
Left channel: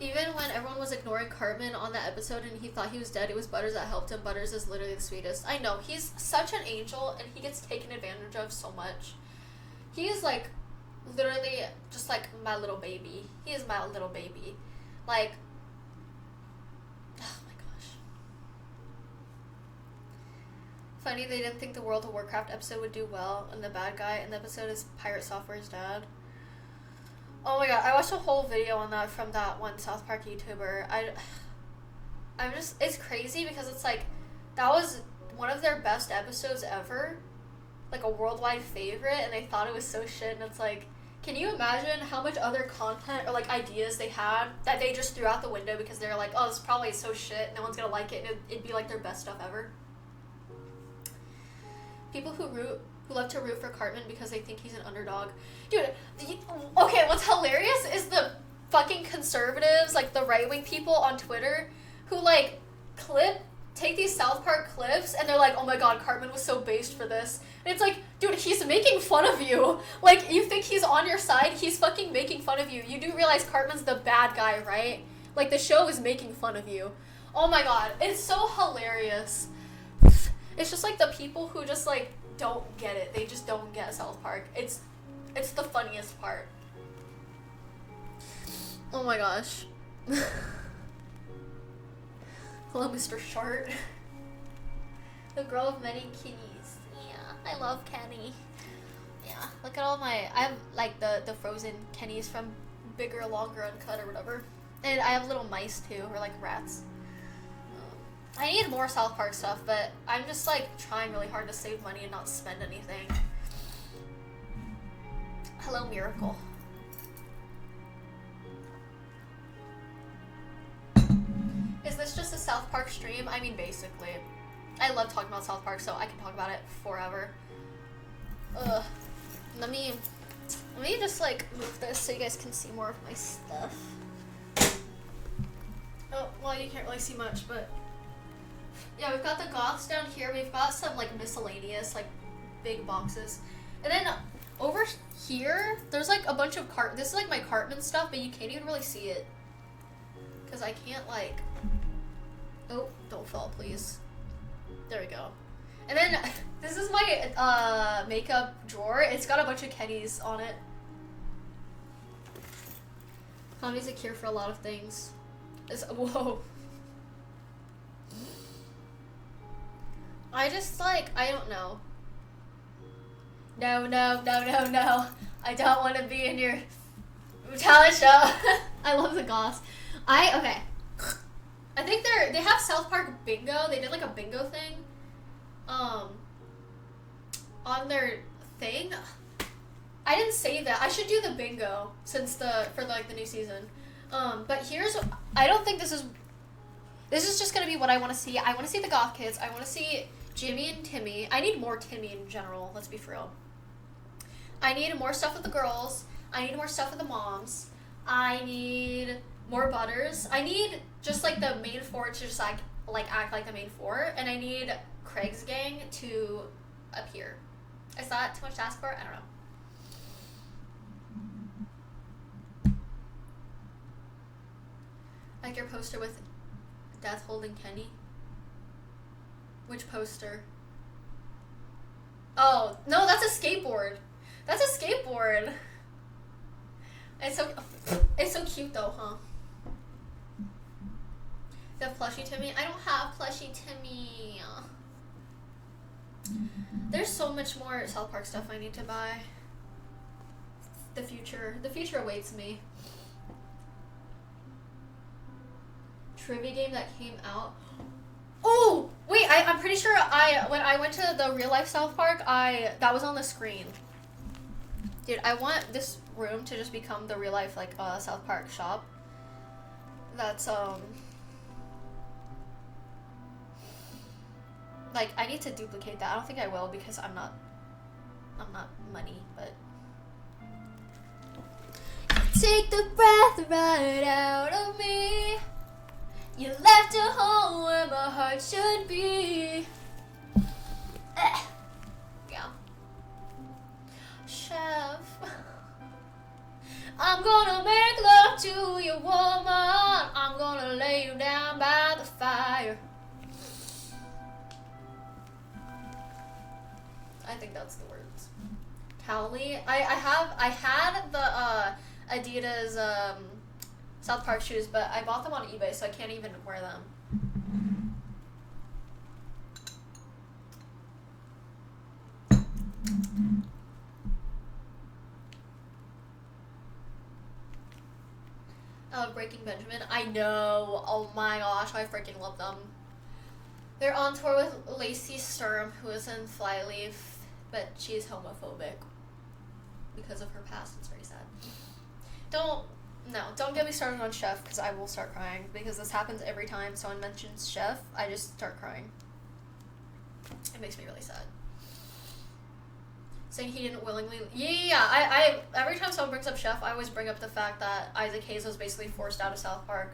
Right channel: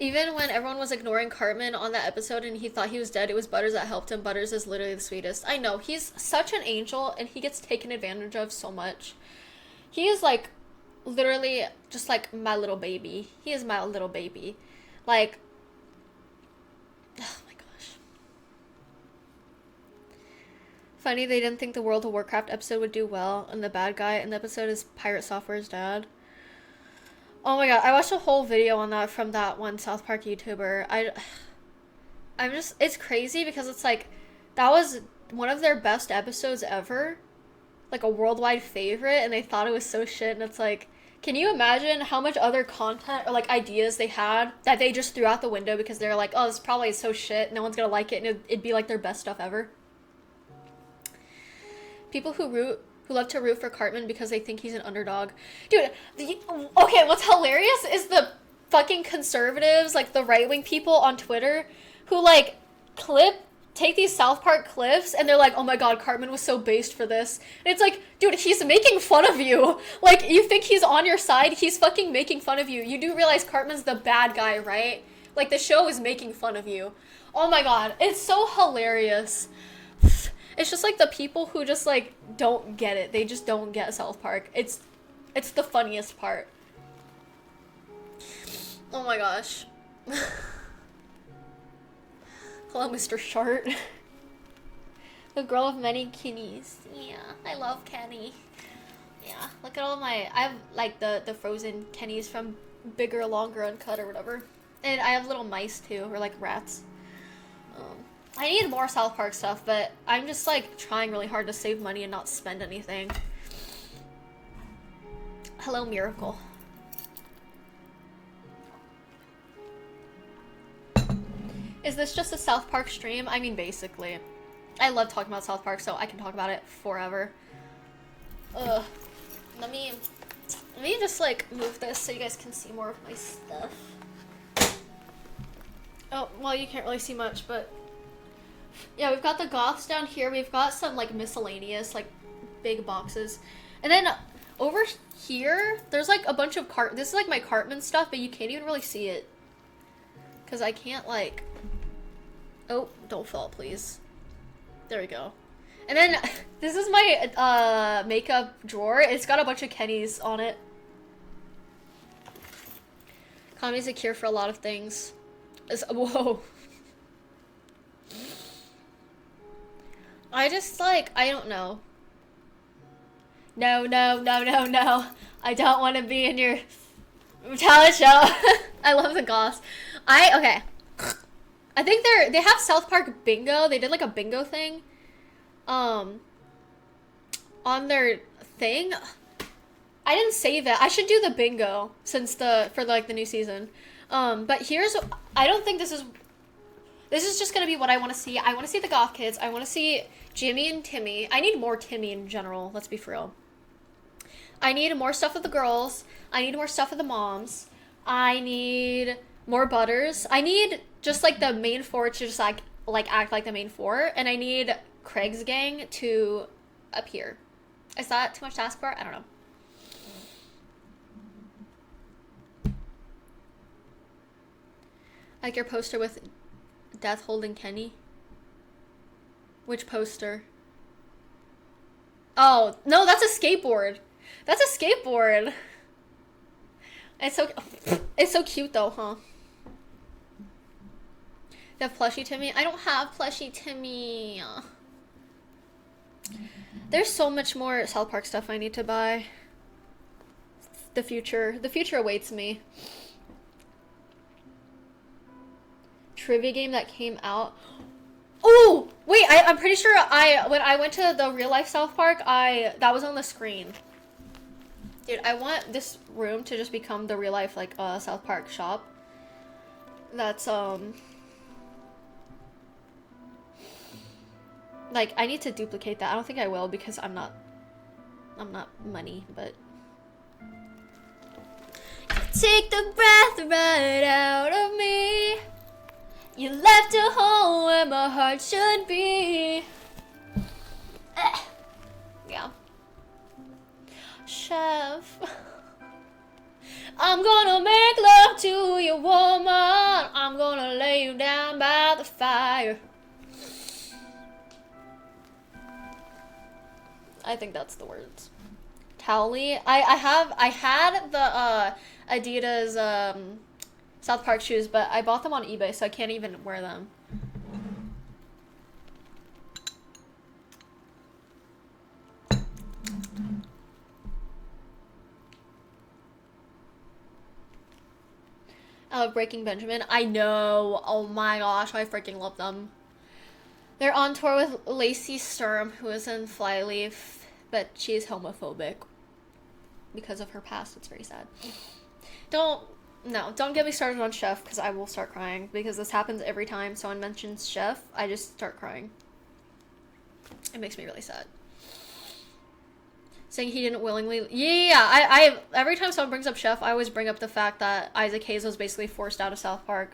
Even when everyone was ignoring Cartman on that episode and he thought he was dead, it was Butters that helped him. Butters is literally the sweetest. I know, he's such an angel and he gets taken advantage of so much. He is like, literally just like my little baby. He is my little baby. Like, oh my gosh. Funny, they didn't think the World of Warcraft episode would do well, and the bad guy in the episode is Pirate Software's dad. Oh my god, I watched a whole video on that from that one South Park YouTuber. I'm just, it's crazy because it's like, that was one of their best episodes ever. Like a worldwide favorite, and they thought it was so shit, and it's like, can you imagine how much other content or like ideas they had that they just threw out the window because they're like, oh, this probably is so shit, no one's gonna like it, and it'd be like their best stuff ever. People who love to root for Cartman because they think he's an underdog. Dude, okay, what's hilarious is the fucking conservatives, like the right-wing people on Twitter, who like take these South Park clips and they're like, oh my god, Cartman was so based for this. And it's like, dude, he's making fun of you. Like, you think he's on your side? He's fucking making fun of you. You do realize Cartman's the bad guy, right? Like, the show is making fun of you. Oh my god, it's so hilarious. It's just like the people who just like don't get it. They just don't get South Park. It's the funniest part. Oh my gosh. Hello, Mr. Short. The girl of many Kennies. Yeah, I love Kenny. Yeah, look at all my, I have like the frozen Kennies from Bigger, Longer, Uncut or whatever. And I have little mice too, or like rats. I need more South Park stuff, but I'm just like trying really hard to save money and not spend anything. Hello, Miracle. Is this just a South Park stream? I mean, basically. I love talking about South Park, so I can talk about it forever. Ugh. Let me just like move this so you guys can see more of my stuff. Oh, well, you can't really see much, but yeah, we've got the goths down here. We've got some like miscellaneous, like big boxes. And then over here, there's like a bunch of this is like my Cartman stuff, but you can't even really see it. Cause I can't like, oh, don't fall please. There we go. And then this is my makeup drawer. It's got a bunch of Kennies on it. Comedy's a cure for a lot of things. Whoa. I just like, I don't know. No. I don't want to be in your talent show. I love the goths. Okay. I think they have South Park bingo. They did like a bingo thing. On their thing. I didn't save it. I should do the bingo since for like the new season. But I don't think this is just gonna be what I want to see. I want to see the goth kids. I want to see Jimmy and Timmy. I need more Timmy in general. Let's be for real. I need more stuff with the girls. I need more stuff with the moms. I need more Butters. I need just like the main four to just like act like the main four, and I need Craig's gang to appear. Is that too much to ask for? I don't know. Like your poster with Death holding Kenny. Which poster? Oh, no, that's a skateboard. That's a skateboard. It's so cute though, huh? You have plushie Timmy? I don't have plushie Timmy. There's so much more South Park stuff I need to buy. The future awaits me. Trivia game that came out. Oh, wait, I'm pretty sure when I went to the real life South Park, that was on the screen. Dude, I want this room to just become the real life like South Park shop. That's like I need to duplicate that. I don't think I will because I'm not money, but take the breath right out of me. You left a hole where my heart should be. Yeah. Chef. I'm gonna make love to you, woman. I'm gonna lay you down by the fire. I think that's the words. Cowley. I had the Adidas South Park shoes, but I bought them on eBay, so I can't even wear them. Breaking Benjamin. I know. Oh my gosh, I freaking love them. They're on tour with Lacey Sturm, who is in Flyleaf, but she's homophobic because of her past. It's very sad. Don't get me started on Chef, because I will start crying, because this happens every time someone mentions Chef. I just start crying. It makes me really sad. Saying he didn't willingly... Yeah, I every time someone brings up Chef, I always bring up the fact that Isaac Hayes was basically forced out of South Park.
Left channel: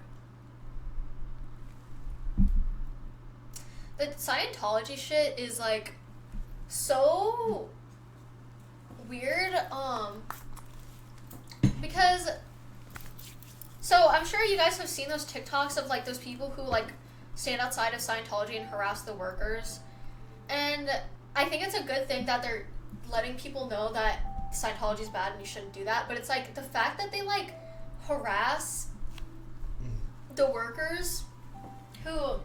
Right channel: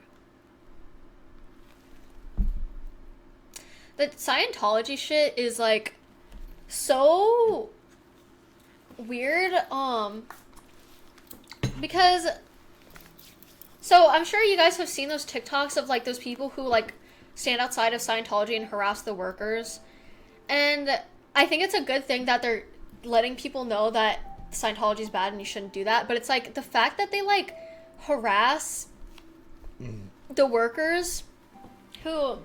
The Scientology shit is, like, so weird, because... So, I'm sure you guys have seen those TikToks of, like, those people who, like, stand outside of Scientology and harass the workers. And I think it's a good thing that they're letting people know that Scientology is bad and you shouldn't do that. But it's, like, the fact that they, like, harass the workers who...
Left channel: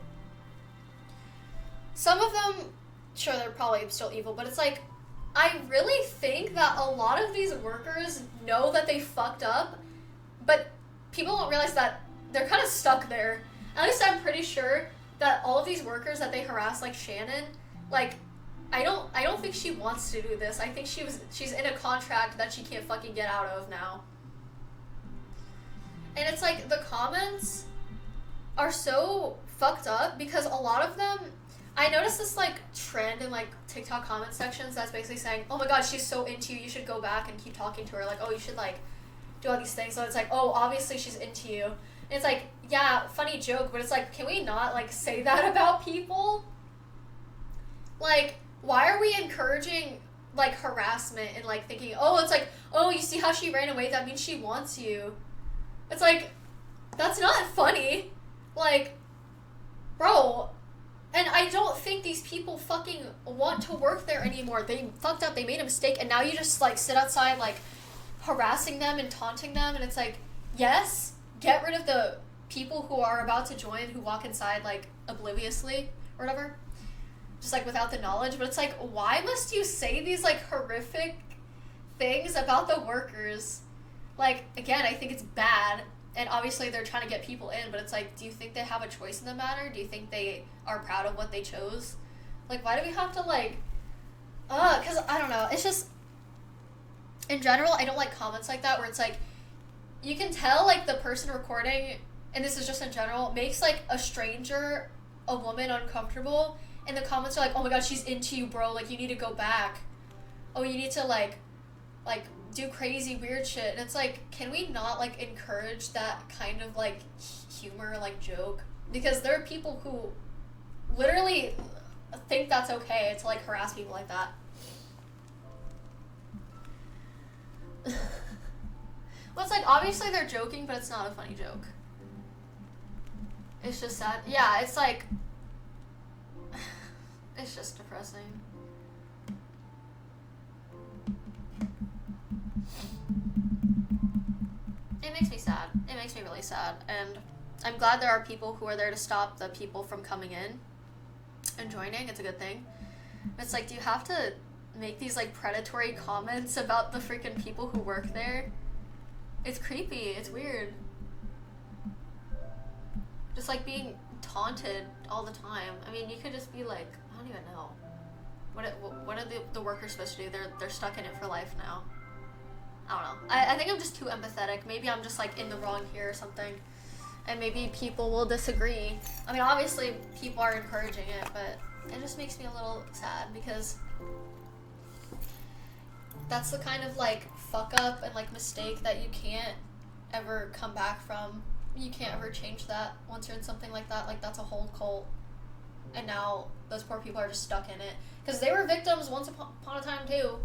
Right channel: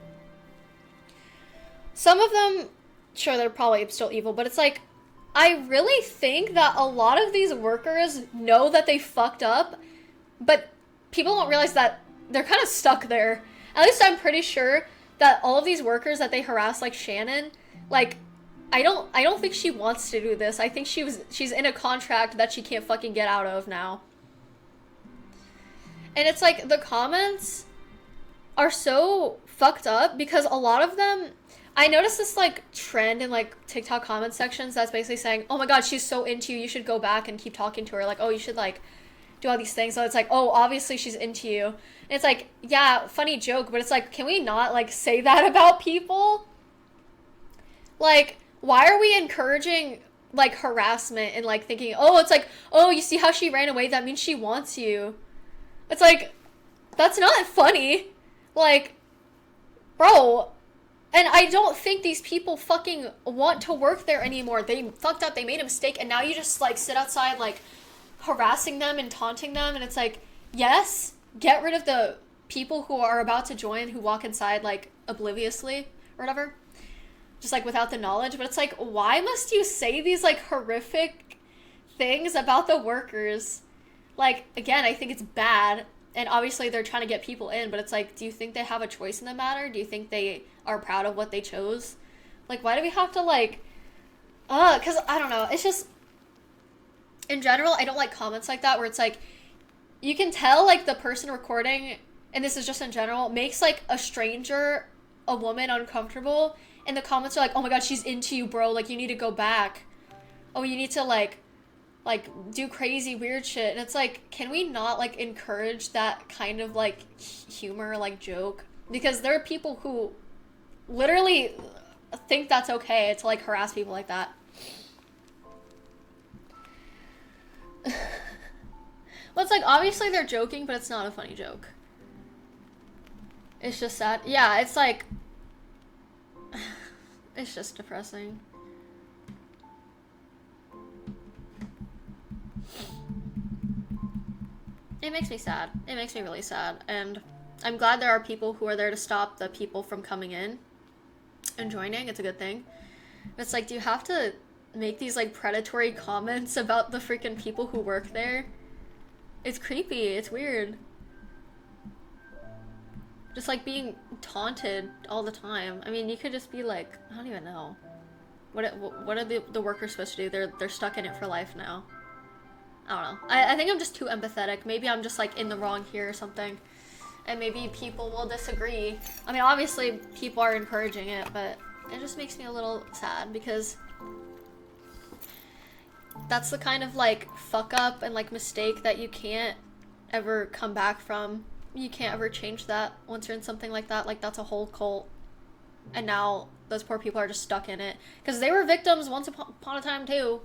Some of them, sure, they're probably still evil, but it's, like, I really think that a lot of these workers know that they fucked up, but... people don't realize that they're kind of stuck there. At least I'm pretty sure that all of these workers that they harass, like Shannon, like, I don't think she wants to do this. I think she's in a contract that she can't fucking get out of now. And it's like, the comments are so fucked up because a lot of them, I noticed this, like, trend in, like, TikTok comment sections that's basically saying, oh my god, she's so into you, you should go back and keep talking to her. Like, oh, you should, like, do all these things. So it's like, oh, obviously she's into you. And it's like, yeah, funny joke, but it's like, can we not, like, say that about people? Like, why are we encouraging, like, harassment and, like, thinking, oh, it's like, oh, you see how she ran away? That means she wants you. It's like, that's not funny. Like, bro. And I don't think these people fucking want to work there anymore. They fucked up, they made a mistake, and now you just, like, sit outside, like, harassing them and taunting them, and it's like, yes, get rid of the people who are about to join who walk inside, like, obliviously or whatever, just, like, without the knowledge. But it's like, why must you say these, like, horrific things about the workers? Like, again, I think it's bad, and obviously they're trying to get people in, but it's like, do you think they have a choice in the matter? Do you think they are proud of what they chose? Like, why do we have to, like, because, I don't know, it's just, in general, I don't like comments like that where it's like, you can tell like the person recording, and this is just in general, makes like a stranger, a woman, uncomfortable, and the comments are like, oh my god, she's into you, bro, like you need to go back. Oh, you need to like do crazy weird shit. And it's like, can we not like encourage that kind of like humor, like joke? Because there are people who literally think that's okay to like harass people like that. Well, it's like, obviously they're joking, but it's not a funny joke. It's just sad. Yeah, it's like, it's just depressing. It makes me sad. It makes me really sad. And I'm glad there are people who are there to stop the people from coming in and joining. It's a good thing. It's like, do you have to make these like predatory comments about the freaking people who work there? It's creepy. It's weird. Just like being taunted all the time. I mean, you could just be like, I don't even know. What are the workers supposed to do? They're stuck in it for life now. I don't know. I think I'm just too empathetic. Maybe I'm just like in the wrong here or something. And maybe people will disagree. I mean, obviously people are encouraging it, but it just makes me a little sad because that's the kind of like fuck up and like mistake that you can't ever come back from. You can't ever change that once you're in something like that. Like, that's a whole cult. And now those poor people are just stuck in it. Because they were victims once upon a time too.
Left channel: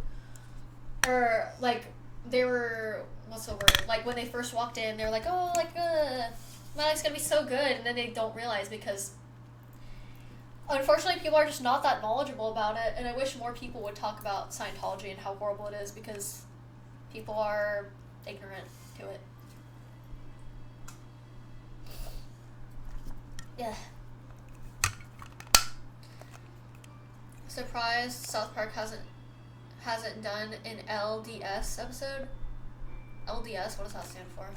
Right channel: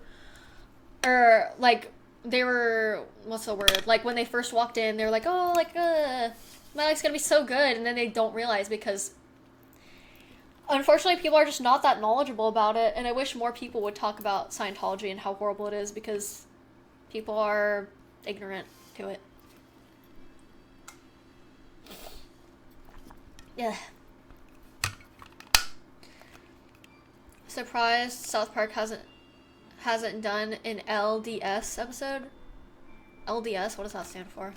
Or like, they were, what's the word? Like, when they first walked in, they were like, oh, like, my life's gonna be so good. And then they don't realize because, unfortunately, people are just not that knowledgeable about it. And I wish more people would talk about Scientology and how horrible it is because people are ignorant to it. Yeah. Surprised South Park hasn't done an LDS episode. LDS, what does that stand for?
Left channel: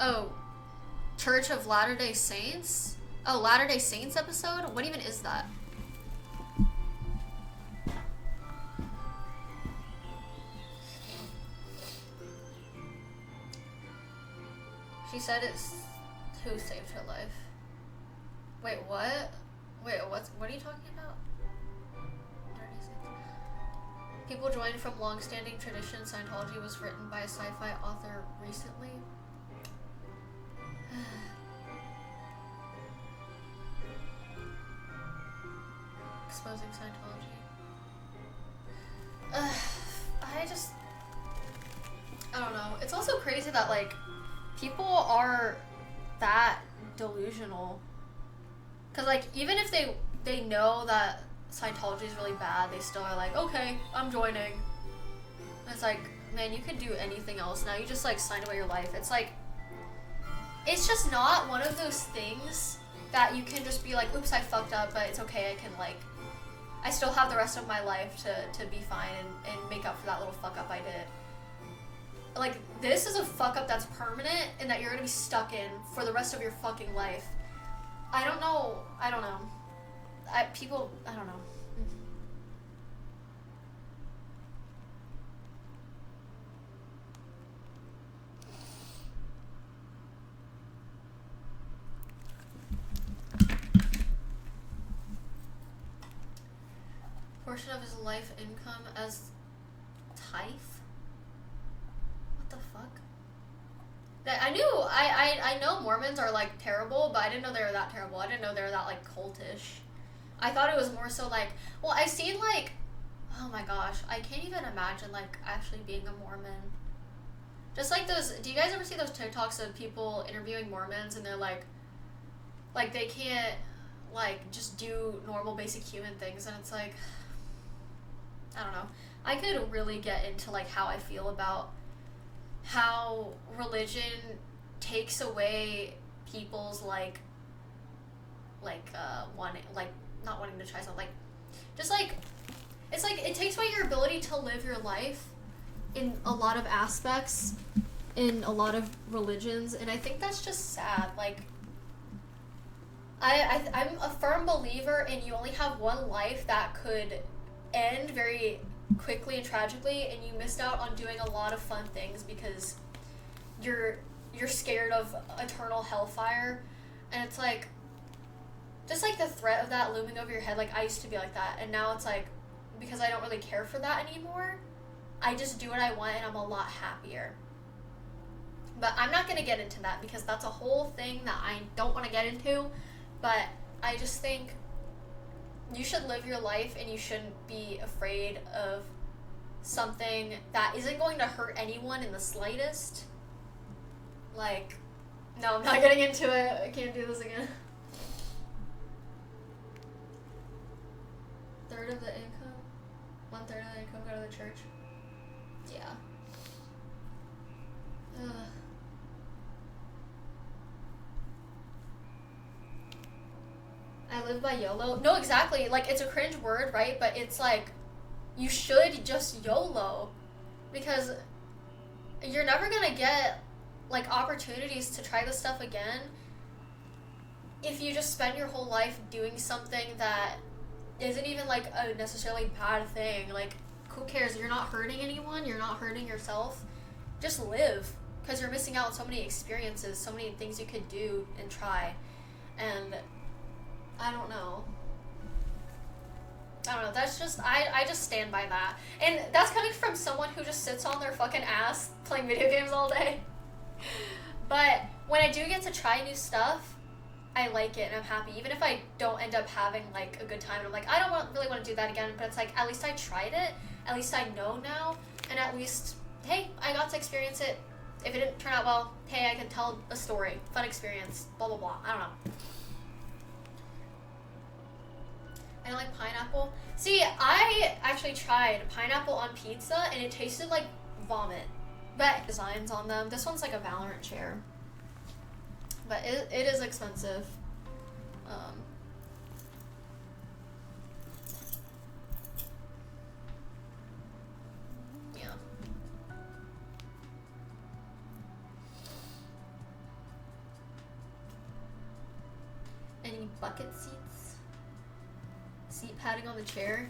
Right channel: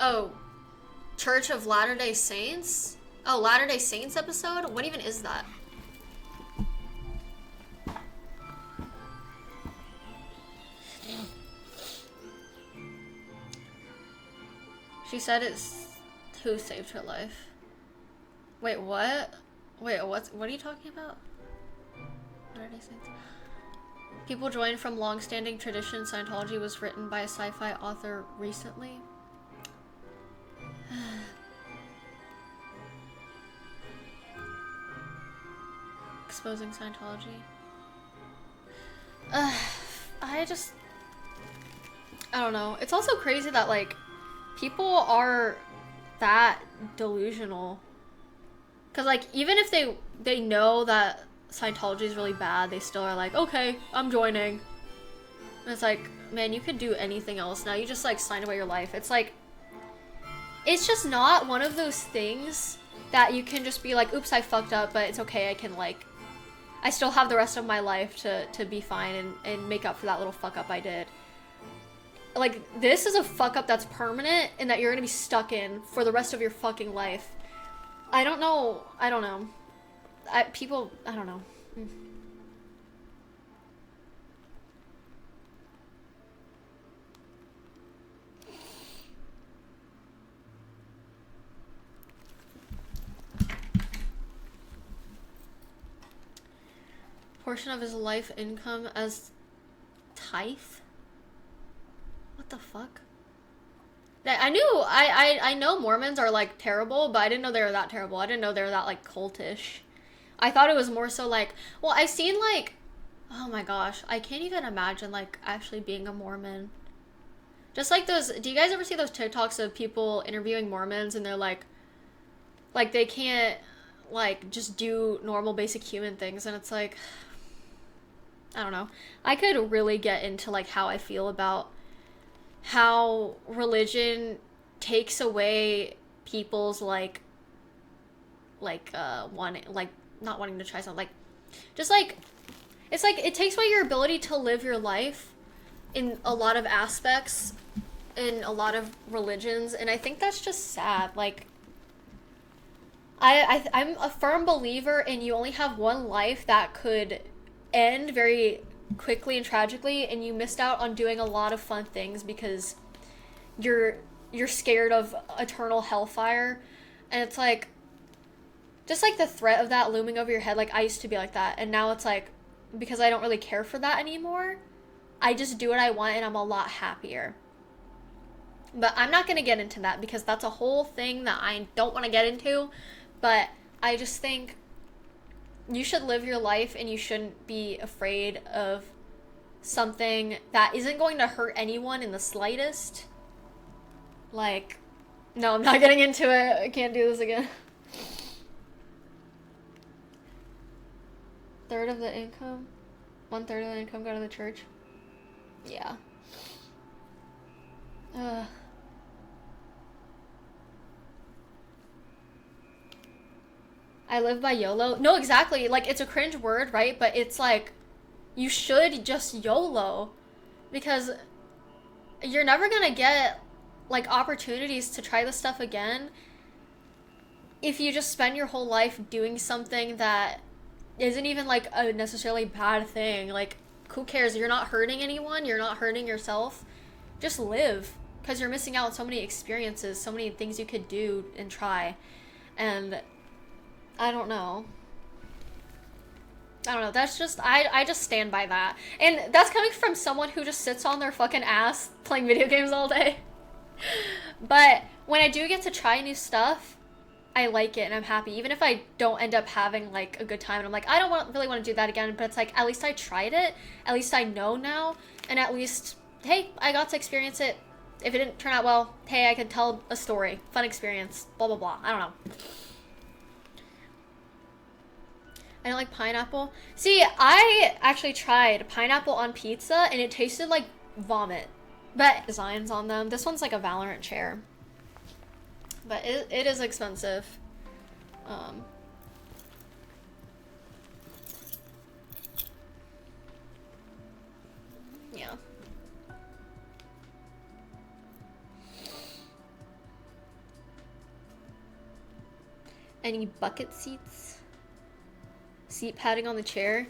Oh, Church of Latter-day Saints? Oh, Latter-day Saints episode? What even is that? She said it's who saved her life. Wait, what? Wait, what are you talking about? Latter-day Saints. People joined from long-standing tradition. Scientology was written by a sci-fi author recently. Exposing Scientology. I don't know. It's also crazy that like people are that delusional. Cause like even if they know that Scientology is really bad, they still are like, okay, I'm joining. And it's like, man, you could do anything else now. You just like signed away your life. It's like, it's just not one of those things that you can just be like, oops, I fucked up, but it's okay. I can like, I still have the rest of my life to be fine and make up for that little fuck up I did. Like, this is a fuck up that's permanent and that you're gonna be stuck in for the rest of your fucking life. I don't know. I don't know. I don't know. Portion of his life income as tithe? What the fuck? I know Mormons are like terrible, but I didn't know they were that terrible. I didn't know they were that like cultish. I thought it was more so like, well, I've seen like, oh my gosh, I can't even imagine like actually being a Mormon. Just like those, do you guys ever see those TikToks of people interviewing Mormons and they're like they can't like just do normal basic human things, and it's like, I don't know. I could really get into like how I feel about how religion takes away people's like not wanting to try something, like just like it's like it takes away your ability to live your life in a lot of aspects in a lot of religions, and I think that's just sad. Like, I'm a firm believer in you only have one life that could end very quickly and tragically, and you missed out on doing a lot of fun things because you're you're scared of eternal hellfire. And it's like, just like the threat of that looming over your head. Like, I used to be like that, and now it's like, because I don't really care for that anymore, I just do what I want and I'm a lot happier. But I'm not going to get into that because that's a whole thing that I don't want to get into. But I just think you should live your life and you shouldn't be afraid of something that isn't going to hurt anyone in the slightest. Like, no, I'm not getting into it. I can't do this again. Third of the income? 1/3 of the income go to the church? Yeah. Ugh. I live by YOLO. No, exactly. Like, it's a cringe word, right? But it's like, you should just YOLO. Because you're never gonna get, like, opportunities to try this stuff again if you just spend your whole life doing something that isn't even, like, a necessarily bad thing. Like, who cares? You're not hurting anyone. You're not hurting yourself. Just live. Because you're missing out on so many experiences, so many things you could do and try. And I don't know. I don't know. That's just, I just stand by that. And that's coming from someone who just sits on their fucking ass playing video games all day. But when I do get to try new stuff, I like it and I'm happy. Even if I don't end up having, like, a good time and I'm like, I don't really want to do that again. But it's like, at least I tried it. At least I know now. And at least, hey, I got to experience it. If it didn't turn out well, hey, I can tell a story. Fun experience. Blah, blah, blah. I don't know. I don't like pineapple. See, I actually tried pineapple on pizza and it tasted like vomit. But designs on them. This one's like a Valorant chair. But it is expensive. Yeah. Any bucket seats? Seat padding on the chair?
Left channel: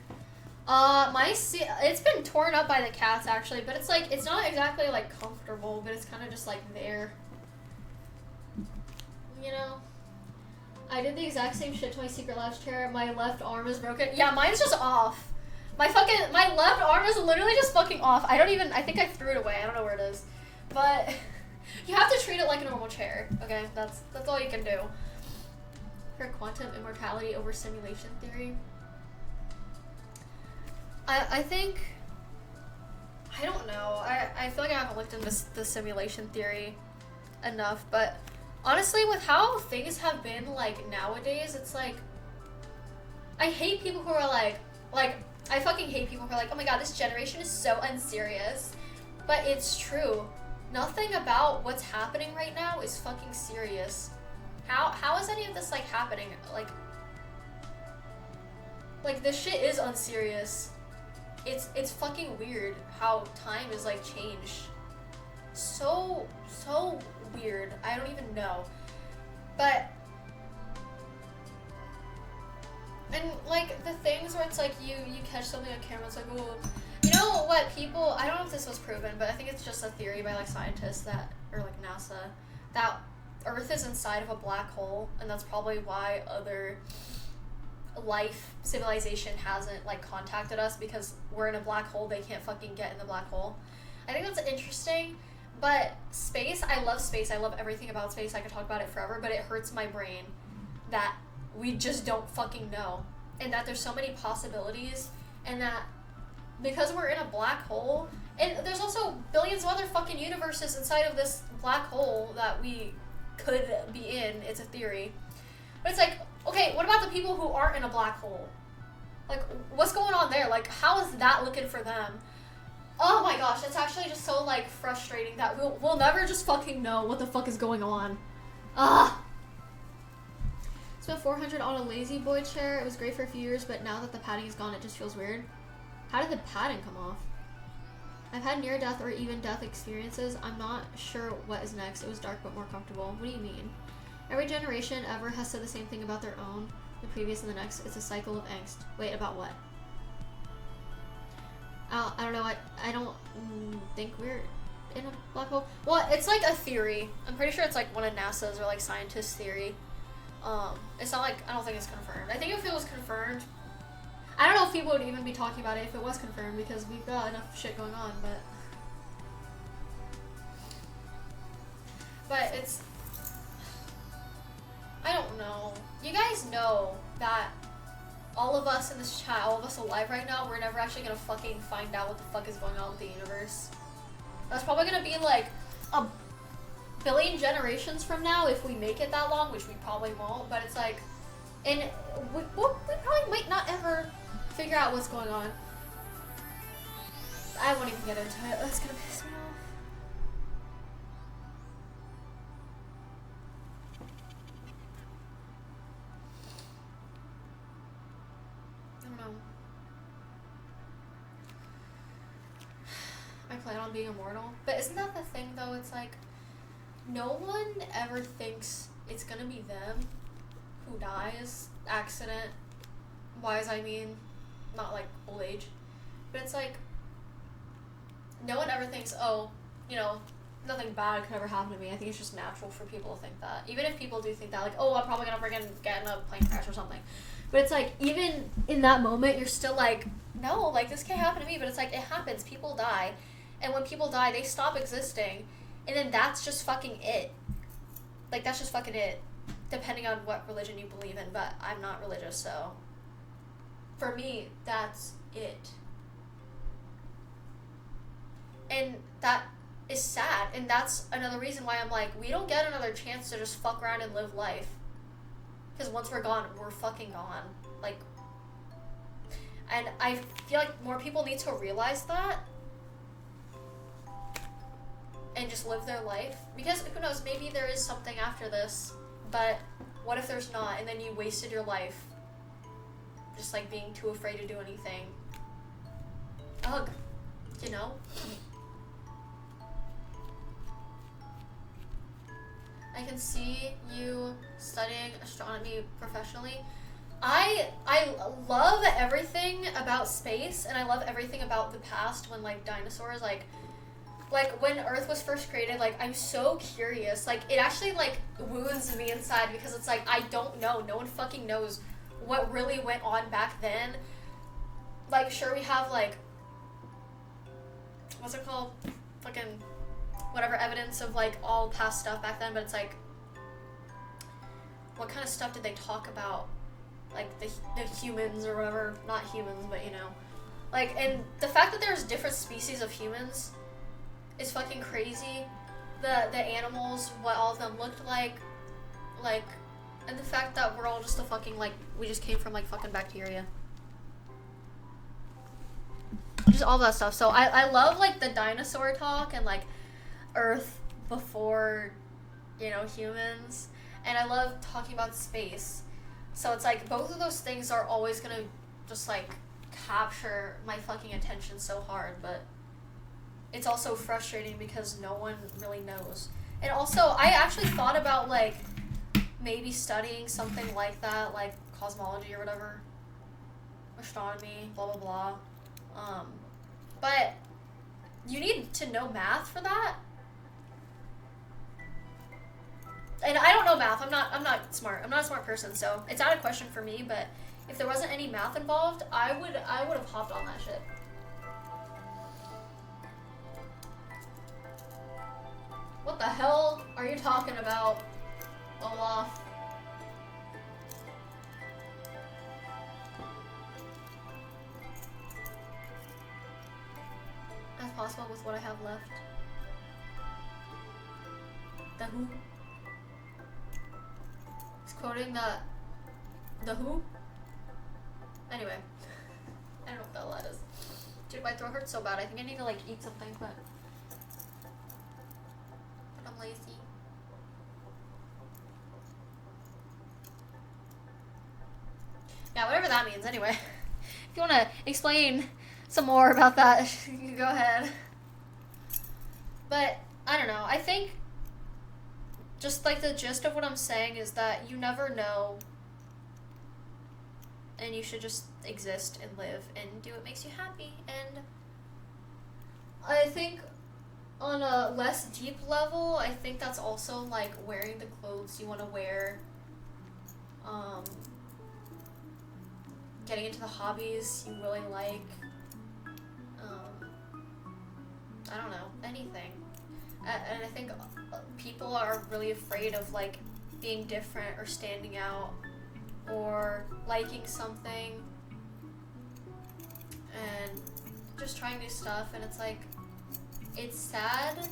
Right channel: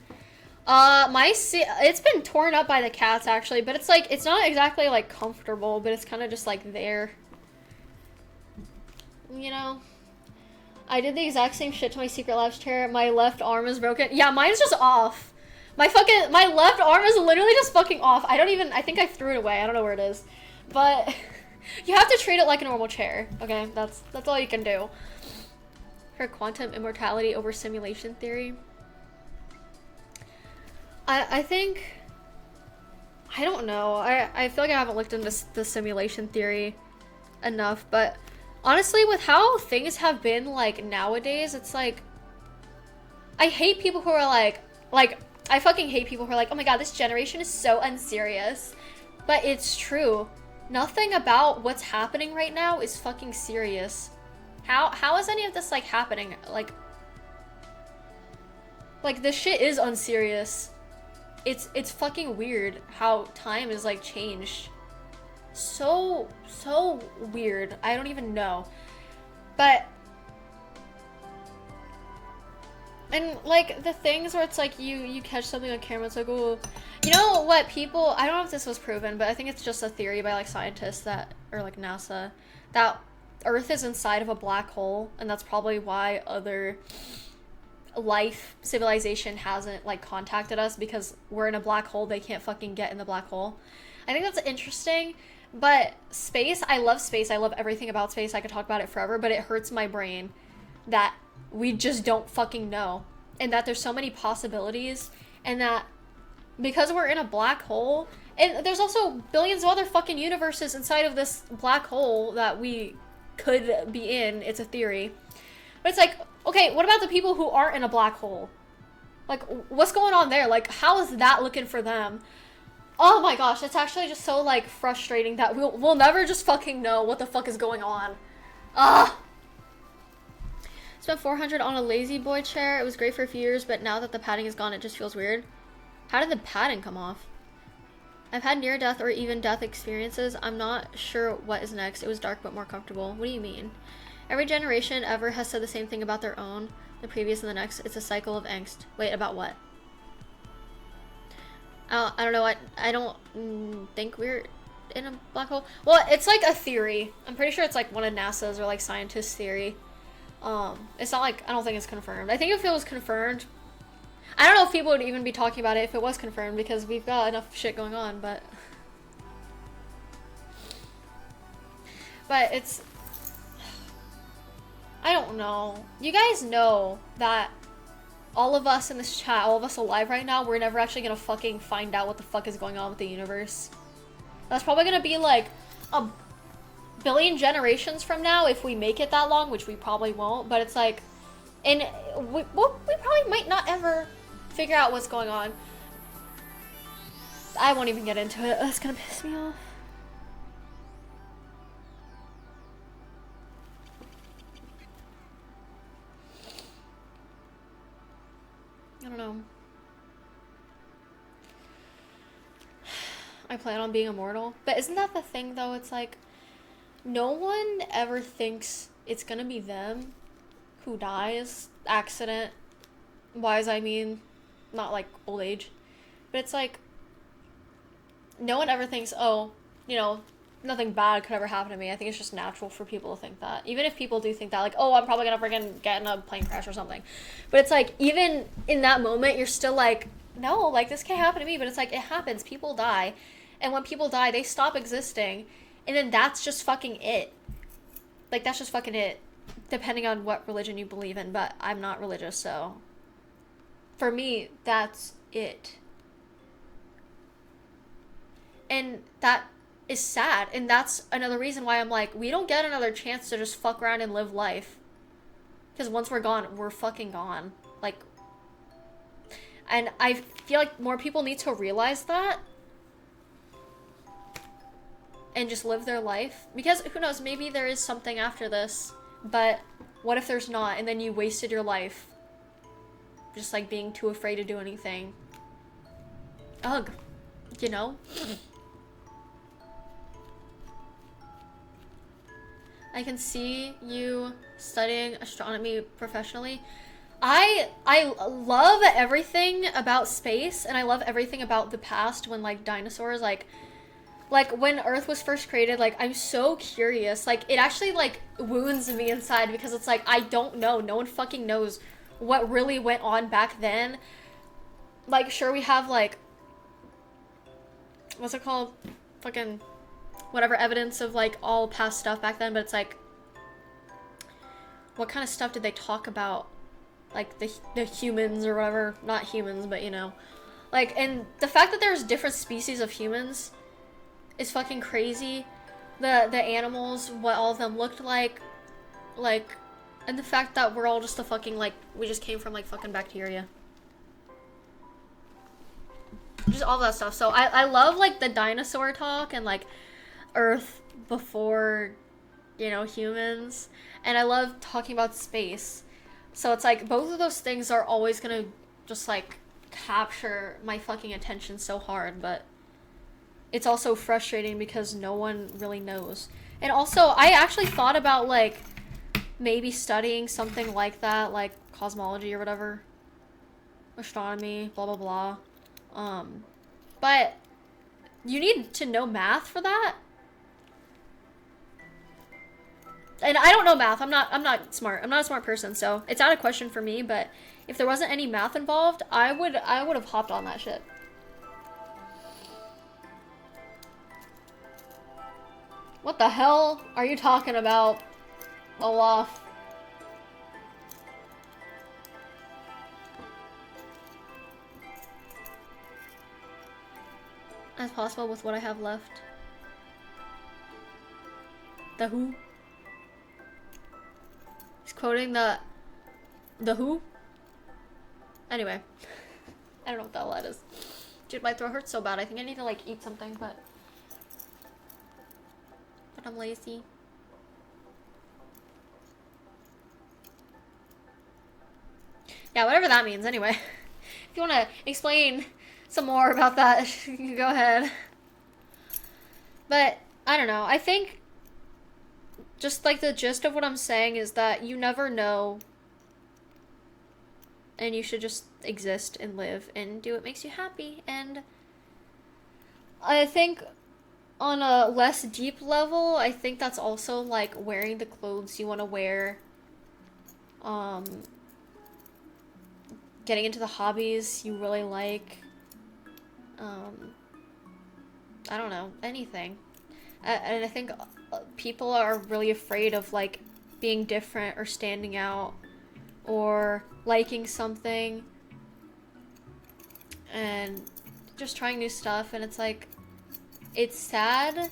My seat, it's been torn up by the cats actually, but it's like, it's not exactly like comfortable, but it's kind of just like there. You know? I did the exact same shit to my Secret Labs chair. My left arm is broken. Yeah, mine's just off. My left arm is literally just fucking off. I think I threw it away. I don't know where it is. But you have to treat it like a normal chair. Okay, that's all you can do. For quantum immortality over simulation theory. I think, I don't know. I feel like I haven't looked into the simulation theory enough, but honestly, with how things have been, like, nowadays, it's like, I hate people who are like, I fucking hate people who are like, oh my god, this generation is so unserious. But it's true. Nothing about what's happening right now is fucking serious. How is any of this, like, happening? Like, this shit is unserious. It's fucking weird how time is, like, changed. So weird. I don't even know. But, and, like, the things where it's like you catch something on camera, it's like, oh, you know what people, I don't know if this was proven, but I think it's just a theory by, like, scientists that, or like NASA, that Earth is inside of a black hole, and that's probably why other civilization hasn't, like, contacted us, because we're in a black hole. They can't fucking get in the black hole. I think that's interesting. But space, I love space. I love everything about space. I could talk about it forever, but it hurts my brain that we just don't fucking know. And that there's so many possibilities, and that because we're in a black hole, and there's also billions of other fucking universes inside of this black hole that we could be in. It's a theory. But it's like, okay, what about the people who aren't in a black hole? Like, what's going on there? Like, how is that looking for them? Oh my gosh, it's actually just so, like, frustrating that we'll never just fucking know what the fuck is going on. Ugh! Spent $400 on a lazy boy chair. It was great for a few years, but now that the padding is gone, it just feels weird. How did the padding come off? I've had near-death or even death experiences. I'm not sure what is next. It was dark but more comfortable. What do you mean? Every generation ever has said the same thing about their own, the previous and the next. It's a cycle of angst. Wait, about what? I don't know. I don't think we're in a black hole. Well, it's like a theory. I'm pretty sure it's like one of NASA's or like scientists' theory. It's not like, I don't think it's confirmed. I think if it was confirmed, I don't know if people would even be talking about it if it was confirmed, because we've got enough shit going on, but it's, I don't know. You guys know that all of us in this chat, all of us alive right now, we're never actually gonna fucking find out what the fuck is going on with the universe. That's probably gonna be like a billion generations from now if we make it that long, which we probably won't, but it's like, and we probably might not ever figure out what's going on. I won't even get into it. That's gonna piss me off. I don't know. I plan on being immortal. But isn't that the thing though? It's like, no one ever thinks it's gonna be them who dies. Accident wise, I mean, not like old age. But it's like, no one ever thinks, oh, you know, nothing bad could ever happen to me. I think it's just natural for people to think that. Even if people do think that, like, oh, I'm probably gonna freaking get in a plane crash or something. But it's like, even in that moment, you're still like, no, like, this can't happen to me. But it's like, it happens. People die. And when people die, they stop existing. And then that's just fucking it. Like, that's just fucking it. Depending on what religion you believe in. But I'm not religious, so for me, that's it. And that is sad. And that's another reason why I'm like, we don't get another chance to just fuck around and live life. Because once we're gone, we're fucking gone. Like, and I feel like more people need to realize that. And just live their life. Because, who knows, maybe there is something after this. But what if there's not? And then you wasted your life. Just like being too afraid to do anything. Ugh. You know? I can see you studying astronomy professionally. I love everything about space, and I love everything about the past when, like, dinosaurs, like when Earth was first created, like, I'm so curious. Like, it actually, like, wounds me inside because it's like, I don't know. No one fucking knows what really went on back then. Like, sure, we have, like, what's it called? Fucking whatever evidence of, like, all past stuff back then, but it's like, what kind of stuff did they talk about? Like, the humans or whatever. Not humans, but, you know. Like, and the fact that there's different species of humans is fucking crazy. The animals, what all of them looked like, and the fact that we're all just a fucking, like, we just came from, like, fucking bacteria. Just all that stuff. So I love, like, the dinosaur talk and, like, Earth before, you know, humans. And I love talking about space. So it's like, both of those things are always gonna just, like, capture my fucking attention so hard, but it's also frustrating because no one really knows. And also, I actually thought about, like, maybe studying something like that, like cosmology or whatever. Astronomy, blah, blah, blah. But you need to know math for that. And I don't know math. I'm not smart. I'm not a smart person, so it's out of question for me, but if there wasn't any math involved, I would have hopped on that shit. What the hell are you talking about, Olaf? As possible with what I have left. The who? He's quoting the who? Anyway. I don't know what the hell that is. Dude, my throat hurts so bad. I think I need to, like, eat something, but I'm lazy. Yeah, whatever that means, anyway. If you want to explain some more about that, you can go ahead. But, I don't know. I think just like the gist of what I'm saying is that you never know, and you should just exist and live and do what makes you happy. And I think on a less deep level, I think that's also like wearing the clothes you want to wear, getting into the hobbies you really like, I don't know, anything. And I think people are really afraid of like being different or standing out or liking something and just trying new stuff. And it's like, it's sad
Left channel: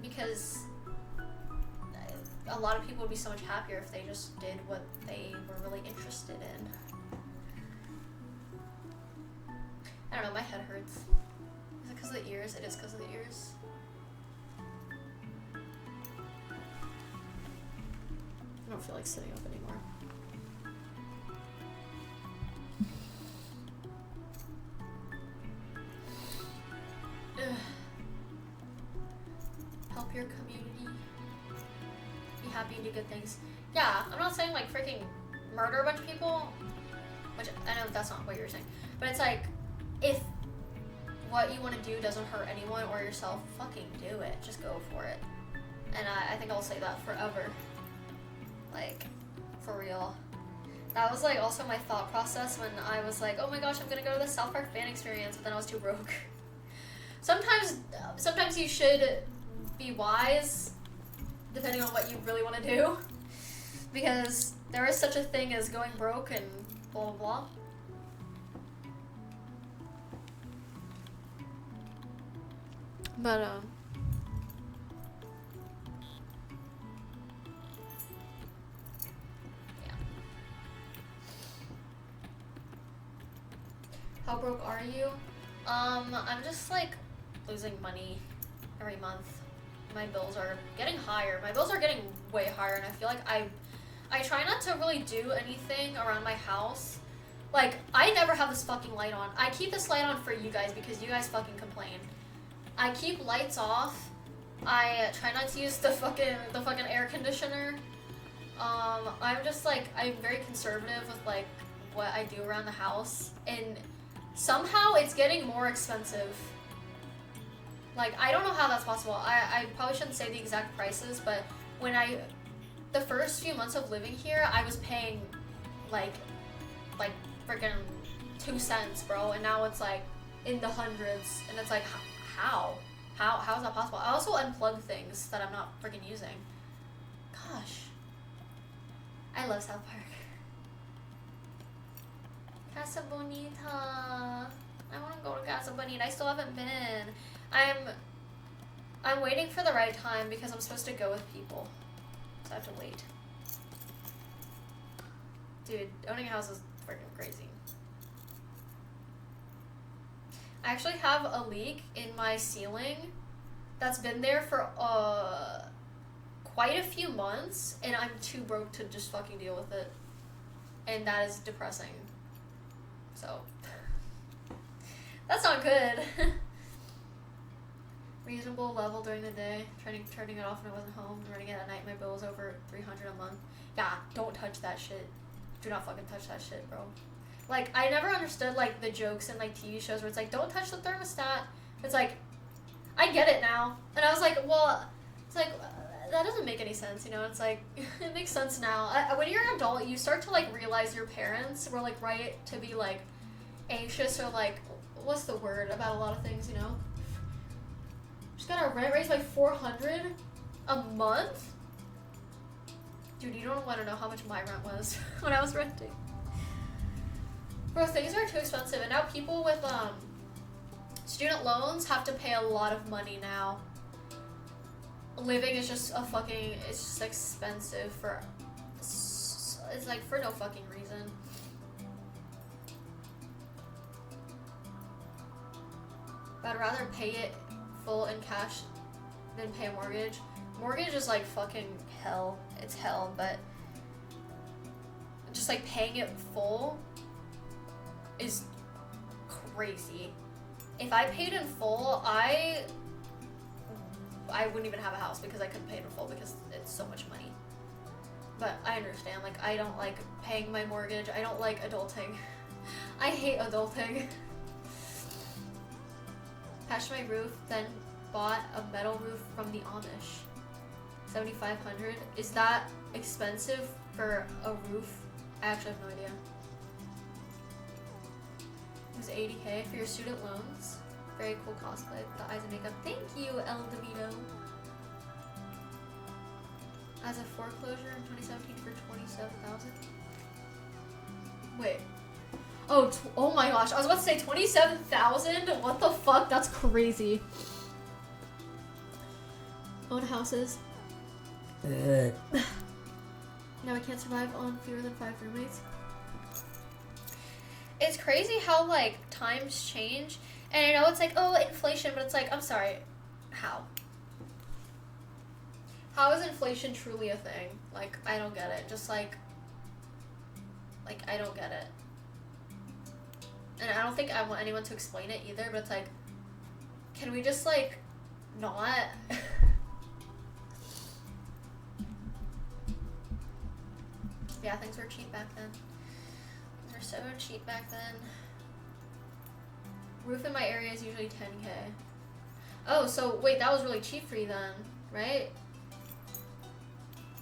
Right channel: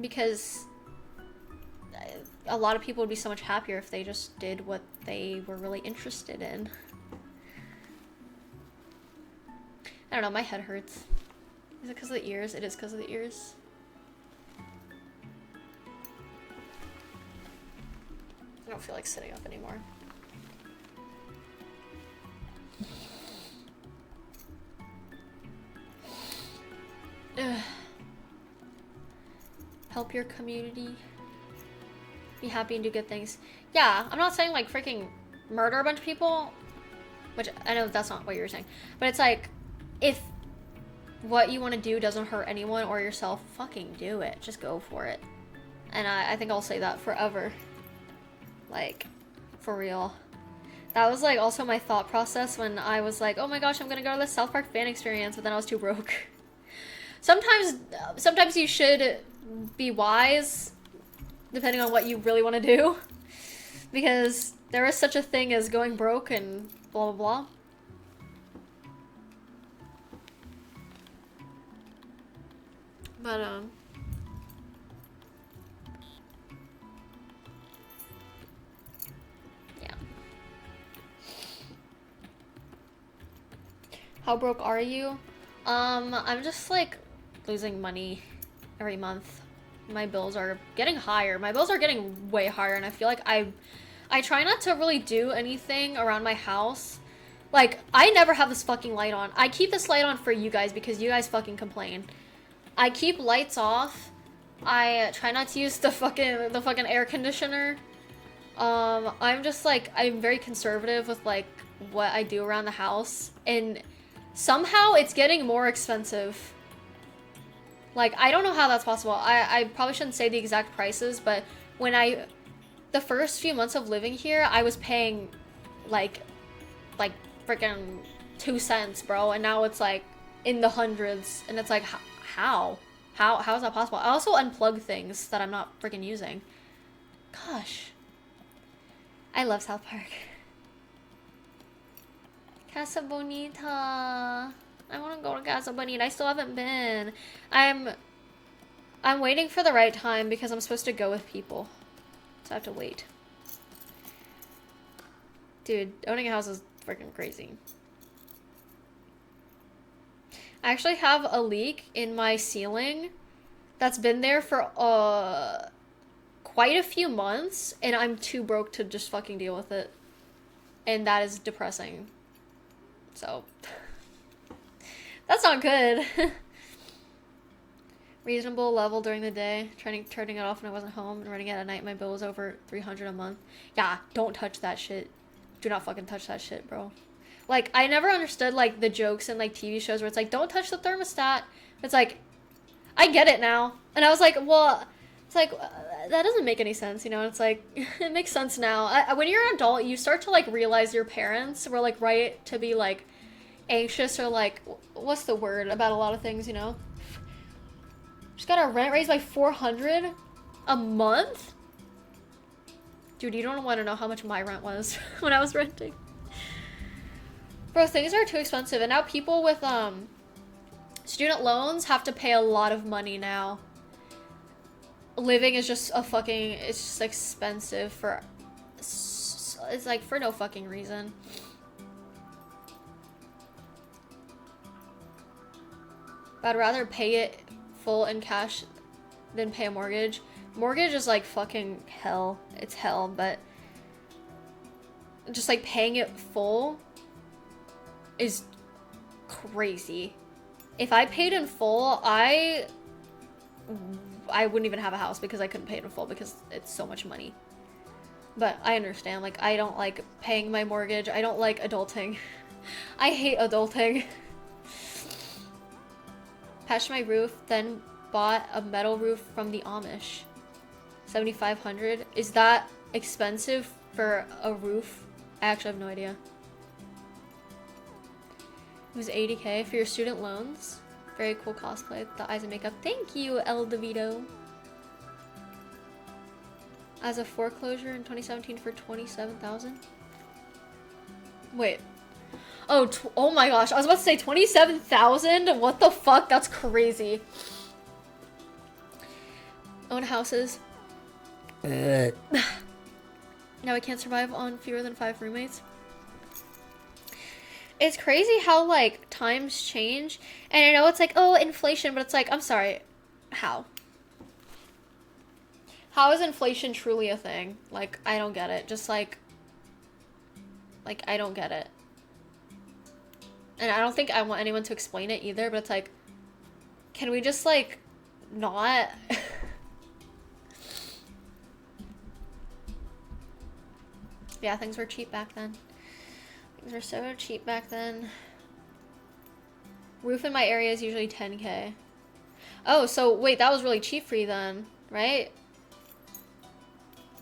because a lot of people would be so much happier if they just did what they were really interested in. I don't know, my head hurts. Is it because of the ears? It is because of the ears. I don't feel like sitting up anymore. Ugh. Help your community. Be happy and do good things. Yeah, I'm not saying like freaking murder a bunch of people, which I know that's not what you were saying, but it's like, if what you want to do doesn't hurt anyone or yourself, fucking do it. Just go for it. And I think I'll say that forever. Like, for real. That was like also my thought process when I was like, oh my gosh, I'm gonna go to the South Park fan experience, but then I was too broke. Sometimes you should be wise, depending on what you really want to do, because there is such a thing as going broke and blah blah blah. But yeah. How broke are you? I'm just like losing money every month. My bills are getting higher. My bills are getting way higher, and I feel like I try not to really do anything around my house. Like, I never have this fucking light on. I keep this light on for you guys because you guys fucking complain. I keep lights off. I try not to use the fucking air conditioner. I'm just like, I'm very conservative with like what I do around the house, and somehow it's getting more expensive. Like, I don't know how that's possible. I probably shouldn't say the exact prices, but when the first few months of living here, I was paying like freaking 2 cents, bro, and now it's like in the hundreds, and it's like, how is that possible? I also unplug things that I'm not freaking using. Gosh. I love South Park. Casa Bonita. I want to go to Casa Bonita. I still haven't been. I'm waiting for the right time because I'm supposed to go with people. So I have to wait. Dude, owning a house is freaking crazy. I actually have a leak in my ceiling that's been there for quite a few months, and I'm too broke to just fucking deal with it. And that is depressing. So, that's not good. Reasonable level during the day, turning it off when I wasn't home, and running it at night. My bill was over $300 a month. Yeah, don't touch that shit. Do not fucking touch that shit, bro. Like, I never understood, like, the jokes in, like, TV shows where it's like, don't touch the thermostat. It's like, I get it now. And I was like, well, it's like, that doesn't make any sense, you know? It's like, it makes sense now. When you're an adult, you start to, like, realize your parents were, like, right to be, like, anxious or, like, what's the word about a lot of things, you know? Just got our rent raised by $400 a month? Dude, you don't want to know how much my rent was when I was renting. Bro, things are too expensive, and now people with student loans have to pay a lot of money now. Living is just it's just expensive for, it's like for no fucking reason. I'd rather pay it full in cash than pay a mortgage. Mortgage is like fucking hell. It's hell, but just like paying it full is crazy. If I paid in full, I I wouldn't even have a house because I couldn't pay it in full because it's so much money. But I understand, like, I don't like paying my mortgage. I don't like adulting. I hate adulting. Patched my roof, then bought a metal roof from the Amish. $7,500. Is that expensive for a roof? I actually have no idea. It was $80K for your student loans. Very cool cosplay. The eyes and makeup. Thank you, El DeVito. As a foreclosure in 2017 for $27,000. Wait. Oh my gosh. I was about to say $27,000? What the fuck? That's crazy. Own houses. Now I can't survive on fewer than 5 roommates. It's crazy how, like, times change. And I know it's like, oh, inflation, but it's like, I'm sorry. How? How is inflation truly a thing? Like, I don't get it. Just like, I don't get it. And I don't think I want anyone to explain it either, but it's like, can we just, like, not? Yeah, things were cheap back then. Things were so cheap back then. Roof in my area is usually $10K. Oh, so wait, that was really cheap for you then, right?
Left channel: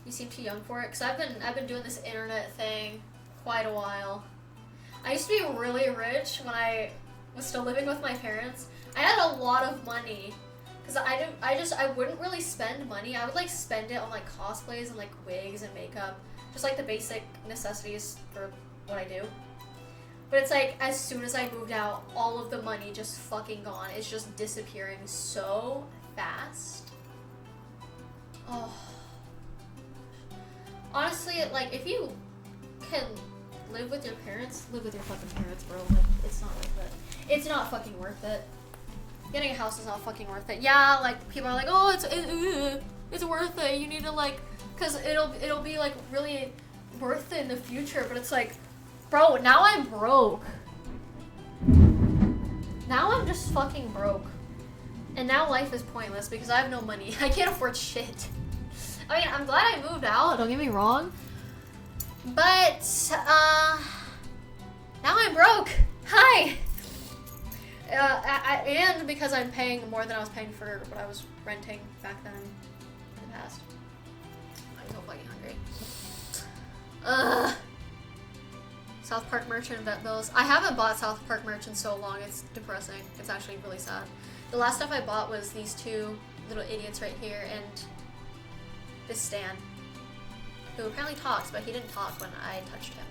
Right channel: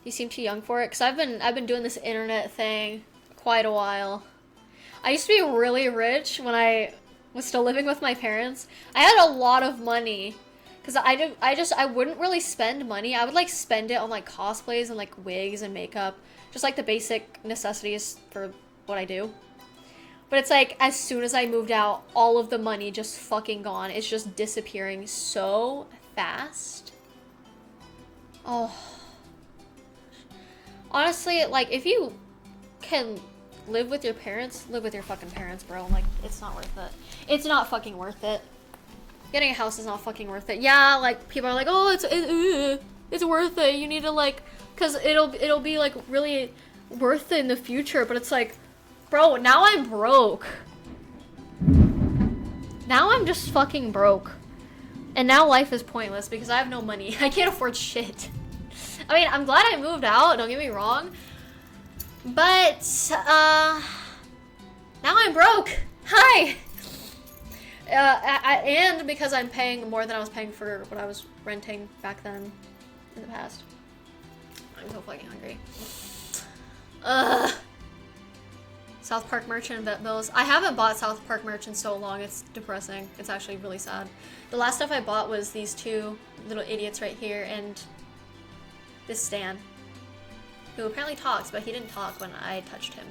You seem too young for it, because I've been doing this internet thing quite a while. I used to be really rich when I was still living with my parents. I had a lot of money, because I wouldn't really spend money. I would like spend it on like cosplays and like wigs and makeup, just like the basic necessities for what I do. But it's like, as soon as I moved out, all of the money just fucking gone. It's just disappearing so fast. Oh. Honestly, like, if you can live with your parents, live with your fucking parents, bro. Like, it's not worth it. It's not fucking worth it. Getting a house is not fucking worth it. Yeah, like, people are like, oh, it's worth it. You need to, like, because it'll be, like, really worth it in the future. But it's like, bro, now I'm broke. Now I'm just fucking broke. And now life is pointless because I have no money. I can't afford shit. I mean, I'm glad I moved out, don't get me wrong. But, now I'm broke. Hi! And because I'm paying more than I was paying for what I was renting back then in the past. I'm so fucking hungry. South Park merch and vet bills. I haven't bought South Park merch in so long, it's depressing. It's actually really sad. The last stuff I bought was these two little idiots right here and this Stan, who apparently talks, but he didn't talk when I touched him.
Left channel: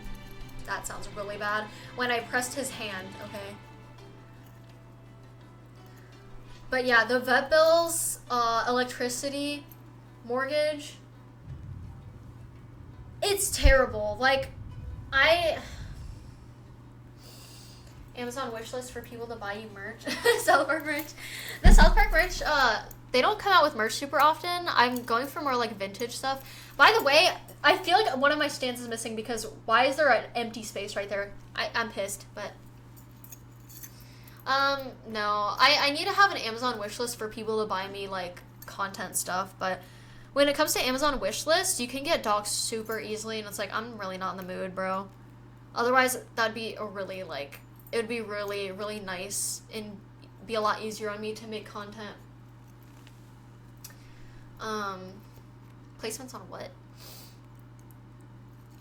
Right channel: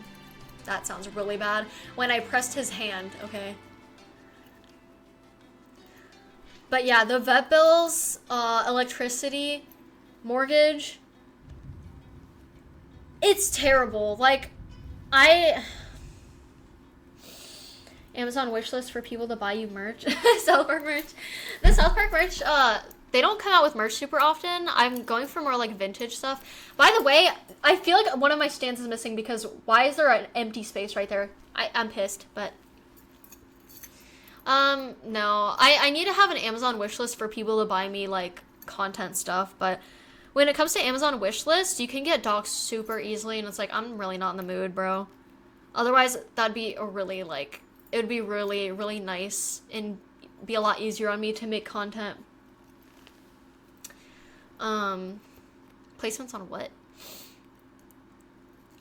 That sounds really bad. When I pressed his hand, okay? But yeah, the vet bills, electricity, mortgage, it's terrible. Like, Amazon wishlist for people to buy you merch. South Park merch. The South Park merch, they don't come out with merch super often. I'm going for more like vintage stuff. By the way, I feel like one of my stands is missing because why is there an empty space right there? I'm pissed, but no. I need to have an Amazon wishlist for people to buy me like content stuff, but when it comes to Amazon wishlist, you can get doxxed super easily and it's like, I'm really not in the mood, bro. Otherwise, that'd be a really like, it would be really, really nice and be a lot easier on me to make content. Placements on what?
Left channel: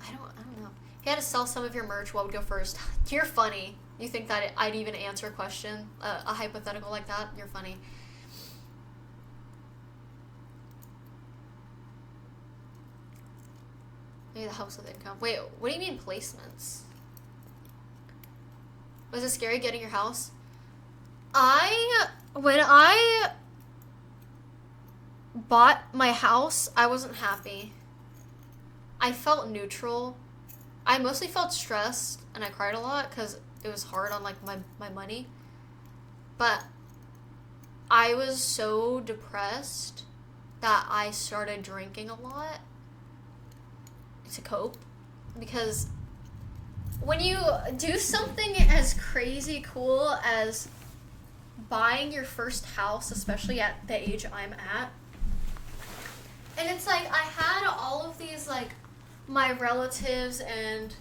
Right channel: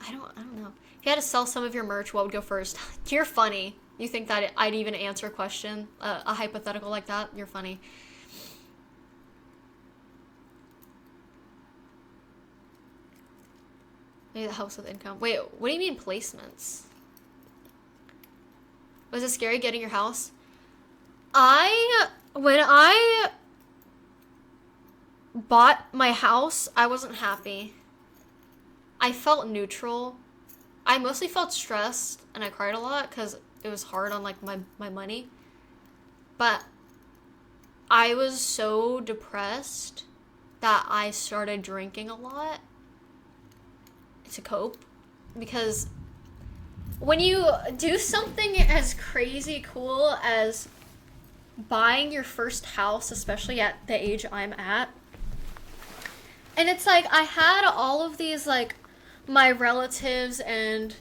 I don't know. If you had to sell some of your merch, what would go first? You're funny. You think that I'd even answer a question, a hypothetical like that? You're funny. Maybe that helps with income. Wait, what do you mean placements? Was it scary getting your house? When I bought my house, I wasn't happy. I felt neutral. I mostly felt stressed and I cried a lot because it was hard on like my money. But I was so depressed that I started drinking a lot to cope, because when you do something as crazy cool as buying your first house, especially at the age I'm at, And it's like, I had all of these, like, my relatives and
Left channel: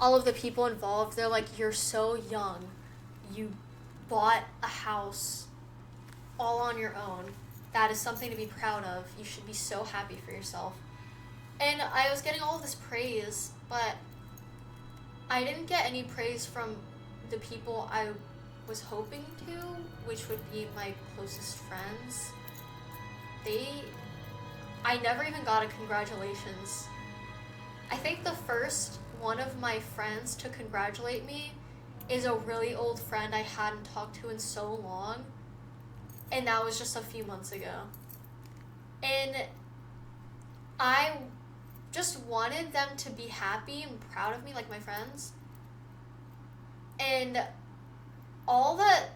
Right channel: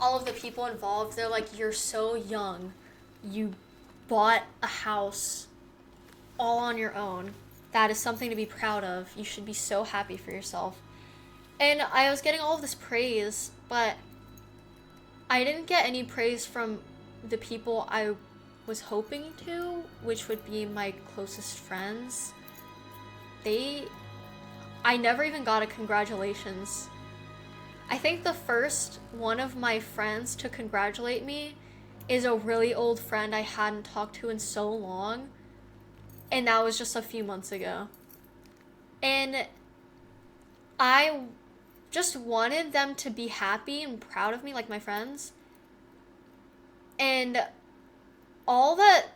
all of the people involved, they're like, you're so young. You bought a house all on your own. That is something to be proud of. You should be so happy for yourself. And I was getting all of this praise, but I didn't get any praise from the people I was hoping to, which would be my closest friends. I never even got a congratulations. I think the first one of my friends to congratulate me is a really old friend I hadn't talked to in so long. And that was just a few months ago. And I just wanted them to be happy and proud of me, like my friends. And all that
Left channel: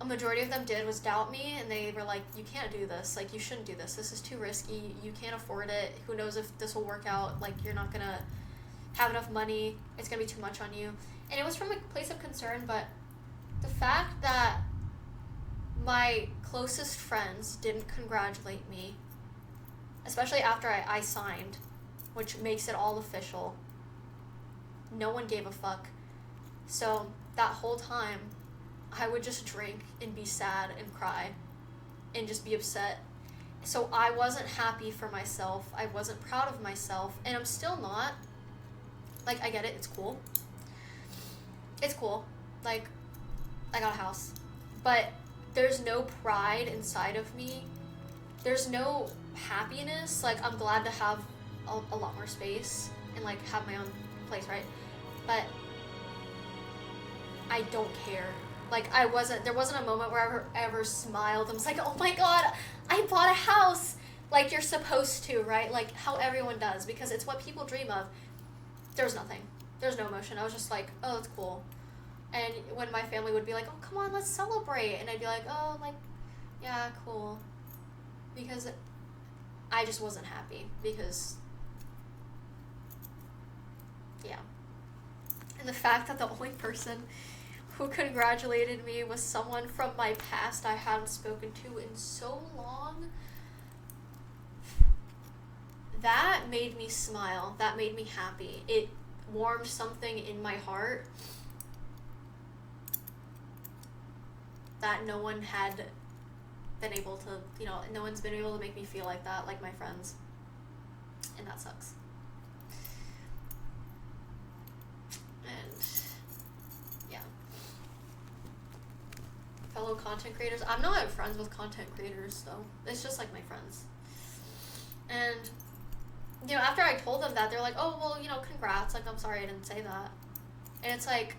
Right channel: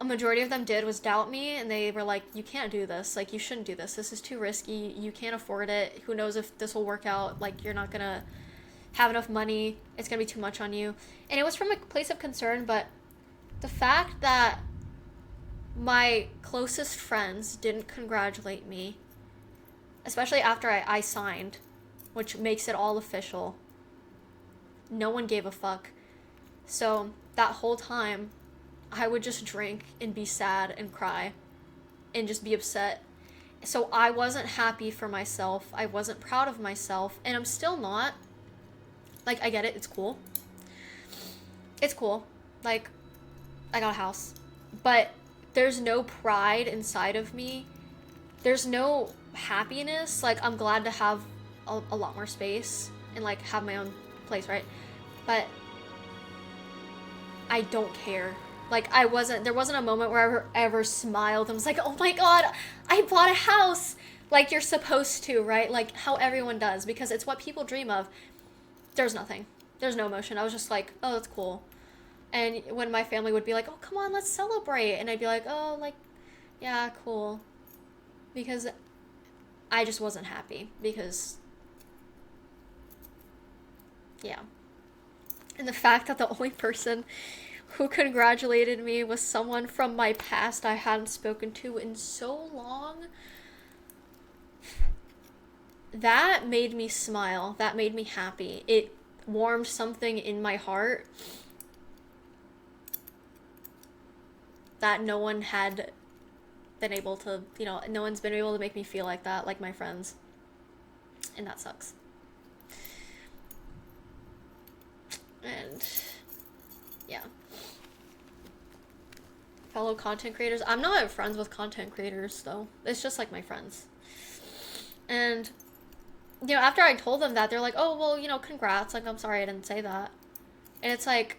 a majority of them did was doubt me, and they were like, you can't do this. Like, you shouldn't do this. This is too risky. You can't afford it. Who knows if this will work out. Like, you're not gonna have enough money. It's gonna be too much on you. And it was from a place of concern, but the fact that my closest friends didn't congratulate me, especially after I signed, which makes it all official. No one gave a fuck. So that whole time, I would just drink and be sad and cry and just be upset. So I wasn't happy for myself. I wasn't proud of myself, and I'm still not. Like, I get it. It's cool. It's cool. Like, I got a house. But there's no pride inside of me. There's no happiness. Like, I'm glad to have a lot more space and, like, have my own place, right? But I don't care. Like, there wasn't a moment where I ever smiled and was like, oh my god, I bought a house! Like, you're supposed to, right? Like, how everyone does, because it's what people dream of. There's nothing. There's no emotion. I was just like, oh, that's cool. And when my family would be like, oh, come on, let's celebrate. And I'd be like, oh, like, yeah, cool. Because I just wasn't happy. Because, yeah. And the fact that the only person who congratulated me was someone from my past I hadn't spoken to in so long, that made me smile. That made me happy. It warmed something in my heart that no one had been able to, no one's been able to make me feel like that, like my friends. And that sucks. And yeah. Fellow content creators. I'm not friends with content creators, though. It's just like my friends. And, after I told them that, they're like, oh, well, congrats. Like, I'm sorry I didn't say that. And it's like,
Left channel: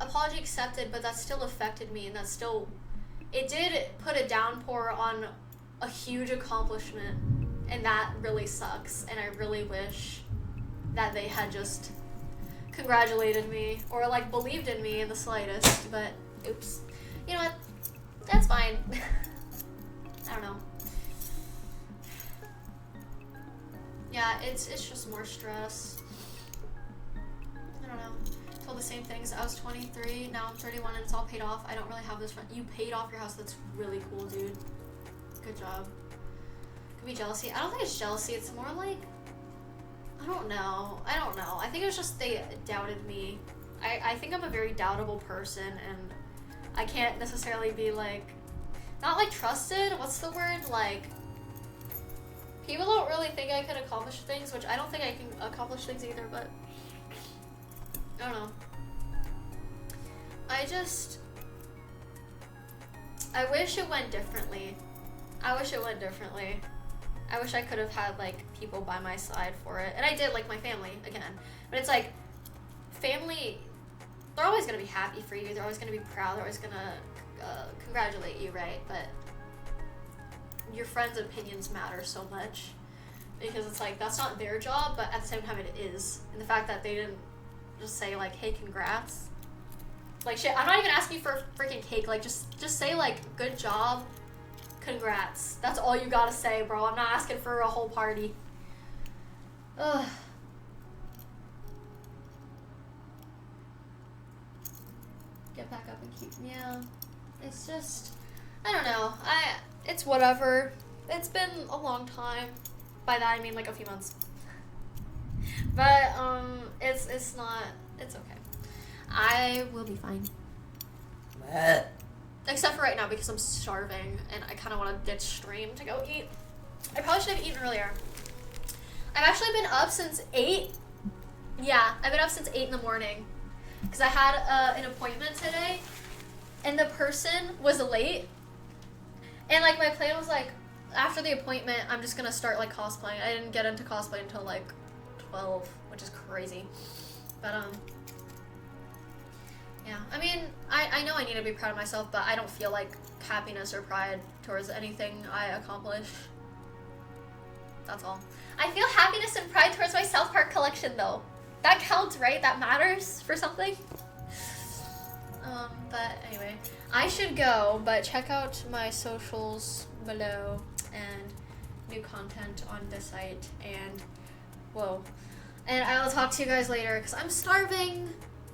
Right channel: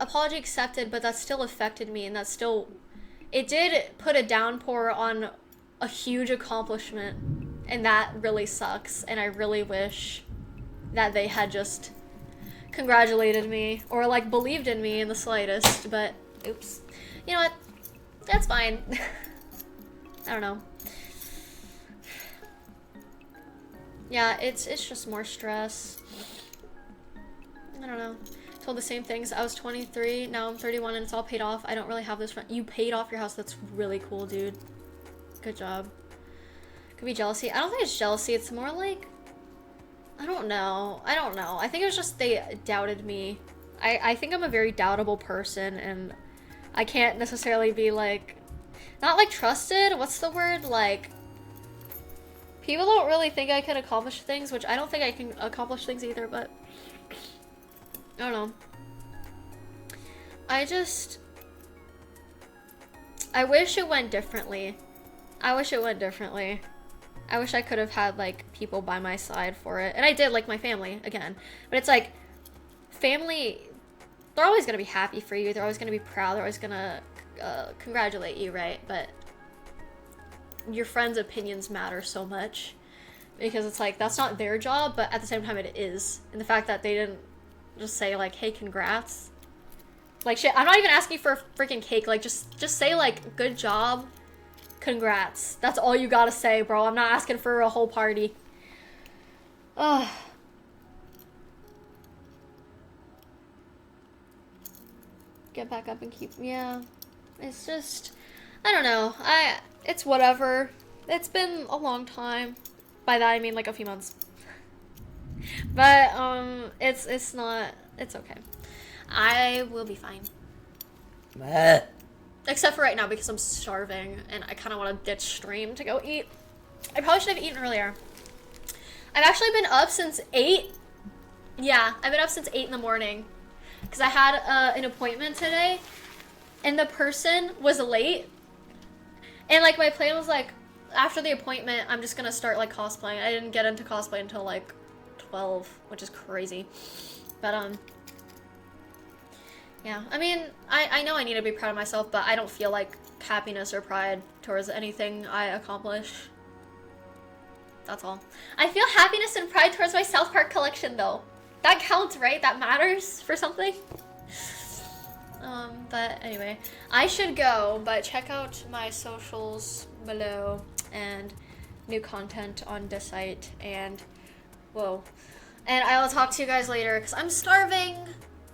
apology accepted, but that still affected me, and it did put a downpour on a huge accomplishment, and that really sucks, and I really wish that they had just congratulated me, or, like, believed in me in the slightest, but, oops. You know what? That's fine. I don't know. Yeah, it's just more stress. I don't know. Told the same things. I was 23, now I'm 31, and it's all paid off. I don't really have this friend. You paid off your house. That's really cool, dude. Good job. Could be jealousy. I don't think it's jealousy. It's more like, I don't know. I think it was just they doubted me. I think I'm a very doubtable person, and I can't necessarily be, like, not, like, trusted. What's the word? Like, people don't really think I can accomplish things, which I don't think I can accomplish things either, but I don't know. I wish it went differently. I wish I could have had, like, people by my side for it. And I did, like, my family, again. But it's like, family, they're always gonna be happy for you. They're always gonna be proud. They're always gonna congratulate you, right? But your friends' opinions matter so much. Because it's like, that's not their job, but at the same time it is. And the fact that they didn't just say, like, hey, congrats. Like, shit, I'm not even asking for a freaking cake. Like, just say, like, good job, congrats. That's all you gotta say, bro. I'm not asking for a whole party. Ugh. Get back up and keep, yeah. It's just, I don't know. It's whatever. It's been a long time. By that I mean like a few months. But it's not. It's okay. I will be fine. Except for right now because I'm starving and I kind of want to ditch stream to go eat. I probably should have eaten earlier. I've actually been up since 8. Yeah, I've been up since 8 in the morning because I had an appointment today, and the person was late. And like my plan was like, after the appointment, I'm just gonna start like cosplaying. I didn't get into cosplay until like 12, which is crazy. But yeah. I mean, I know I need to be proud of myself, but I don't feel like happiness or pride towards anything I accomplish. That's all. I feel happiness and pride towards my South Park collection, though. That counts, right? That matters for something. But anyway, I should go, but check out my socials below and new content on this site. And whoa. And I will talk to you guys later because I'm starving.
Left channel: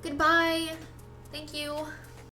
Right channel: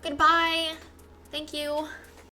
Goodbye. Thank you.